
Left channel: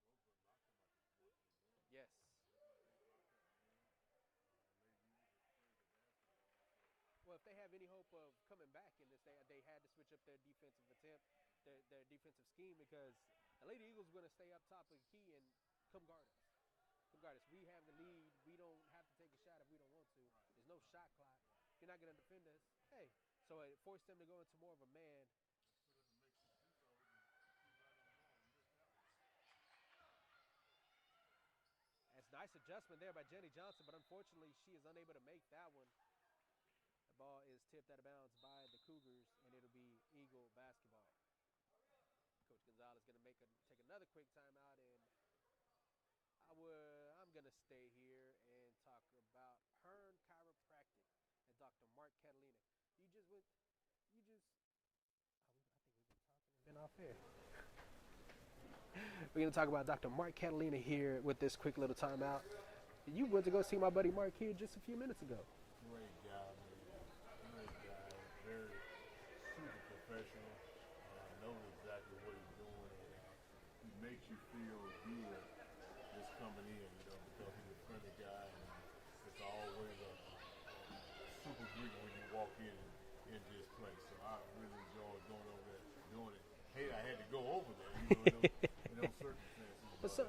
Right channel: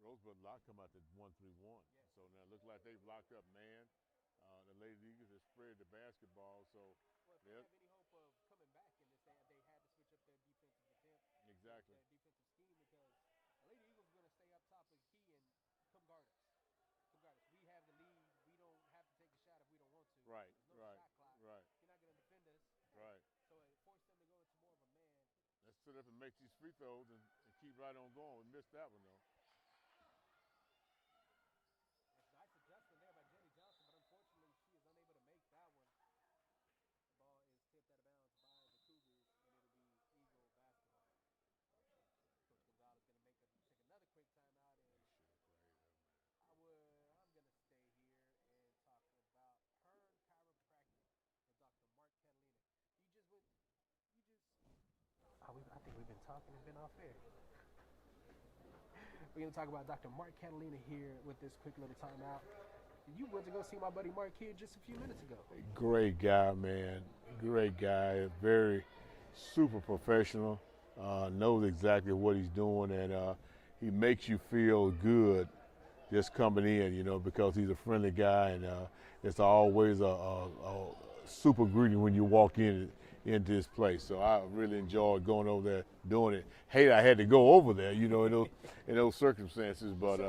Rosebud-Lott come out to 1-3-1. Yes. So now it looks like they've locked up man. The Lady Eagles have spread the basketball. So Well, if they have any hope of coming back in this, they had to switch up their defensive attempt, exactly. their defensive scheme, because the Lady Eagles are going to stay up top of the key and come guard us. We have the lead. We don't have to take a shot if we don't want to. Right. There's no shot clock. Right. If you're not going to defend us. Hey. Right. So it forced them to go into more of a man. Let's sit up and make these free throws and keep right on going. We missed that one, though. That's a nice adjustment there by Jenny Johnson, but unfortunately she is unable to make that one. The ball is tipped out of bounds by the Cougars, and it'll be Eagle basketball. Coach Gonzalez going to take another quick timeout, and I'm going to stay here and talk about Hearne Chiropractic and Dr. Mark Catalina. I think we've been talking and been off air. We're going to talk about Dr. Mark Catalina here with this quick little timeout. You went to go see my buddy Mark here just a few minutes ago. Great guy, man. Great guy. Very super professional. Knows exactly what he's doing, and he makes you feel good just coming in, because he's a friendly guy, and it's always a super greeting when you walk into his place. So I really enjoyed going over there doing it. Hate I had to go over there, in those circumstances. But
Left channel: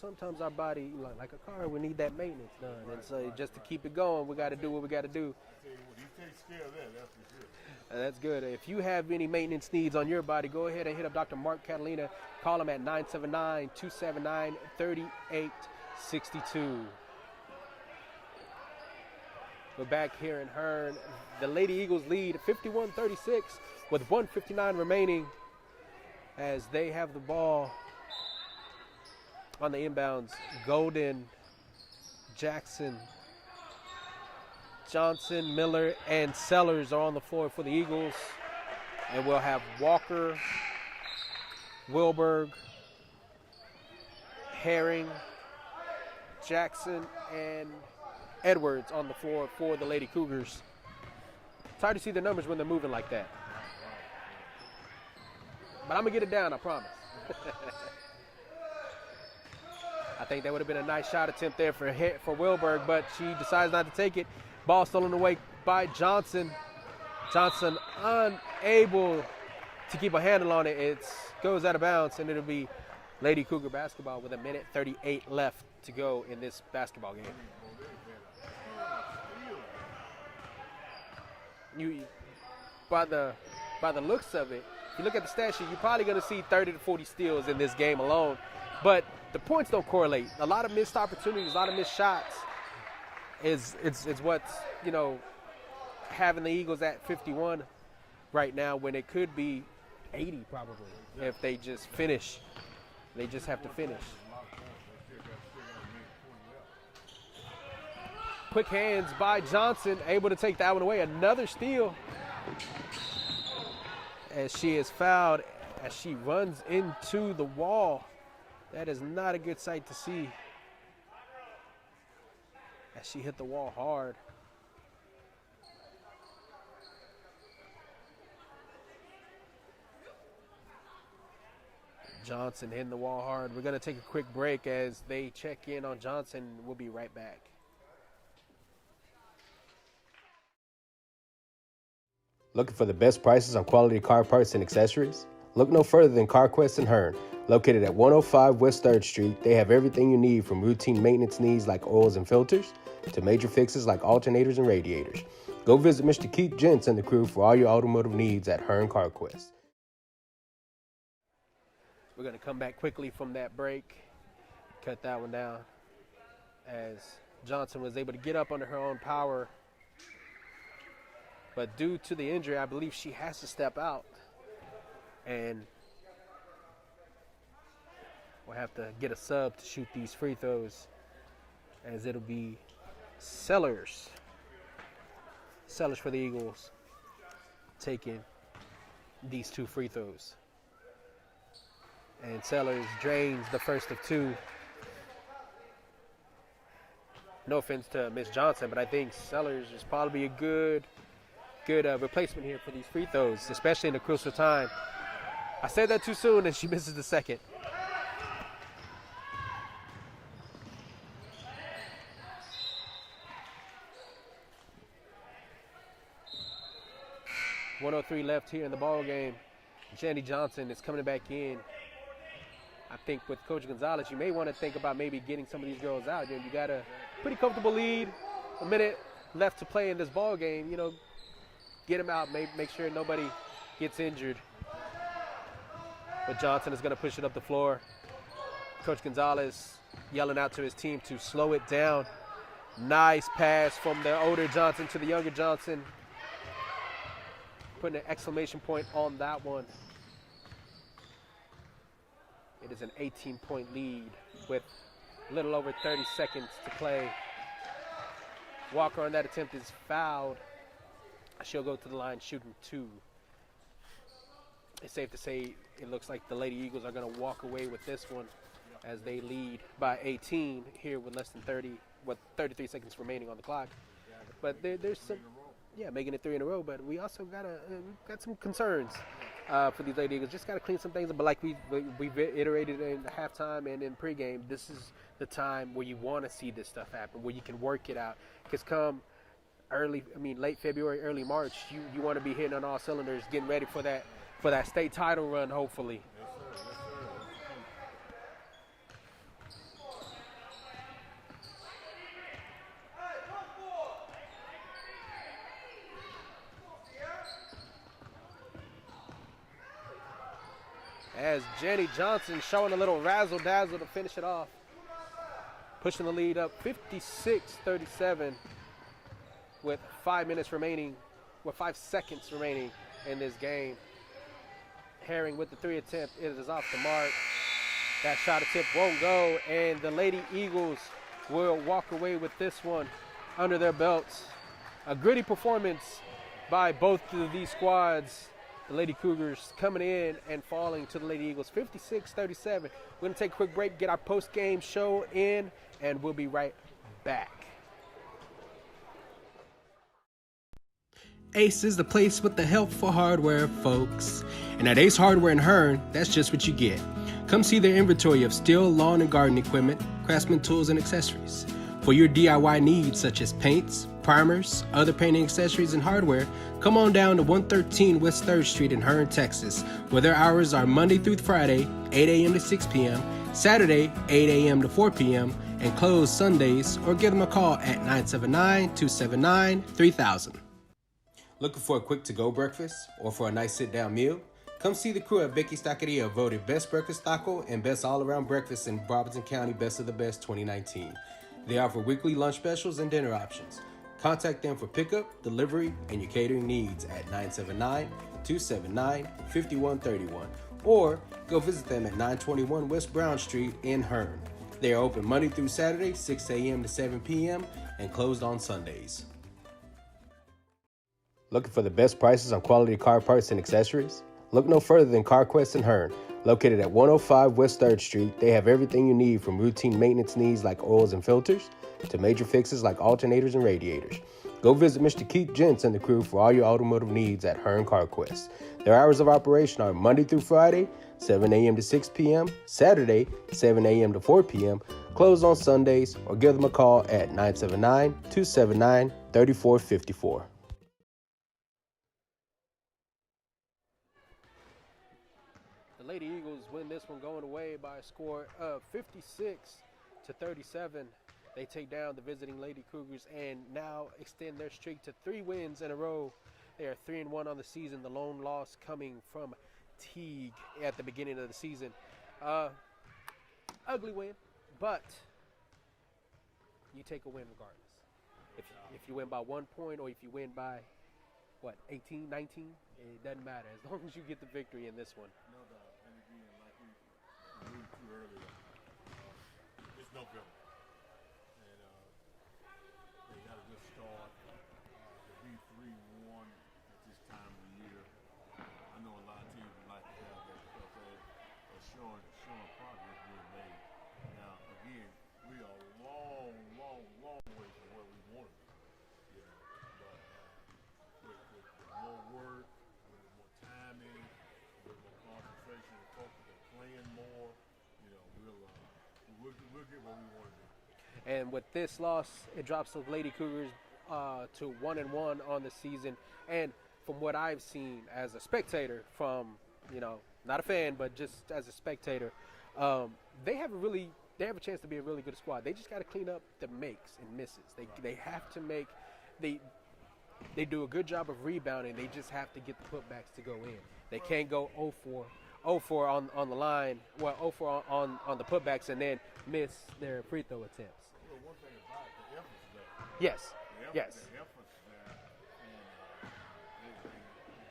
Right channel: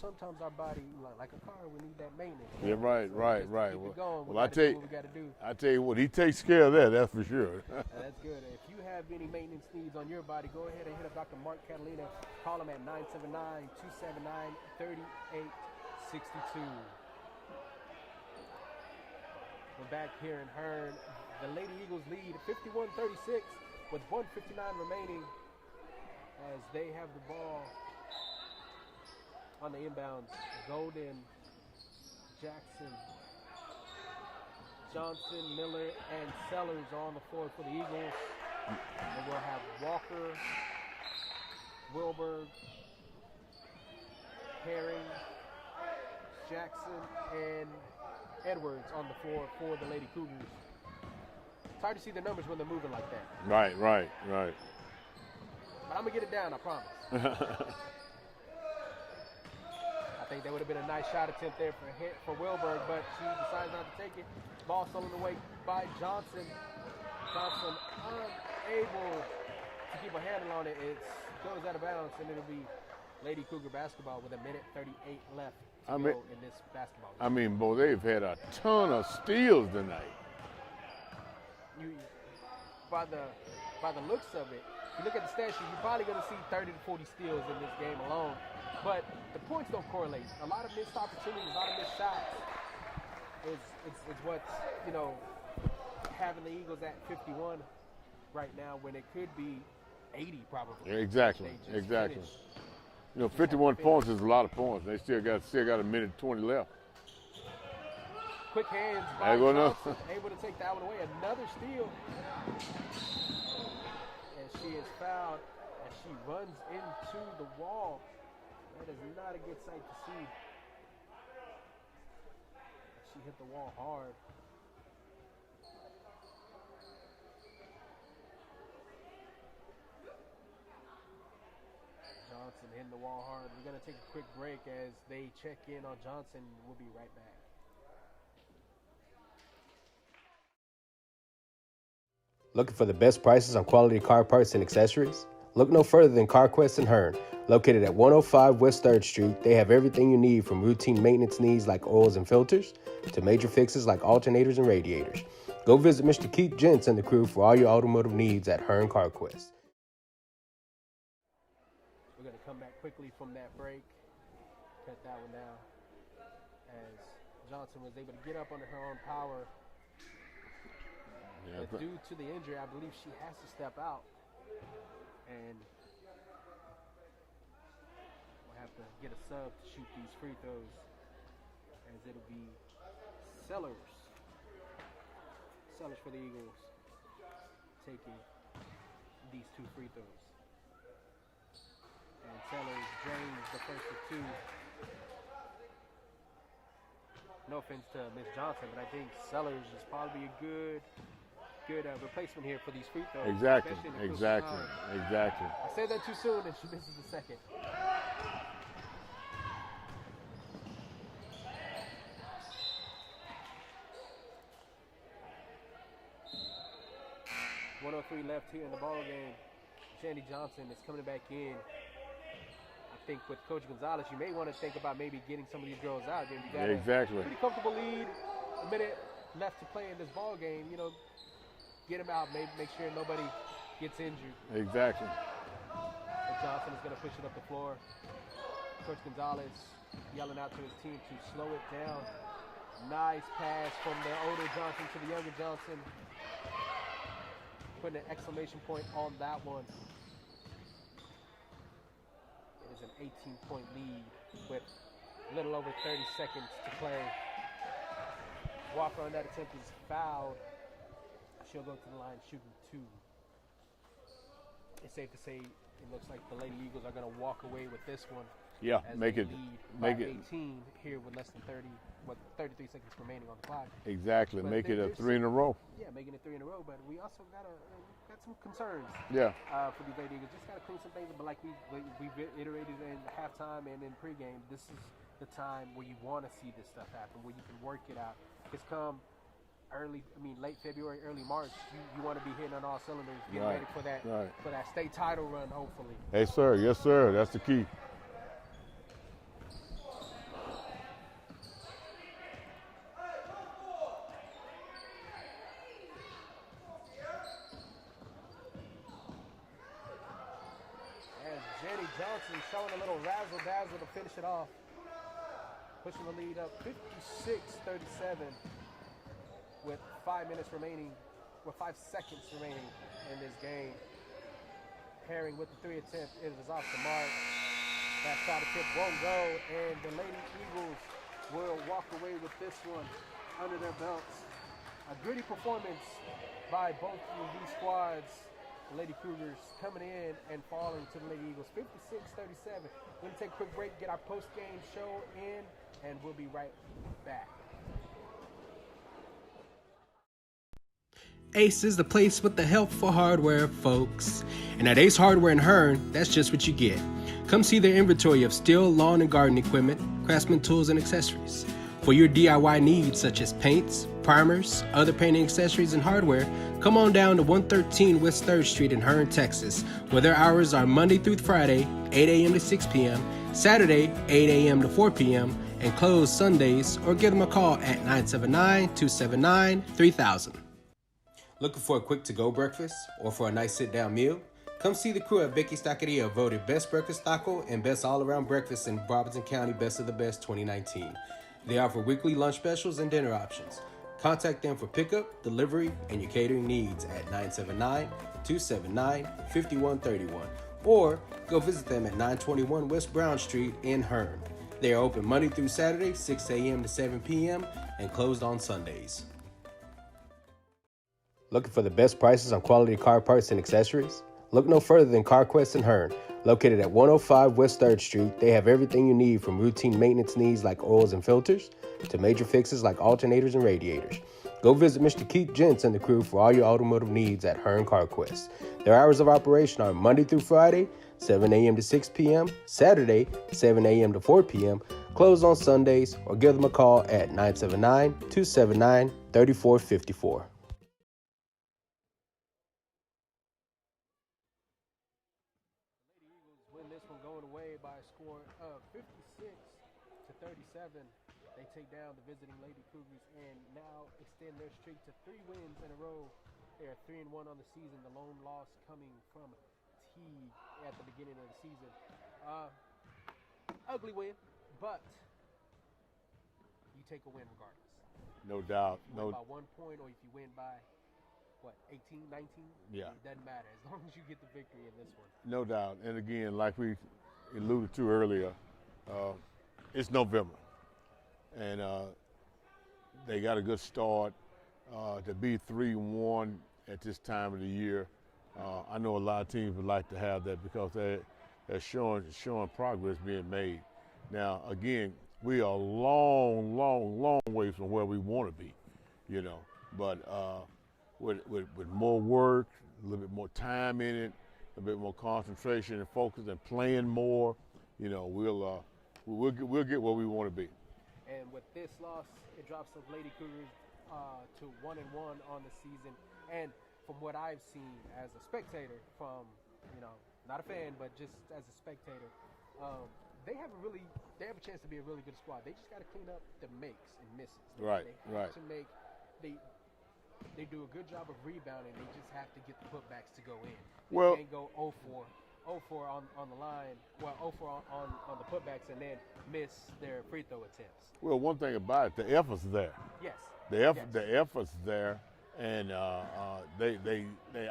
sometimes our body, like a car, we need that maintenance. Yeah, right, so right, just right. to keep it going, we got to do what we got to do. I tell you what, he takes care of that. That's for sure. That's good. If you have any maintenance needs on your body, go ahead and hit up Dr. Mark Catalina. Call him at 979-279-3862. We're back here in Hearne. The Lady Eagles lead 51-36 with 1:59 remaining as they have the ball on the inbounds. Golden, Jackson, Johnson, Miller, and Sellers are on the floor for the Eagles. And we'll have Walker, Wilberg, Herring, Jackson, and Edwards on the floor for the Lady Cougars. It's hard to see the numbers when they're moving like that. Right. But I'm going to get it down, I promise. I think that would have been a nice shot attempt there for Wilberg, but she decides not to take it. Ball stolen away by Johnson. Johnson unable to keep a handle on it. It goes out of bounds, and it'll be Lady Cougar basketball with 1:38 left to go in this basketball game. I mean, boy, they've had a ton of steals tonight. By the looks of it, if you look at the stat sheet, you're probably going to see 30 to 40 steals in this game alone. But the points don't correlate. A lot of missed opportunities, a lot of missed shots is what's, having the Eagles at 51 right now when it could be 80 probably. Exactly. If they just finish. 51 points is a lot of points. They still got a minute 20 left. Quick hands by Johnson, able to take that one away. Another steal as she is fouled as she runs into the wall. That is not a good sight to see as she hit the wall hard. Johnson hitting the wall hard. We're going to take a quick break as they check in on Johnson. We'll be right back. Looking for the best prices on quality car parts and accessories? Look no further than CarQuest in Hearne. Located at 105 West 3rd Street, they have everything you need from routine maintenance needs like oils and filters to major fixes like alternators and radiators. Go visit Mr. Keith Gents and the crew for all your automotive needs at Hearne CarQuest. We're going to come back quickly from that break, cut that one down, as Johnson was able to get up under her own power. But due to the injury, I believe she has to step out. And we'll have to get a sub to shoot these free throws, as it'll be Sellers for the Eagles taking these two free throws. And Sellers drains the first of two. No offense to Miss Johnson, but I think Sellers is probably a good replacement here for these free throws, especially in a crucial time. Exactly. I said that too soon, and she misses the second. .103 left here in the ball game. Jenny Johnson is coming back in. I think with Coach Gonzalez, you may want to think about maybe getting some of these girls out. You got a pretty comfortable lead. A minute left to play in this ball game. You know, get them out. Make sure nobody gets injured. Exactly. But Johnson is going to push it up the floor. Coach Gonzalez yelling out to his team to slow it down. Nice pass from the older Johnson to the younger Johnson. Putting an exclamation point on that one. It is an 18-point lead with a little over 30 seconds to play. Walker on that attempt is fouled. She'll go to the line shooting two. It's safe to say it looks like the Lady Eagles are going to walk away with this one. Yeah, as they lead by 18 here with less than 33 seconds remaining on the clock. Exactly, But make it a three in a row. Yeah, making it 3 in a row, but we also got some concerns. Yeah. For these Lady Eagles, just got to clean some things up. But like we iterated in halftime and in pregame, this is the time where you want to see this stuff happen, where you can work it out. Because come late February, early March, you want to be hitting on all cylinders, getting ready for that state title run, hopefully. Hey, sir. Yes, sir. That's the key. As Jenny Johnson showing a little razzle-dazzle to finish it off. Pushing the lead up 56-37 with 5 seconds remaining in this game. Herring with the three attempt, it is off the mark. That shot attempt won't go, and the Lady Eagles will walk away with this one under their belts. A gritty performance by both of these squads. The Lady Cougars coming in and falling to the Lady Eagles 56-37. We're going to take a quick break, get our post-game show in, and we'll be right back. Ace is the place with the help for hardware, folks. And at Ace Hardware in Hearne, that's just what you get. Come see their inventory of steel, lawn, and garden equipment, craftsman tools, and accessories. For your DIY needs such as paints, primers, other painting accessories, and hardware, come on down to 113 West 3rd Street in Hearne, Texas, where their hours are Monday through Friday, 8 a.m. to 6 p.m., Saturday, 8 a.m. to 4 p.m., and close Sundays, or give them a call at 979-279-3000. Looking for a quick to-go breakfast or for a nice sit-down meal? Come see the crew at Becky's Taqueria, voted Best Breakfast Taco and Best All-Around Breakfast in Robertson County Best of the Best 2019. They offer weekly lunch specials and dinner options. Contact them for pickup, delivery, and your catering needs at 979-279-5131 or go visit them at 921 West Brown Street in Hearne. They are open Monday through Saturday, 6 a.m. to 7 p.m. and closed on Sundays. Looking for the best prices on quality car parts and accessories? Look no further than CarQuest in Hearne. Located at 105 West 3rd Street, they have everything you need from routine maintenance needs like oils and filters to major fixes like alternators and radiators. Go visit Mr. Keith Gents and the crew for all your automotive needs at Hearne CarQuest. Their hours of operation are Monday through Friday, 7 a.m. to 6 p.m., Saturday, 7 a.m. to 4 p.m., closed on Sundays, or give them a call at 979-279-3454. The Lady Eagles win this one going away by a score of 56-37. They take down the visiting Lady Cougars and now extend their streak to 3 wins in a row. They are 3-1 on the season. The lone loss coming from Teague at the beginning of the season. Ugly win, but you take a win regardless. No doubt. If you win by 1 point or if you win by, 18, 19? Yeah. It doesn't matter as long as you get the victory in this one. No doubt. And again, like we alluded to earlier, it's November. And they got a good start. To be 3-1 at this time of the year, I know a lot of teams would like to have that because that's showing progress being made. Now, again, we are a long way from where we want to be, you know. But with more work, a little bit more time in it, a bit more concentration and focus, and playing more, you know, we'll get where we want to be. And with this loss, it drops the Lady Cougars to 1-1 on the season. And from what I've seen as a spectator, from, you know, not a fan, but just as a spectator, they have a chance to be a really good squad. They just got to clean up the makes and misses. They have to make they do a good job of rebounding. They just have to get the putbacks to go in. They can't go 0-4 on the line, 0-4 on the putbacks, and then miss their free throw attempts. Well, one thing about it, the effort's there. Yes. The effort's there, and they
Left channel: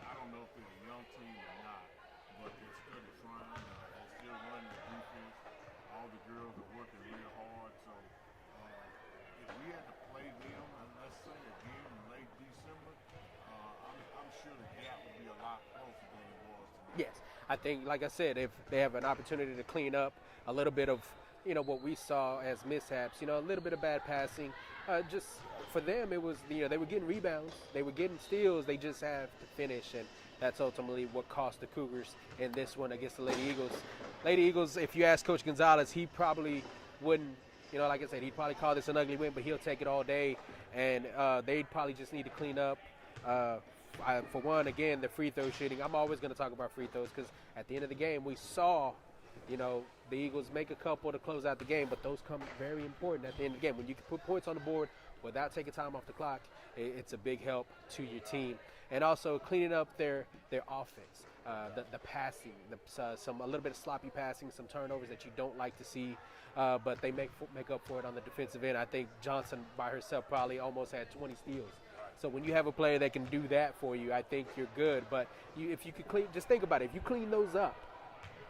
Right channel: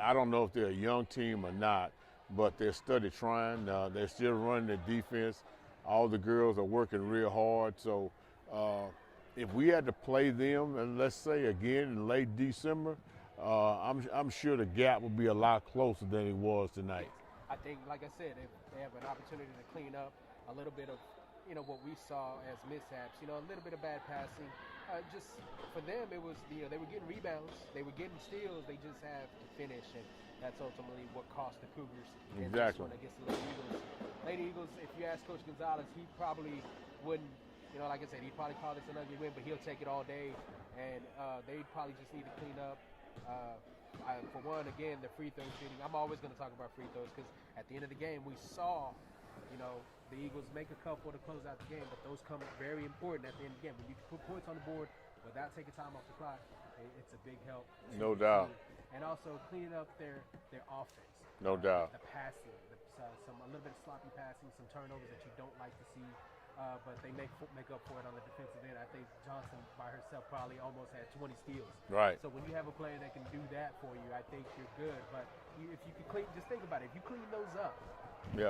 I don't know if they're a young team or not, but they're steady trying. They're still running the defense. All the girls are working real hard. So if we had to play them, and let's say again in late December, I'm sure the gap would be a lot closer than it was tonight. Yes, I think, like I said, if they have an opportunity to clean up a little bit of, you know, what we saw as mishaps, you know, a little bit of bad passing. Just for them, it was, you know, they were getting rebounds, they were getting steals, they just have to finish, and that's ultimately what cost the Cougars in this one against the Lady Eagles. Lady Eagles, if you ask Coach Gonzalez, he probably wouldn't, you know, like I said, he'd probably call this an ugly win, but he'll take it all day, and they'd probably just need to clean up. For one, again, the free throw shooting. I'm always going to talk about free throws because at the end of the game, we saw, you know, the Eagles make a couple to close out the game, but those come very important at the end of the game. When you can put points on the board without taking time off the clock, it's a big help to your team. And also cleaning up their offense. No doubt. The passing, a little bit of sloppy passing, some turnovers that you don't like to see, but they make up for it on the defensive end. I think Johnson by herself probably almost had 20 steals. Right. So when you have a player that can do that for you, I think you're good. But if you can clean, just think about it. If you clean those up,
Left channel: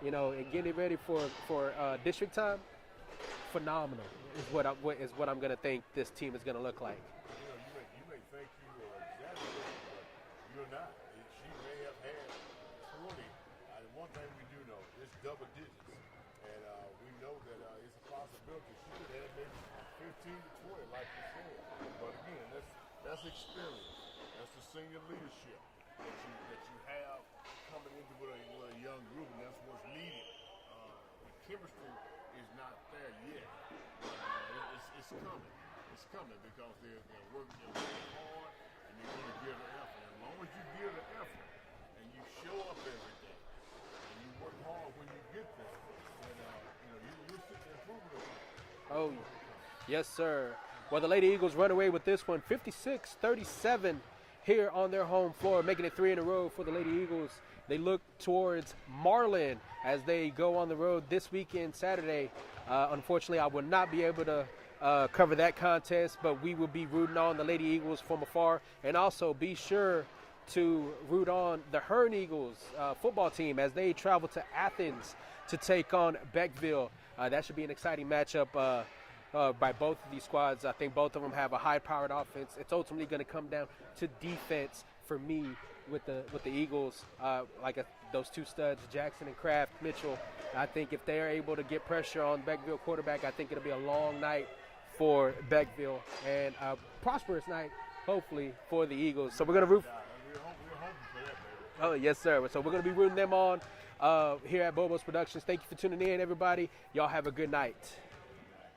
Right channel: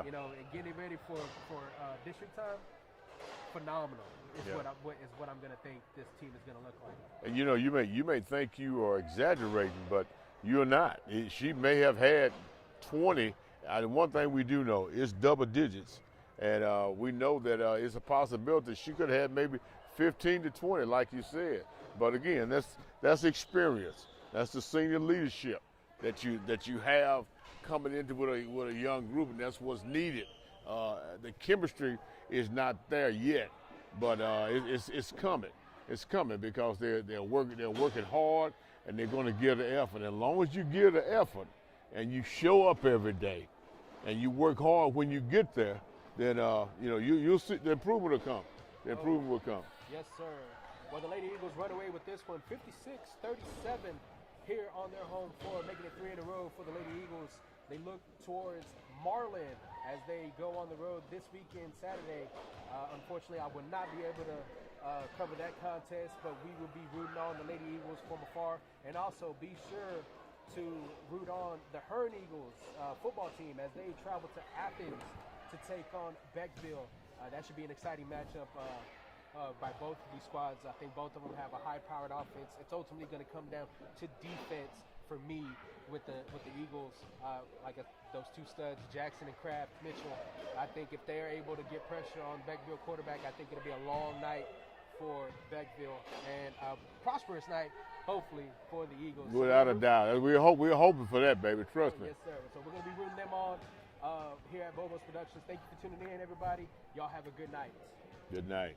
you know, and get it ready for district time, phenomenal. Is what I'm going to think this team is going to look like. And you know, you may think you are exaggerating, but you're not. She may have had 20. And one thing we do know is double digits, and we know that it's a possibility she could have had maybe 15 to 20, like you said. But again, that's experience. That's the senior leadership that you have coming into with a young group, and that's what's needed. The chemistry is not there yet, but it's coming. It's coming because they're working hard, and they're going to give the effort. As long as you give the effort, and you show up every day, and you work hard when you get there, then you know you'll see the improvement will come. The improvement will come. Yes, sir. Well, the Lady Eagles run away with this one, 56-37, here on their home floor, making it 3 in a row for the Lady Eagles. They look towards Marlin as they go on the road this weekend, Saturday. Unfortunately, I will not be able to cover that contest, but we will be rooting on the Lady Eagles from afar, and also be sure to root on the Hearne Eagles football team as they travel to Athens to take on Beckville. That should be an exciting matchup by both of these squads. I think both of them have a high-powered offense. It's ultimately going to come down to defense for me with the Eagles. Those two studs, Jackson and Kraft, Mitchell. I think if they're able to get pressure on Beckville quarterback, I think it'll be a long night for Beckville and a prosperous night, hopefully, for the Eagles. Without a doubt. We're hoping for that, baby. Trust me. Yes, sir. So we're going to be rooting them on here at Bobo's Productions. Thank you for tuning in, everybody. Y'all have a good night. Good night.